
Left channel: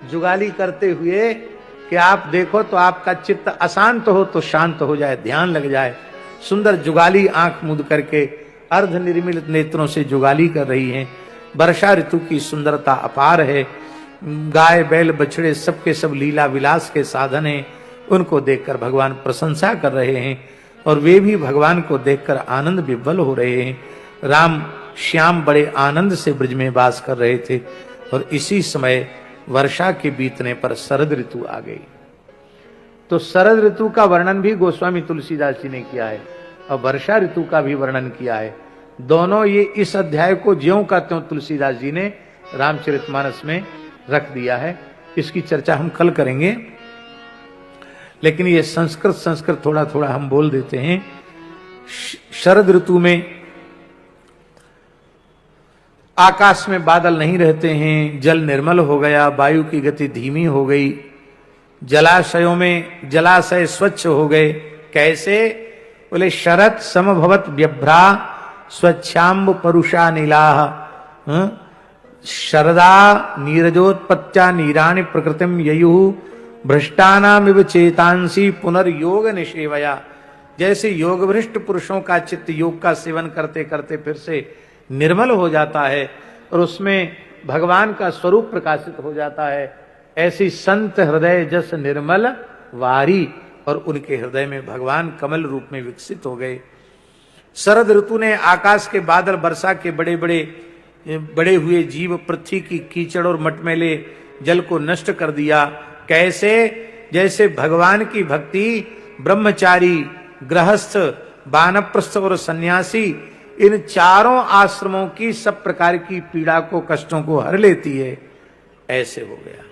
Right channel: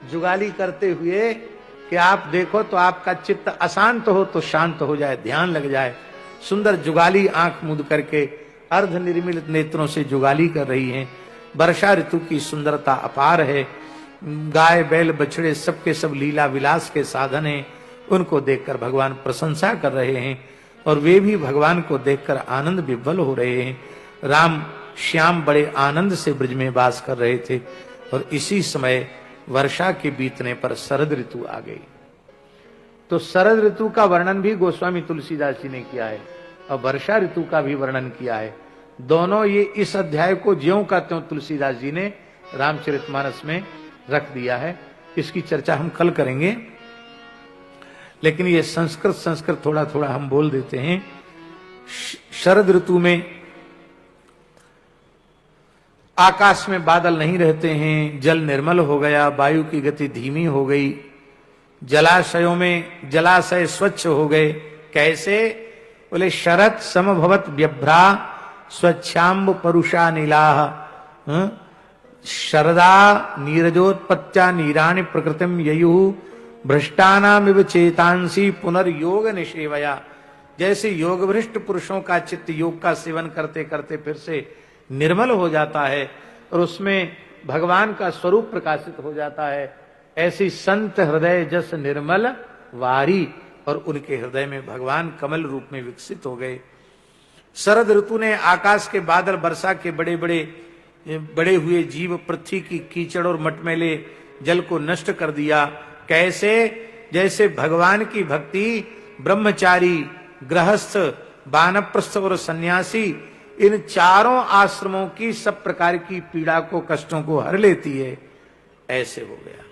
जुगाली करते हुए कि आप देखो तो आपका चित्त अशांत हो तो शांत हो जाए, ध्यान लग जाए। सुंदर जुगाली आंख मूंद करके अर्ध निर्मित नेत्रों से जुगाली कर रही हैं। वर्षा ऋतु की सुंदरता अपार है। गाय बैल बछड़े सबके सब लीला विलास के साधन हैं। उनको देखकर भगवान प्रशंसा कर रहे हैं और वे भी भगवान को देखकर आनंद विह्वल हो रहे हैं। राम श्याम बड़े आनंद से ब्रज में वास कर रहे थे और इसी समय वर्षा के बीतने पर शरद ऋतु आ गई। तो शरद ऋतु का वर्णन भी गोस्वामी तुलसीदास जी ने किया है और वर्षा ऋतु का भी वर्णन किया है। दोनों ये इस अध्याय को ज्यों का त्यों तुलसीदास जी ने रामचरितमानस में रख दिया है। इसकी चर्चा हम कल करेंगे, लेकिन ये संस्कृत थोड़ा थोड़ा हम बोल देते हैं। शरद ऋतु में आकाश में बादल नहीं रहते हैं, जल निर्मल हो गया, वायु की गति धीमी हो गई, जलाशयों में जलाशय स्वच्छ हो गए। कैसे? बोले शरत समभवत व्यभ्रा स्वच्छाम्ब परुषा नीलाह शरदा नीरजोत्पत्त्या नीराणि प्रकृतिम ययु भ्रष्टानामिव चेतांसी पुनर्योग निषेवया। जैसे योग भ्रष्ट पुरुषों का चित्त योग का सेवन करते करते फिर से निर्मल हो जाता है और उसमें भगवान का स्वरूप प्रकाशित हो जाता है, ऐसी संत हृदय जस निर्मल वारी, और उनके हृदय में भगवान कमल रूप में विकसित हो गए। शरद ऋतु ने आकाश के बादल, वर्षा के बड़े हुए जीव, पृथ्वी की कीचड़ और मटमैले जल को नष्ट कर दिया। कैसे? जैसे भगवान की भक्ति ब्रह्मचारी, गृहस्थ, वानप्रस्थ और सन्यासी, इन चारों आश्रमों की सब प्रकार की पीड़ा को, कष्टों को हर लेती है, ऐसे हो गया।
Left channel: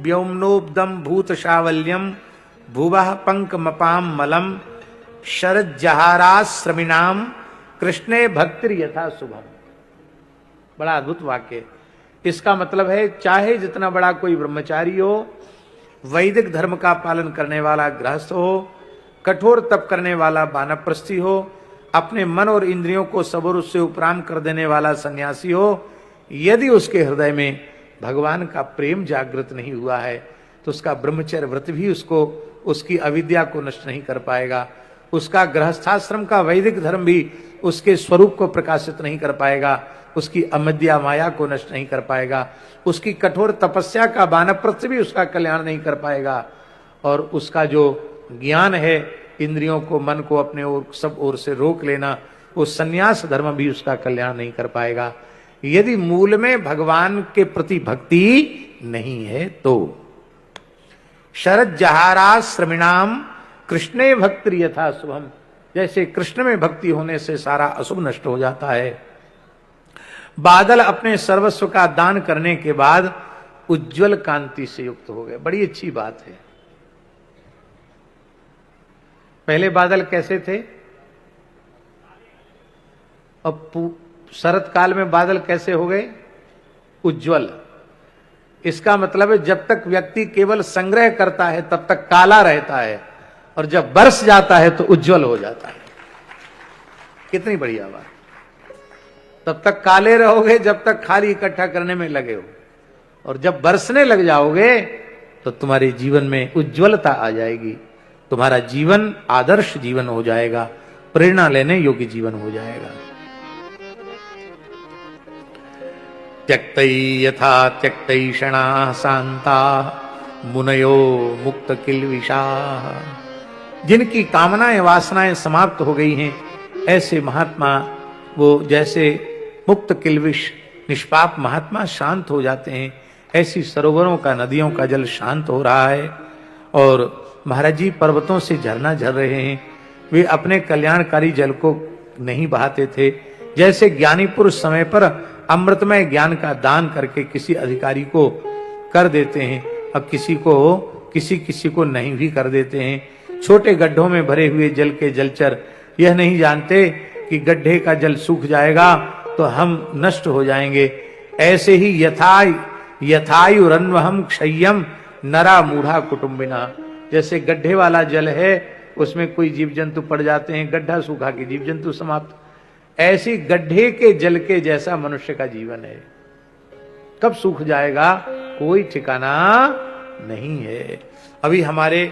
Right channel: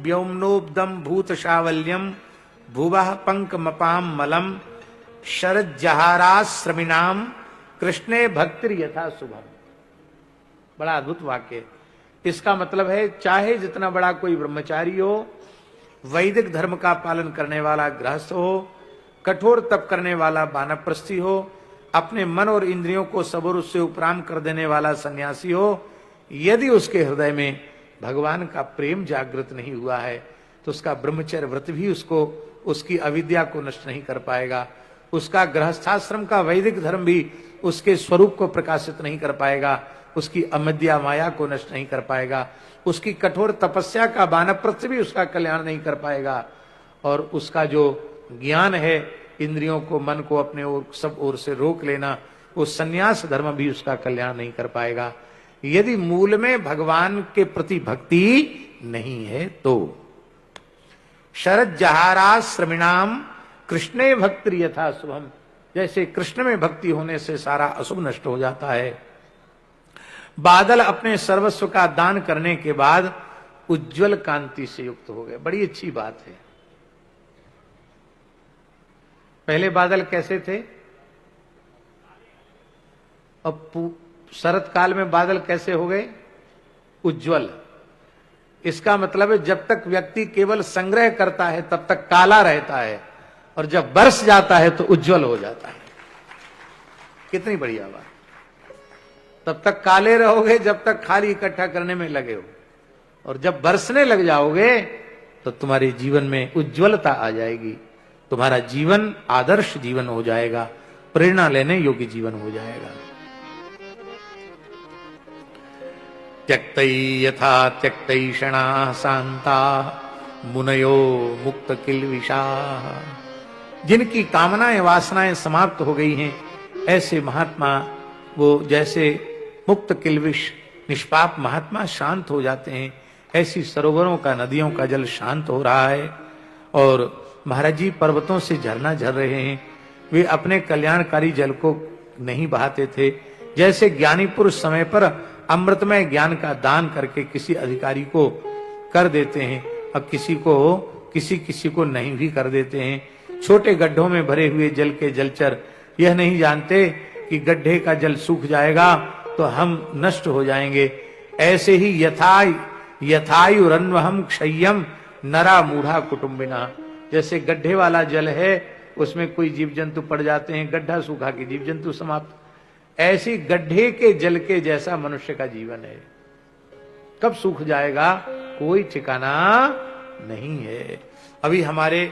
व्योम्नोब्दम भूत शावल्यम भुवः पंक मपाम मलम शरज्जहाराश्रमिणाम कृष्णे भक्तिर यथा शुभम। बड़ा अद्भुत वाक्य। इसका मतलब है, चाहे जितना बड़ा कोई ब्रह्मचारी हो, वैदिक धर्म का पालन करने वाला गृहस्थ हो, कठोर तप करने वाला वानप्रस्थी हो, अपने मन और इंद्रियों को सबूर से उपराम कर देने वाला सन्यासी हो, यदि उसके हृदय में भगवान का प्रेम जागृत नहीं हुआ है तो उसका ब्रह्मचर्य व्रत भी उसको, उसकी अविद्या को नष्ट नहीं कर पाएगा, उसका गृहस्थाश्रम का वैदिक धर्म भी उसके स्वरूप को प्रकाशित नहीं कर पाएगा, उसकी अमद्या माया को नष्ट नहीं कर पाएगा, उसकी कठोर तपस्या का वानप्रस्थ भी उसका कल्याण नहीं कर पाएगा, और उसका जो ज्ञान है, इंद्रियों को, मन को अपने ओर सब ओर से रोक लेना, वो सन्यास धर्म भी उसका कल्याण नहीं कर पाएगा, यदि मूल में भगवान के प्रति भक्ति नहीं है तो। शरद जहारा श्रमिणाम कृष्णे भक्ति यथा शुभम। जैसे कृष्ण में भक्ति होने से सारा अशुभ नष्ट हो जाता है। बादल अपने सर्वस्व का दान करने के बाद उज्जवल कांति से युक्त हो गए। बड़ी अच्छी बात है। पहले बादल कैसे थे? अब शरत काल में बादल कैसे हो गए? उज्जवल। इसका मतलब है, जब तक व्यक्ति केवल संग्रह करता है तब तक काला रहता है, और जब बरस जाता है तो उज्जवल हो जाता है। कितनी बढ़िया बात। तब तक काले रहोगे जब तक खाली इकट्ठा करने में लगे हो, और जब बरसने लग जाओगे तो तुम्हारे जीवन में उज्जवलता आ जाएगी, तुम्हारा जीवन आदर्श जीवन हो जाएगा, प्रेरणा लेने योग्य जीवन हो जाएगा। त्यक्तै यथा त्यक्तैषणा शांता मुनयो मुक्त किल्विषा। जिनकी कामनाएं वासनाएं समाप्त हो गई हैं, ऐसे महात्मा, वो जैसे मुक्त किल्विष निष्पाप महात्मा शांत हो जाते हैं, ऐसी सरोवरों का, नदियों का जल शांत हो रहा है। और महाराज जी पर्वतों से झरना झर रहे हैं। वे अपने कल्याणकारी जल को नहीं बहाते थे। जैसे ज्ञानी पुरुष समय पर अमृतमय ज्ञान का दान करके किसी अधिकारी को कर देते हैं, अब किसी को नहीं भी कर देते हैं। छोटे गड्ढों में भरे हुए जल के जलचर यह नहीं जानते कि गड्ढे का जल सूख जाएगा तो हम नष्ट हो जाएंगे। ऐसे ही यथायुरन्वहम क्षय्यम नरा मूढ़ा कुटुम्बिना। जैसे गड्ढे वाला जल है, उसमें कोई जीव जंतु पड़ जाते हैं, गड्ढा सूखा के जीव जंतु समाप्त। ऐसी गड्ढे के जल के जैसा मनुष्य का जीवन है। कब सूख जाएगा कोई ठिकाना नहीं है। अभी हमारे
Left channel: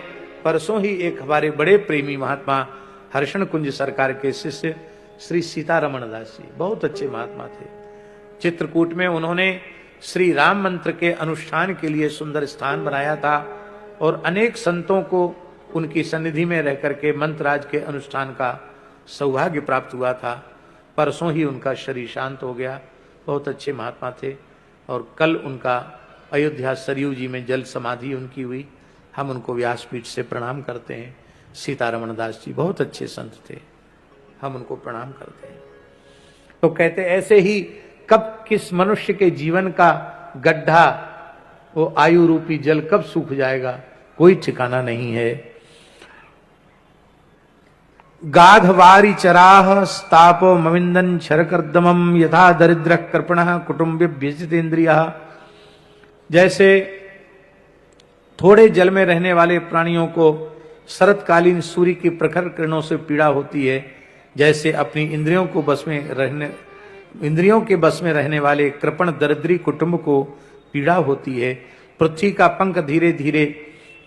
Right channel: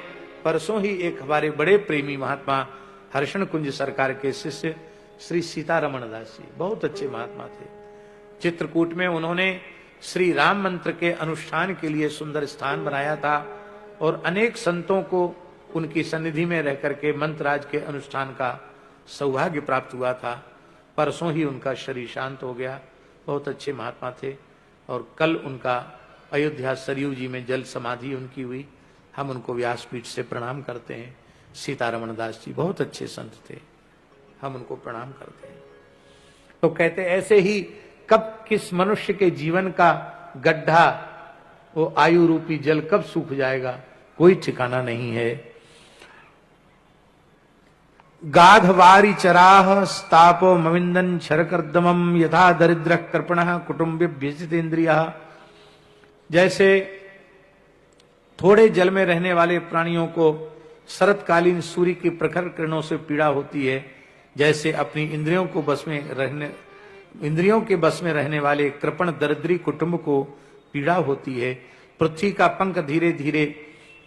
परसों ही एक हमारे बड़े प्रेमी महात्मा हर्षण कुंज सरकार के शिष्य श्री सीतारमण दास जी, बहुत अच्छे महात्मा थे। चित्रकूट में उन्होंने श्री राम मंत्र के अनुष्ठान के लिए सुंदर स्थान बनाया था, और अनेक संतों को उनकी सन्निधि में रह करके मंत्रराज के अनुष्ठान का सौभाग्य प्राप्त हुआ था। परसों ही उनका शरीर शांत हो गया। बहुत अच्छे महात्मा थे। और कल उनका अयोध्या सरयू जी में जल समाधि उनकी हुई। हम उनको व्यासपीठ से प्रणाम करते हैं। सीतारमण दास जी बहुत अच्छे संत थे। हम उनको प्रणाम करते हैं। तो कहते ऐसे ही कब किस मनुष्य के जीवन का गड्ढा, वो आयु रूपी जल कब सूख जाएगा, कोई ठिकाना नहीं है। गाधवारी चराह स्तापो मविंदन शरकर्दमम यथा दरिद्र कृपण कुटुंबी व्यजित इंद्रिय। जैसे थोड़े जल में रहने वाले प्राणियों को शरतकालीन सूर्य की प्रखर किरणों से पीड़ा होती है, जैसे अपनी इंद्रियों के बस में रहने वाले कृपण दरिद्री कुटुंब को पीड़ा होती है। पृथ्वी का पंख धीरे धीरे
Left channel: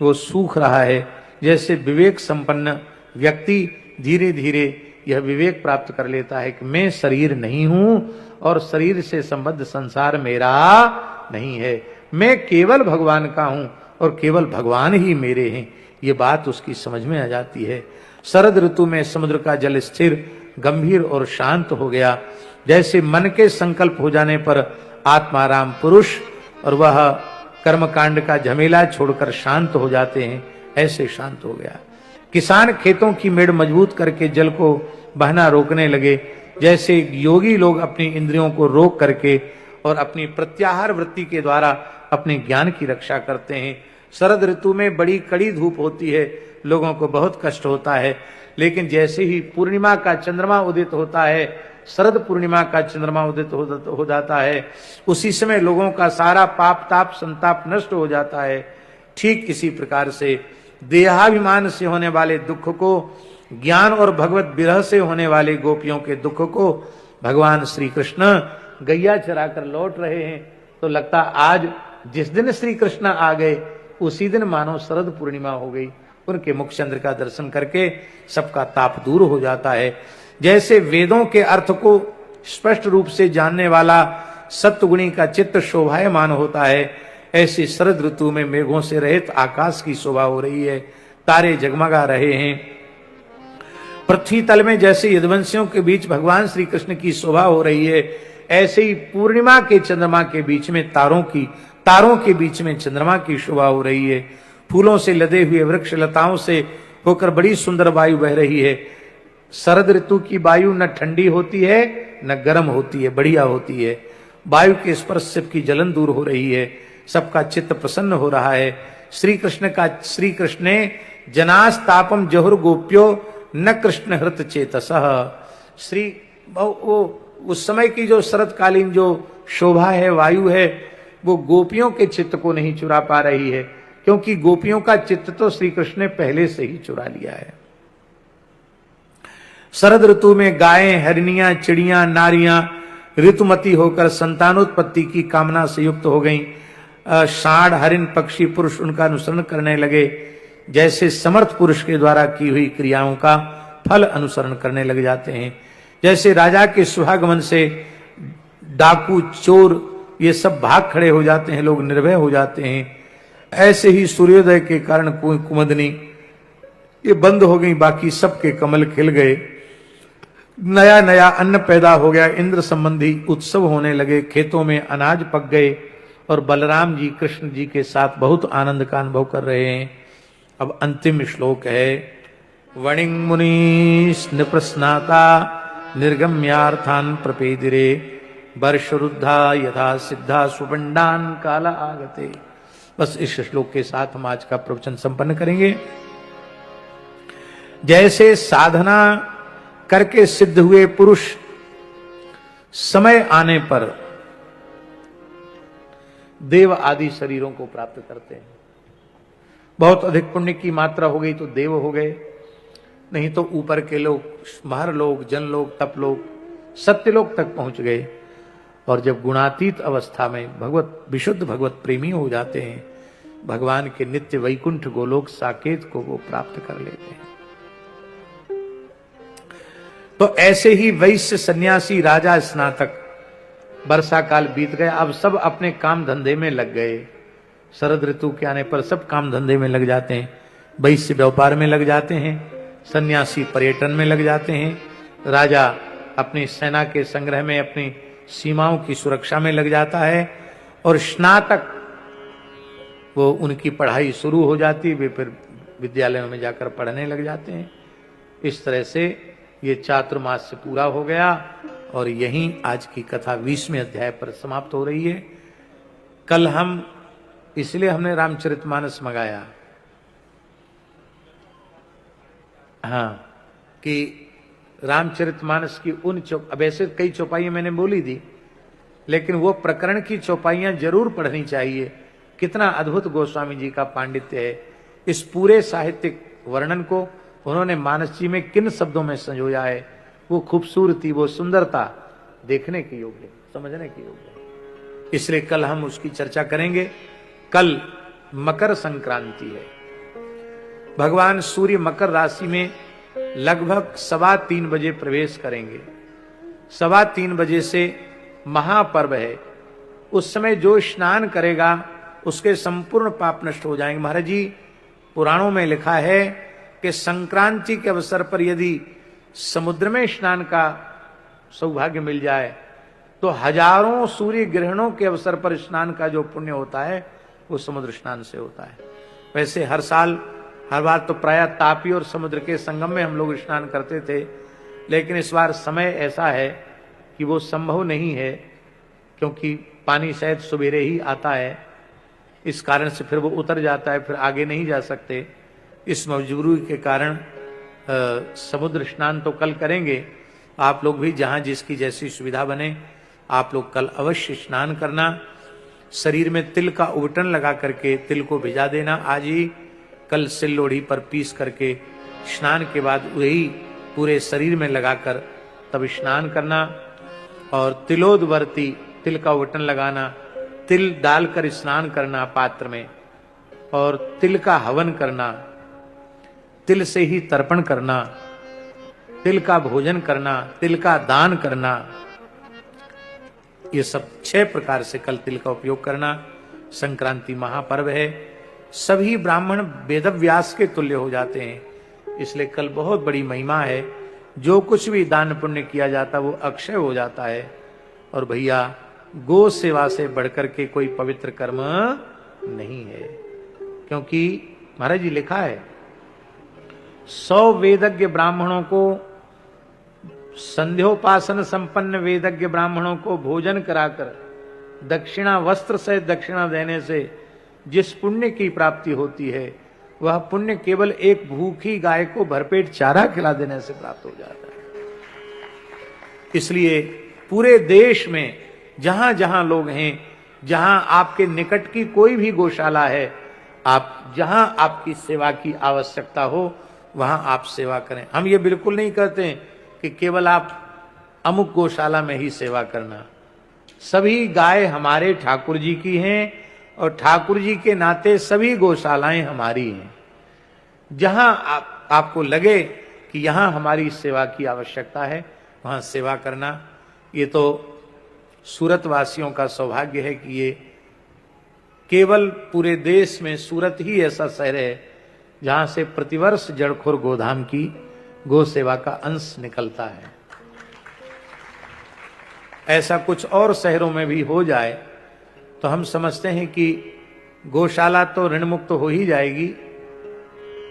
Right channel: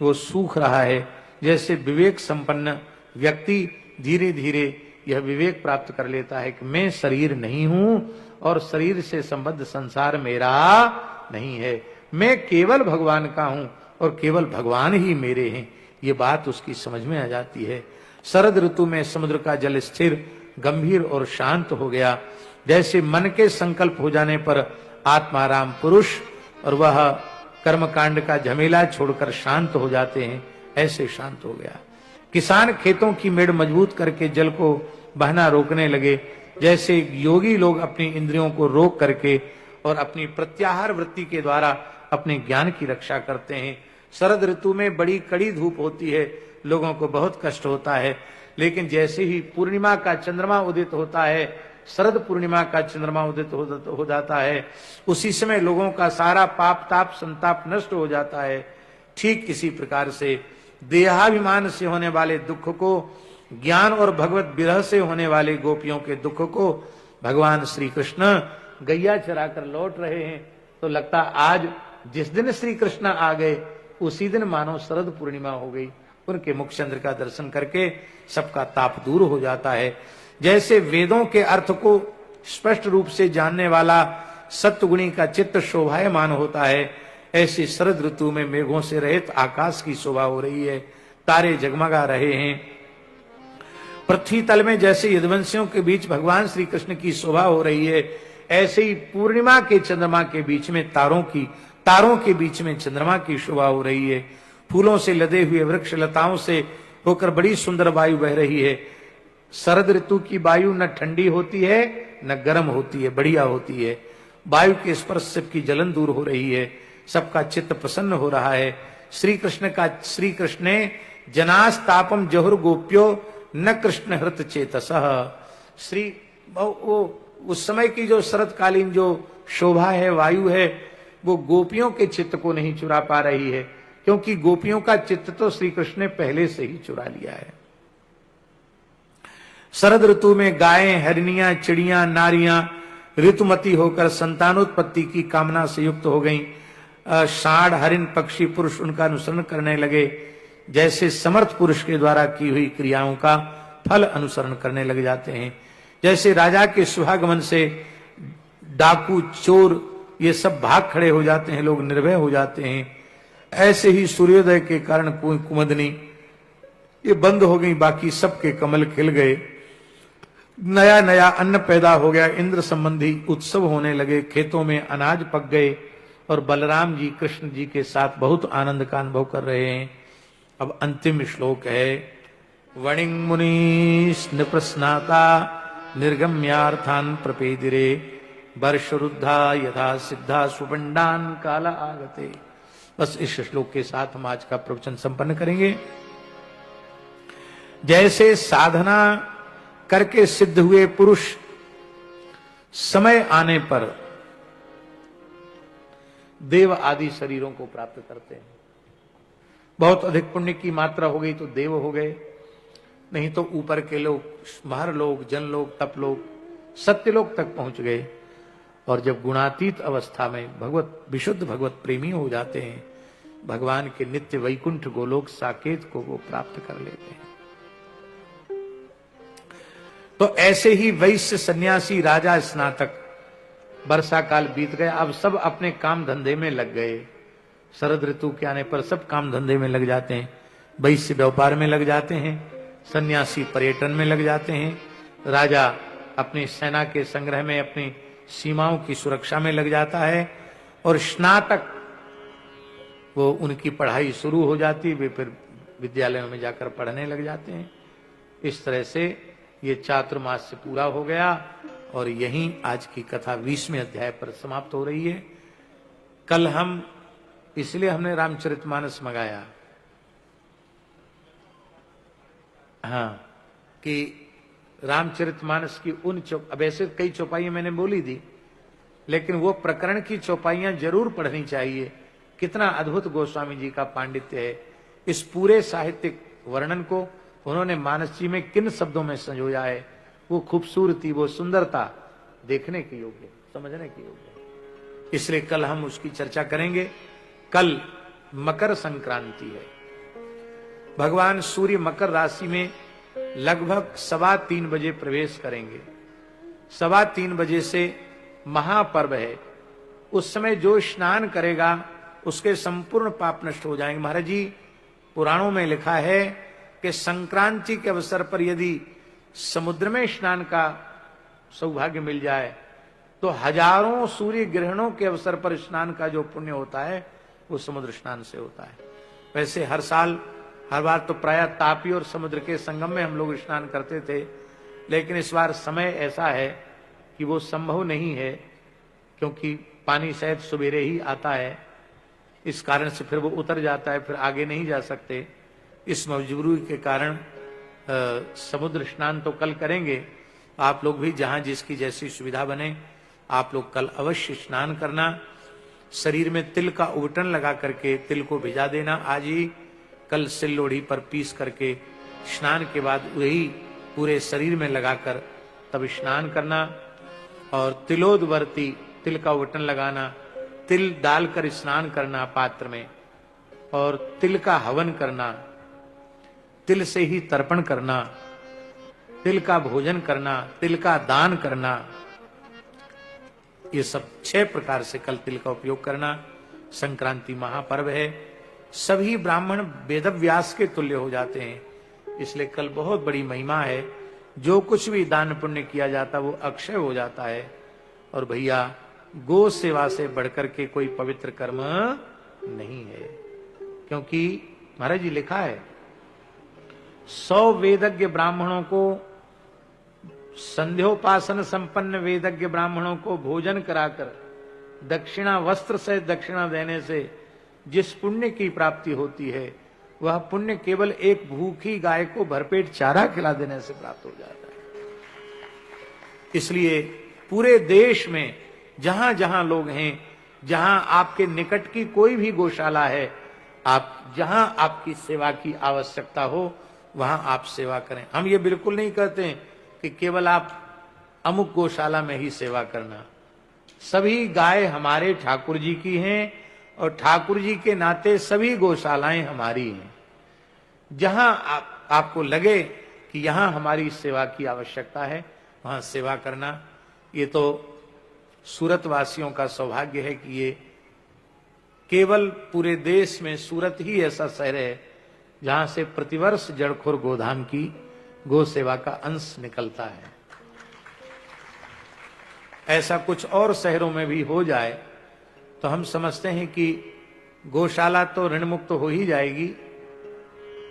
वो सूख रहा है, जैसे विवेक संपन्न व्यक्ति धीरे धीरे यह विवेक प्राप्त कर लेता है कि मैं शरीर नहीं हूं और शरीर से संबद्ध संसार मेरा नहीं है, मैं केवल भगवान का हूं और केवल भगवान ही मेरे हैं। ये बात उसकी समझ में आ जाती है। शरद ऋतु में समुद्र का जल स्थिर, गंभीर और शांत हो गया, जैसे मन के संकल्प हो जाने पर आत्माराम पुरुष और वह कर्मकांड का झमेला छोड़कर शांत हो जाते हैं, ऐसे शांत हो गया। किसान खेतों की मेड़ मजबूत करके जल को बहना रोकने लगे, जैसे योगी लोग अपनी इंद्रियों को रोक करके और अपनी प्रत्याहार वृत्ति के द्वारा अपने ज्ञान की रक्षा करते हैं। शरद ऋतु में बड़ी कड़ी धूप होती है, लोगों को बहुत कष्ट होता है, लेकिन जैसे ही पूर्णिमा का चंद्रमा उदित होता है, शरद पूर्णिमा का चंद्रमा उदित हो जाता है, उसी समय लोगों का सारा पाप ताप संताप नष्ट हो जाता है। ठीक इसी प्रकार से देहाभिमान से होने वाले दुख को, ज्ञान और भगवत विरह से होने वाले गोपियों के दुख को भगवान श्री कृष्ण गैया चराकर लौट रहे हैं, तो लगता आज जिस दिन श्री कृष्ण आ गए उसी दिन मानो शरद पूर्णिमा हो गई। उनके मुख चंद्र का दर्शन करके सबका ताप दूर हो जाता है। जैसे वेदों के अर्थ को स्पष्ट रूप से जानने वाला सत्वगुणी का चित्त शोभायमान होता है, ऐसे शरद ऋतु में मेघों से रहित आकाश की शोभा हो रही है, तारे जगमगा रहे हैं। पृथ्वी तल में जैसे यदुवंशियों के बीच भगवान श्री कृष्ण की शोभा हो रही है, ऐसे ही पूर्णिमा के चंद्रमा के बीच में तारों के बीच में चंद्रमा की शोभा हो रही है। फूलों से लदे हुए वृक्ष लताओं से होकर बड़ी सुंदर वायु बह रही है। शरद ऋतु की वायु न ठंडी होती है न गर्म होती है, बढ़िया होती है। वायु के स्पर्श से की जलन दूर हो रही है, सबका चित्त प्रसन्न हो रहा है। श्री कृष्ण जनास्तापम जहुर गोप्यो न कृष्ण हृत चेतसः। उस समय की जो शरदकालीन जो शोभा है, वायु है, वो गोपियों के चित्त को नहीं चुरा पा रही है, क्योंकि गोपियों का चित्त तो श्री कृष्ण ने पहले से ही चुरा लिया है। शरद ऋतु में गायें, हरिणियां, चिड़ियां, नारियां ऋतुमती होकर संतानोत्पत्ति की कामना से युक्त हो गईं। षाढ़, हरिण, पक्षी, पुरुष उनका अनुसरण करने लगे, जैसे समर्थ पुरुष के द्वारा की हुई क्रियाओं का फल अनुसरण करने लग जाते हैं। जैसे राजा के सुहागमन से डाकू, चोर ये सब भाग खड़े हो जाते हैं, लोग निर्भय हो जाते हैं, ऐसे ही सूर्योदय के कारण कुमुदनी ये बंद हो गई, बाकी सबके कमल खिल गए, नया नया अन्न पैदा हो गया, इंद्र संबंधी उत्सव होने लगे, खेतों में अनाज पक गए और बलराम जी कृष्ण जी के साथ बहुत आनंद का अनुभव कर रहे हैं। अब अंतिम श्लोक है, वणिंग मुनीश निप्रस्नाता निर्गम्यार्थान प्रपेदिरे वर्षरुद्धा यथा सिद्धा सुपंडान काल आगते। बस इस श्लोक के साथ हम आज का प्रवचन संपन्न करेंगे। जैसे साधना करके सिद्ध हुए पुरुष समय आने पर देव आदि शरीरों को प्राप्त करते हैं। बहुत अधिक पुण्य की मात्रा हो गई तो देव हो गए, नहीं तो ऊपर के लोग, महर लोग, जन लोग, तप लोग, सत्यलोक तक पहुंच गए। और जब गुणातीत अवस्था में विशुद्ध भगवत प्रेमी हो जाते हैं, भगवान के नित्य वैकुंठ गोलोक साकेत को वो प्राप्त कर लेते हैं। तो ऐसे ही वैश्य, सन्यासी, राजा, स्नातक, वर्षा काल बीत गया, अब सब अपने काम धंधे में लग गए। शरद ऋतु के आने पर सब काम धंधे में लग जाते हैं। वैश्य व्यापार में लग जाते हैं, सन्यासी पर्यटन में लग जाते हैं, राजा अपनी सेना के संग्रह में, अपनी सीमाओं की सुरक्षा में लग जाता है, और स्नातक वो उनकी पढ़ाई शुरू हो जाती, वे फिर विद्यालयों में जाकर पढ़ने लग जाते हैं। इस तरह से ये चातुर्मास से पूरा हो गया और यहीं आज की कथा 20वें अध्याय पर समाप्त हो रही है। कल हम इसलिए हमने रामचरितमानस मंगाया, हाँ, कि रामचरितमानस की उन अब ऐसे कई चौपाइयां मैंने बोली थी, लेकिन वो प्रकरण की चौपाइयां जरूर पढ़नी चाहिए। कितना अद्भुत गोस्वामी जी का पांडित्य है। इस पूरे साहित्यिक वर्णन को उन्होंने मानस जी में किन शब्दों में संजोया है। वो खूबसूरती, वो सुंदरता देखने की योग्य, समझने की योग्य। इसलिए कल हम उसकी चर्चा करेंगे। कल मकर संक्रांति है। भगवान सूर्य मकर राशि में लगभग 3:15 बजे प्रवेश करेंगे। 3:15 बजे से महापर्व है। उस समय जो स्नान करेगा उसके संपूर्ण पाप नष्ट हो जाएंगे। महाराज जी, पुराणों में लिखा है कि संक्रांति के अवसर पर यदि समुद्र में स्नान का सौभाग्य मिल जाए तो हजारों सूर्य ग्रहणों के अवसर पर स्नान का जो पुण्य होता है वो समुद्र स्नान से होता है। वैसे हर साल हर बार तो प्रायः तापी और समुद्र के संगम में हम लोग स्नान करते थे, लेकिन इस बार समय ऐसा है कि वो संभव नहीं है, क्योंकि पानी शायद सवेरे ही आता है। इस कारण से फिर वो उतर जाता है, फिर आगे नहीं जा सकते। इस मजबूरी के कारण समुद्र स्नान तो कल करेंगे। आप लोग भी जहां जिसकी जैसी सुविधा बने आप लोग कल अवश्य स्नान करना। शरीर में तिल का उबटन लगा करके तिल को भिजा देना आज ही। कल सिल लोढ़ी पर पीस करके स्नान के बाद वही पूरे शरीर में लगाकर तब स्नान करना। और तिलोदवर्ती, तिल का उबटन लगाना, तिल डालकर स्नान करना पात्र में, और तिल का हवन करना, तिल से ही तर्पण करना, तिल का भोजन करना, तिल का दान करना, ये सब 6 प्रकार से कल तिल का उपयोग करना। संक्रांति महापर्व है। सभी ब्राह्मण वेदव्यास के तुल्य हो जाते हैं, इसलिए कल बहुत बड़ी महिमा है। जो कुछ भी दान पुण्य किया जाता वो अक्षय हो जाता है। और भैया, गो सेवा से बढ़कर के कोई पवित्र कर्म नहीं है, क्योंकि महाराज जी लिखा है 100 वेदज्ञ ब्राह्मणों को, संध्योपासन संपन्न वेदज्ञ ब्राह्मणों को भोजन कराकर दक्षिणा, वस्त्र से दक्षिणा देने से जिस पुण्य की प्राप्ति होती है वह पुण्य केवल एक भूखी गाय को भरपेट चारा खिला देने से प्राप्त हो जाता है। इसलिए पूरे देश में जहां जहां लोग हैं, जहां आपके निकट की कोई भी गौशाला है, आप जहां आपकी सेवा की आवश्यकता हो वहां आप सेवा करें। हम ये बिल्कुल नहीं कहते हैं कि केवल आप अमुक गौशाला में ही सेवा करना। सभी गाय हमारे ठाकुर जी की हैं और ठाकुर जी के नाते सभी गौशालाएं हमारी हैं। जहां आपको लगे कि यहां हमारी सेवा की आवश्यकता है वहां सेवा करना। ये तो सूरत वासियों का सौभाग्य है कि ये केवल पूरे देश में सूरत ही ऐसा शहर है जहां से प्रतिवर्ष जड़खोर गोधाम की गो सेवा का अंश निकलता है। ऐसा कुछ और शहरों में भी हो जाए तो हम समझते हैं कि गौशाला तो ऋण मुक्त हो ही जाएगी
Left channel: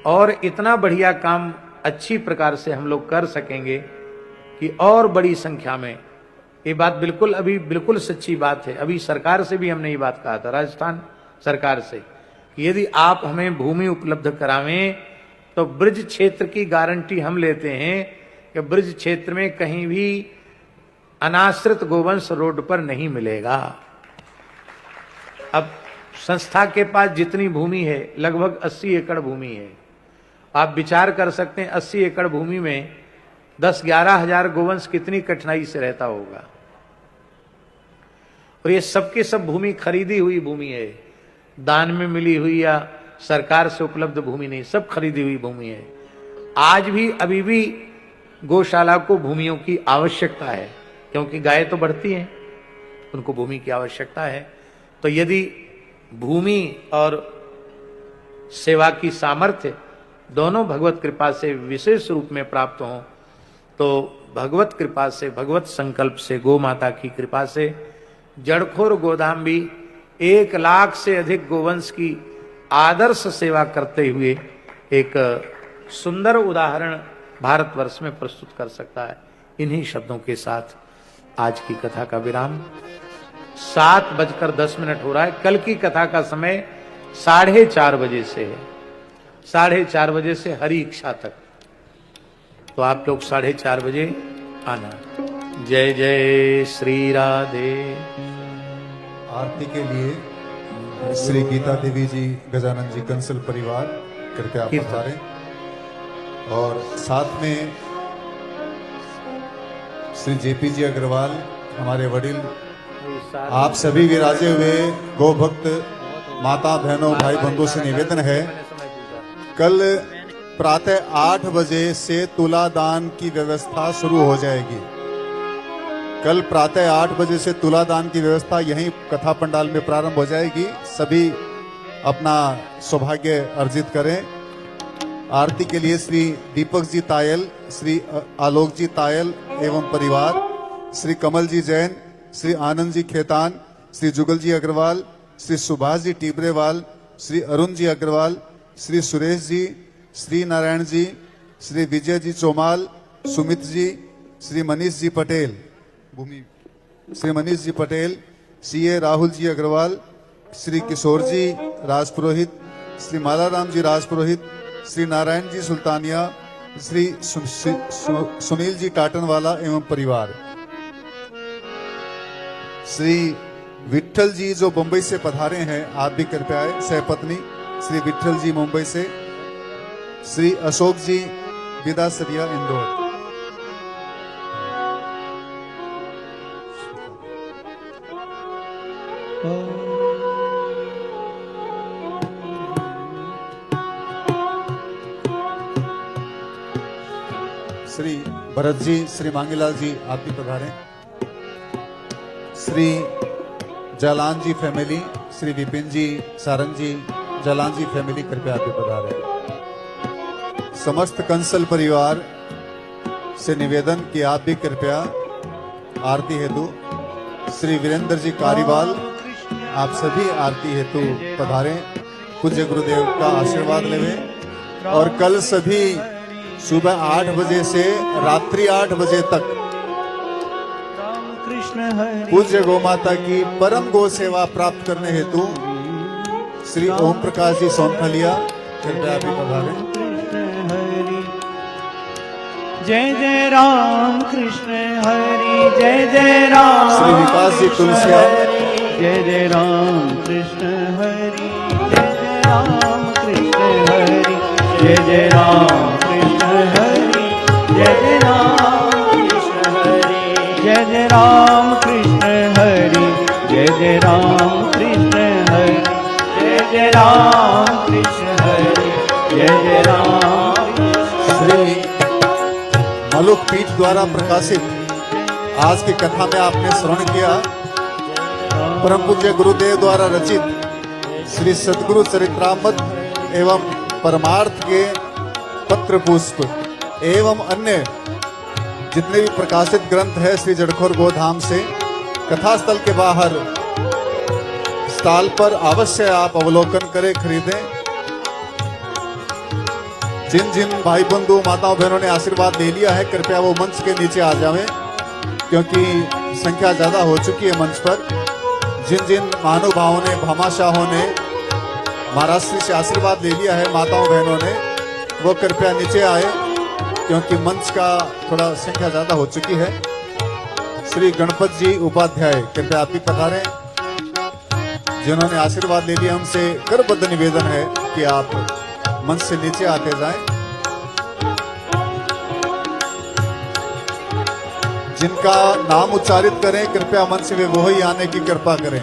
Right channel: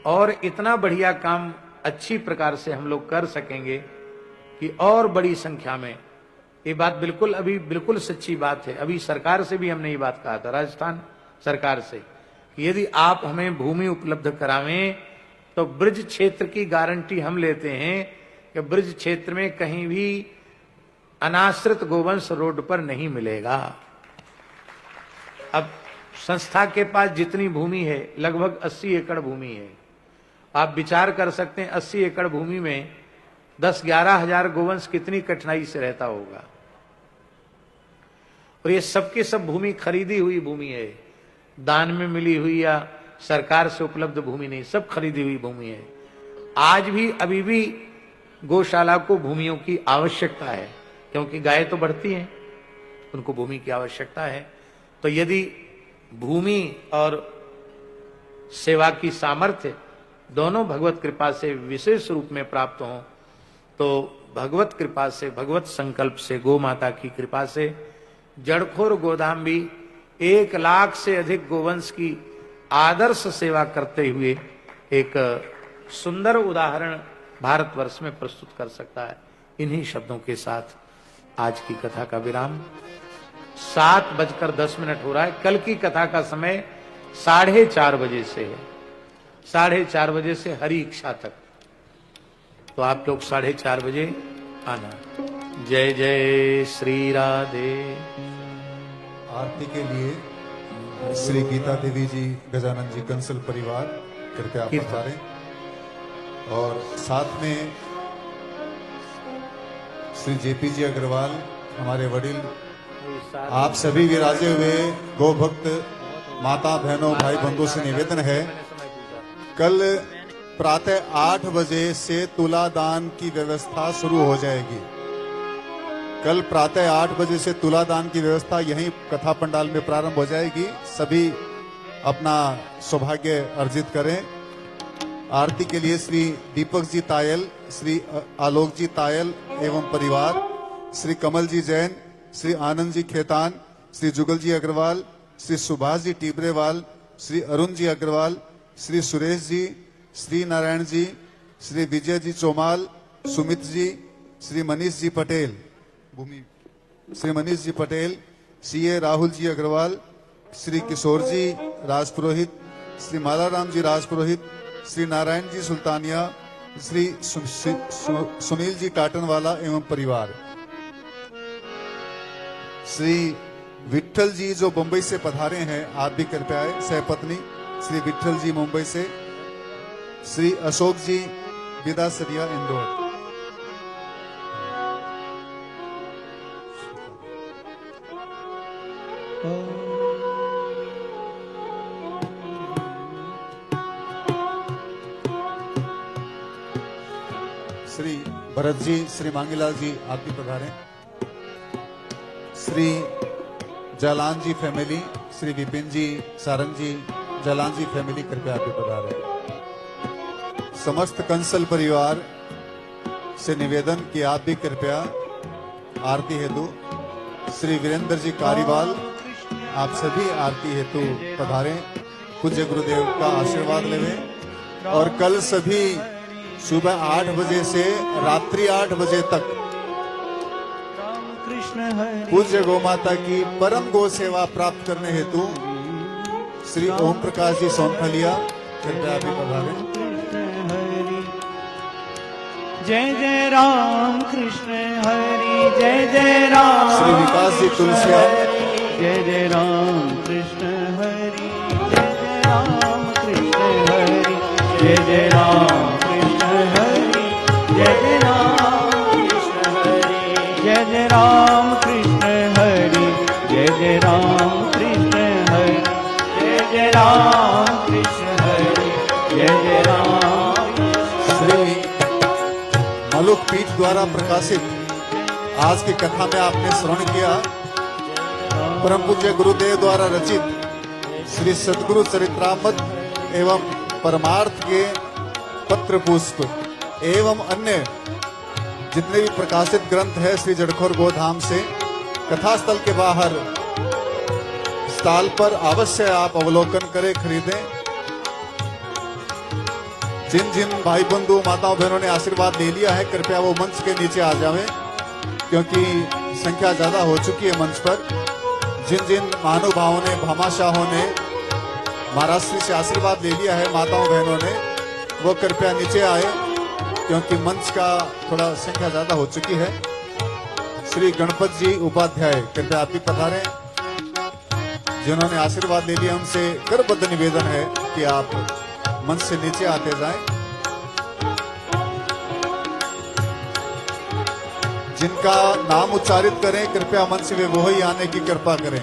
और इतना बढ़िया काम अच्छी प्रकार से हम लोग कर सकेंगे कि और बड़ी संख्या में। ये बात बिल्कुल अभी बिल्कुल सच्ची बात है। अभी सरकार से भी हमने ये बात कहा था, राजस्थान सरकार से, कि यदि आप हमें भूमि उपलब्ध करावें तो ब्रज क्षेत्र की गारंटी हम लेते हैं कि ब्रज क्षेत्र में कहीं भी अनाश्रित गोवंश रोड पर नहीं मिलेगा। अब संस्था के पास जितनी भूमि है लगभग 80 एकड़ भूमि है। आप विचार कर सकते हैं 80 एकड़ भूमि में 10-11 हजार गोवंश कितनी कठिनाई से रहता होगा। और ये सबकी सब भूमि खरीदी हुई भूमि है, दान में मिली हुई या सरकार से उपलब्ध भूमि नहीं, सब खरीदी हुई भूमि है। आज भी अभी भी गौशाला को भूमियों की आवश्यकता है, क्योंकि गाय तो बढ़ती हैं, उनको भूमि की आवश्यकता है। तो यदि भूमि और सेवा की सामर्थ्य दोनों भगवत कृपा से विशेष रूप में प्राप्त हों तो भगवत कृपा से, भगवत संकल्प से, गौ माता की कृपा से जड़खोर गोधाम भी 1 लाख से अधिक गोवंश की आदर्श सेवा करते हुए एक सुंदर उदाहरण भारतवर्ष में प्रस्तुत कर सकता है। इन्हीं शब्दों के साथ आज की कथा का विराम। 7:10 हो रहा है। कल की कथा का समय 4:30 बजे से है, 4:30 बजे से हरि इच्छा तक। तो आप लोग 4:30 बजे आना। जय जय श्री राधे। आरती के लिए श्री गीता देवी जी, गजानन जी कंसल परिवार कृपया आप पधारें। और साथ में श्री जेपी जी अग्रवाल, हमारे वडील, आप सभी विराजे हुए गौ भक्त माता बहनों भाई बंधुओं से निवेदन है, कल प्रातः 8 बजे से तुलादान की व्यवस्था शुरू हो जाएगी। कल प्रातः 8 बजे से तुलादान की व्यवस्था यहीं कथा पंडाल में प्रारंभ हो जाएगी। सभी अपना सौभाग्य अर्जित करें। आरती के लिए श्री दीपक जी तायल, श्री आलोक जी तायल एवं परिवार, श्री कमल जी जैन, श्री आनंद जी खेतान, श्री जुगल जी अग्रवाल, श्री सुभाष जी टिबरेवाल, श्री अरुण जी अग्रवाल, श्री सुरेश जी, श्री नारायण जी, श्री विजय जी चौमाल, सुमित जी, श्री मनीष जी पटेल, श्री मनीष जी पटेल, सीए राहुल जी अग्रवाल, श्री किशोर जी राजपुरोहित, श्री मालाराम जी राजपुरोहित, श्री नारायण जी सुल्तानिया, श्री सुनील जी टाटनवाला एवं परिवार, श्री विठल जी जो मुंबई से पधारे हैं, आप भी कृपया आए। सहपत्नी श्री विठल जी मुंबई से, श्री अशोक जी विदासरिया इंदौर। श्री भरत जी, श्री मांगीलाल जी, आप भी पधारें। श्री जालान जी फैमिली, श्री विपिन जी, सारंग जी, जालान जी फैमिली, कृपया आप भी पधारें। समस्त कंसल परिवार से निवेदन कि आप भी कृपया आरती हेतु, श्री वीरेंद्र जी कारीवाल, आप सभी आरती हेतु पधारें। पूज्य गुरुदेव का आशीर्वाद लेवें। और कल सभी सुबह 8 बजे से रात्रि 8 बजे तक पूज्य गौ माता की परम गौ सेवा प्राप्त करने हेतु श्री ओम प्रकाश जी सोनखलिया, कृपया भी पधारें। जय जय राम कृष्ण हरि, जय जय राम। श्री विकास जी तुलसिया, जय जय राम कृष्ण हरि, जय जय राम कृष्ण हरि, जय जय राम कृष्ण हरि, जय जय राम कृष्ण हरि, जय जय राम कृष्ण हरि, जय जय राम कृष्ण हरि, जय जय राम कृष्ण हरि, जय जय राम। श्री मलुक पीठ द्वारा प्रकाशित आज की कथा में आपने श्रवण किया परम पूज्य गुरुदेव द्वारा रचित श्री सद्गुरु चरित्रामृत एवं परमार्थ के पत्र पुष्प एवं अन्य जितने भी प्रकाशित ग्रंथ है श्री जड़खोर गोधाम से। कथास्थल के बाहर स्टॉल पर अवश्य आप अवलोकन करें, खरीदें। जिन जिन भाई बंधु माताओं बहनों ने आशीर्वाद ले लिया है, कृपया वो मंच के नीचे आ जाएं, क्योंकि संख्या ज्यादा हो चुकी है मंच पर। जिन जिन महानुभावों ने, भामाशाहों ने महाराष्ट्र से आशीर्वाद ले लिया है माताओं बहनों ने, वो कृपया नीचे आए, क्योंकि मंच का थोड़ा संख्या ज्यादा हो चुकी है। श्री गणपत जी उपाध्याय, कृपया आप भी पधारें। जिन्होंने आशीर्वाद ले लिया, हमसे करबद्ध निवेदन है कि आप मंच से नीचे आते जाएं। जिनका नाम उच्चारित करें, कृपया मंच में वो ही आने की कृपा करें।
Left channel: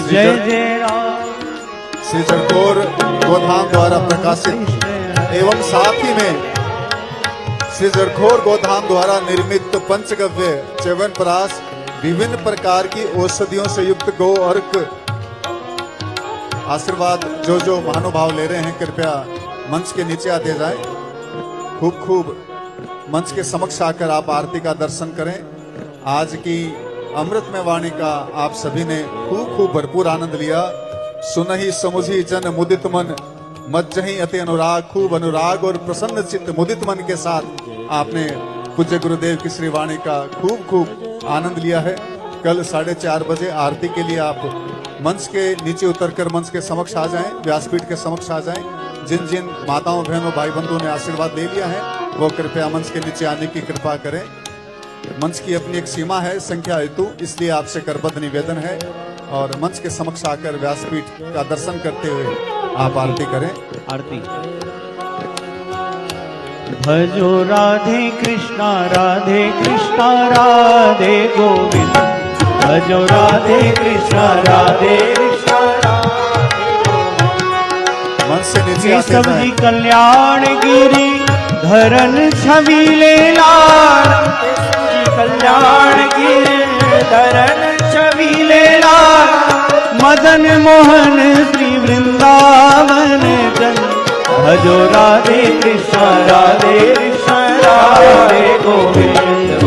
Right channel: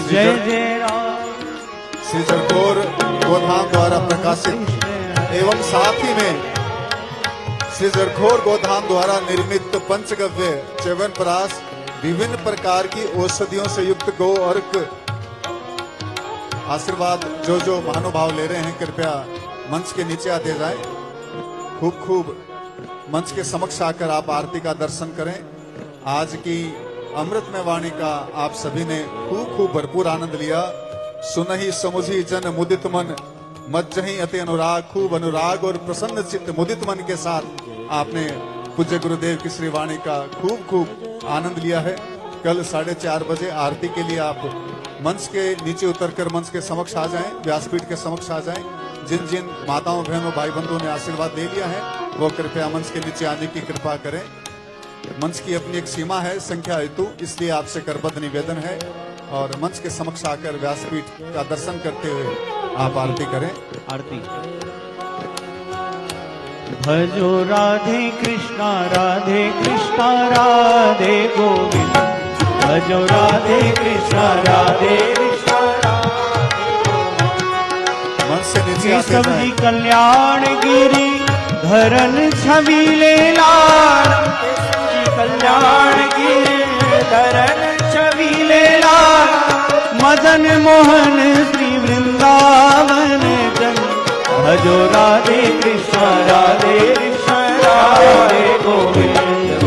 जय जय राम। श्री जड़खोर गोधाम द्वारा प्रकाशित एवं साथ ही में श्री जड़खोर गोधाम द्वारा निर्मित पंचगव्य च्यवनप्राश विभिन्न प्रकार की औषधियों से युक्त गौ अर्क आशीर्वाद जो महानुभाव ले रहे हैं, कृपया मंच के नीचे आते जाएं। खूब खूब मंच के समक्ष आकर आप आरती का दर्शन करें। आज की अमृतमय वाणी का आप सभी ने खूब खूब भरपूर आनंद लिया। सुनहि समुझी जन मुदित मन, मज्जहि अति अनुराग, खूब अनुराग और प्रसन्न चित्त मुदित मन के साथ आपने पूज्य गुरुदेव की श्री वाणी का खूब आनंद लिया है। कल 4:30 बजे आरती के लिए आप मंच के नीचे उतरकर मंच के समक्ष आ जाएं, व्यासपीठ के समक्ष आ जाएं। जिन जिन माताओं बहनों भाई बंधुओं ने आशीर्वाद ले लिया है वो कृपया मंच के नीचे आने की कृपा करें। मंच की अपनी एक सीमा है संख्या हेतु, इसलिए आपसे करबद्ध निवेदन है और मंच के समक्ष आकर व्यासपीठ का दर्शन करते हुए आप आरती करें। आरती। भजो राधे कृष्णा राधे गोविंद, भजो राधे कृष्णा राधे कृष्णा मंच से नीचे आते सब्जी जाएं। कल्याण गिरी धरन छबीले लाल, कल्याण गिरी धरन छबीले लाल, मदन मोहन श्री वृंदावन जन, भजो राधे कृष्णा राधे गोविंद,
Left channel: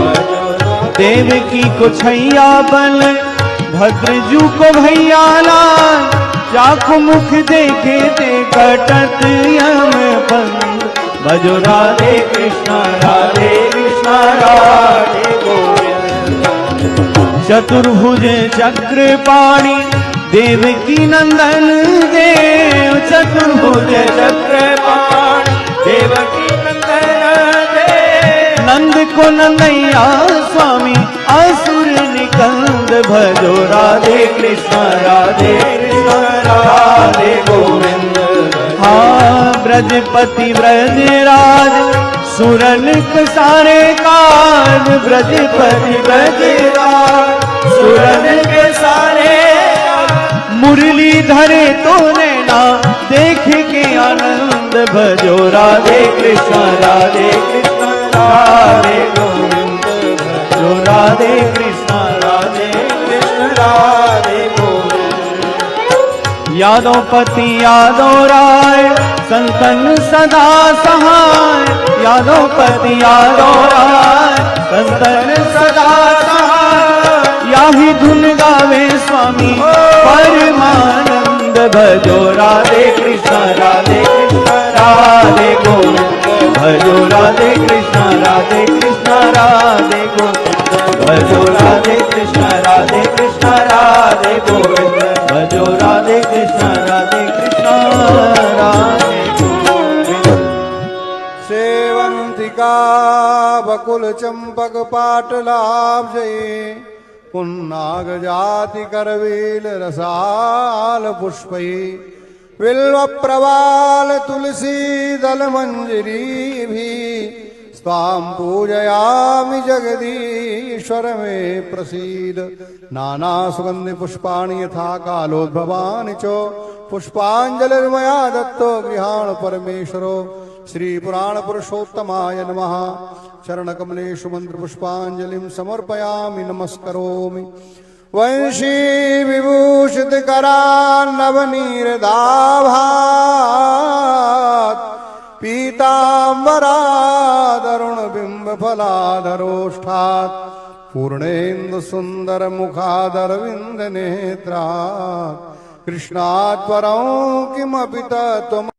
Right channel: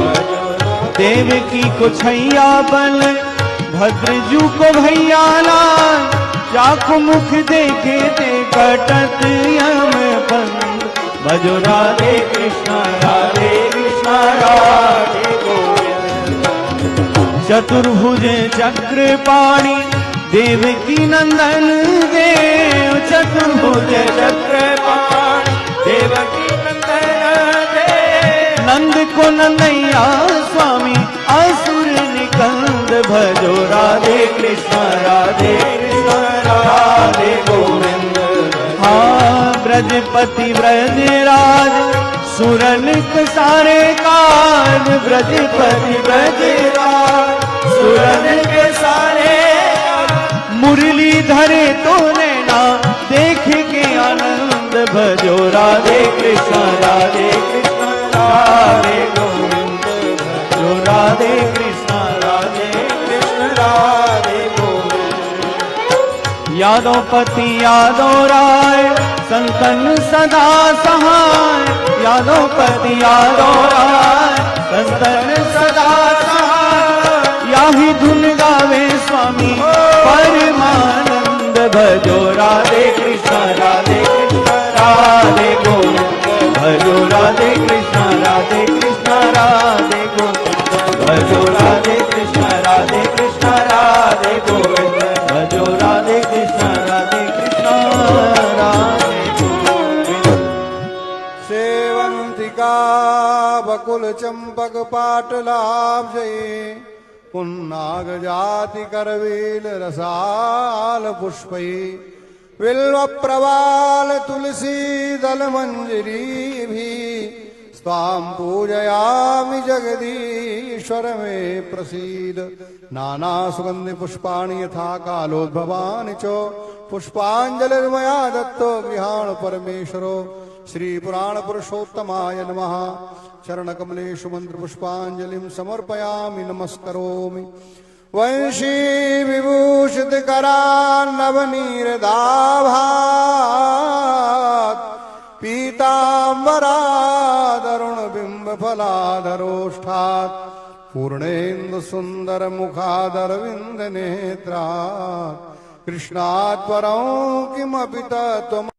देवकी को छैया बल भद्रजू को भैया लाल, जाको मुख देखे ते कटत यम बंद, भजो राधे कृष्णा राधे गोविंद, चतुर्भुज चक्रपाणि देवकी नंदन देव, चतुर्भुज चक्रपाणि देवकी नंदन देव, नंद को नंदैया स्वामी असुर निकंद, भजो राधे कृष्णा राधे गोविंद। हाँ ब्रजपति ब्रजराज सुरन सारे काज, ब्रजपति ब्रजराज सुरन के सारे, मुरली धरे तो नैना देख के आनंद, भजो राधे कृष्णा राधे गोविंद, भजो राधे कृष्णा राधे गोविंद। यादवपति यादव राय संतन सदा सहाय, यादवपति यादव राय संतन सदा सहाय, याही धुन गावे स्वामी परमानंद, भजो राधे कृष्णा राधे गोविंद, भजो राधे कृष्णा राधे गोविंद, भजो राधे कृष्णा राधे गोविंद, भजो राधे कृष्णा राधे गोविंद। सेवंतिका बकुल चंपक पाटलाभ जये, पुन्नाग जाति करवील रसाल पुष्पै, बिल्व प्रवाल तुलसी दल मंजरी भी, स्वाम पूजयामि जगदीश्वर में प्रसीद, नाना सुगंधि पुष्पाणि यथा कालोद्भवानि च, पुष्पांजलिर्मया दत्तो गृहाण परमेश्वरो, श्री पुराण पुरुषोत्तमाय नमः। चरण कमलेषु मंत्र पुष्पांजलिं समर्पयामि नमस्करोमि। वंशी विभूषित करान्नवनीरदाभात्, पीताम्बरादरुण बिंब फलाधरोष्ठात्, पूर्णेन्दु सुंदर मुखादरविंद नेत्रात्, कृष्णात् परं किमपि तत्त्वम्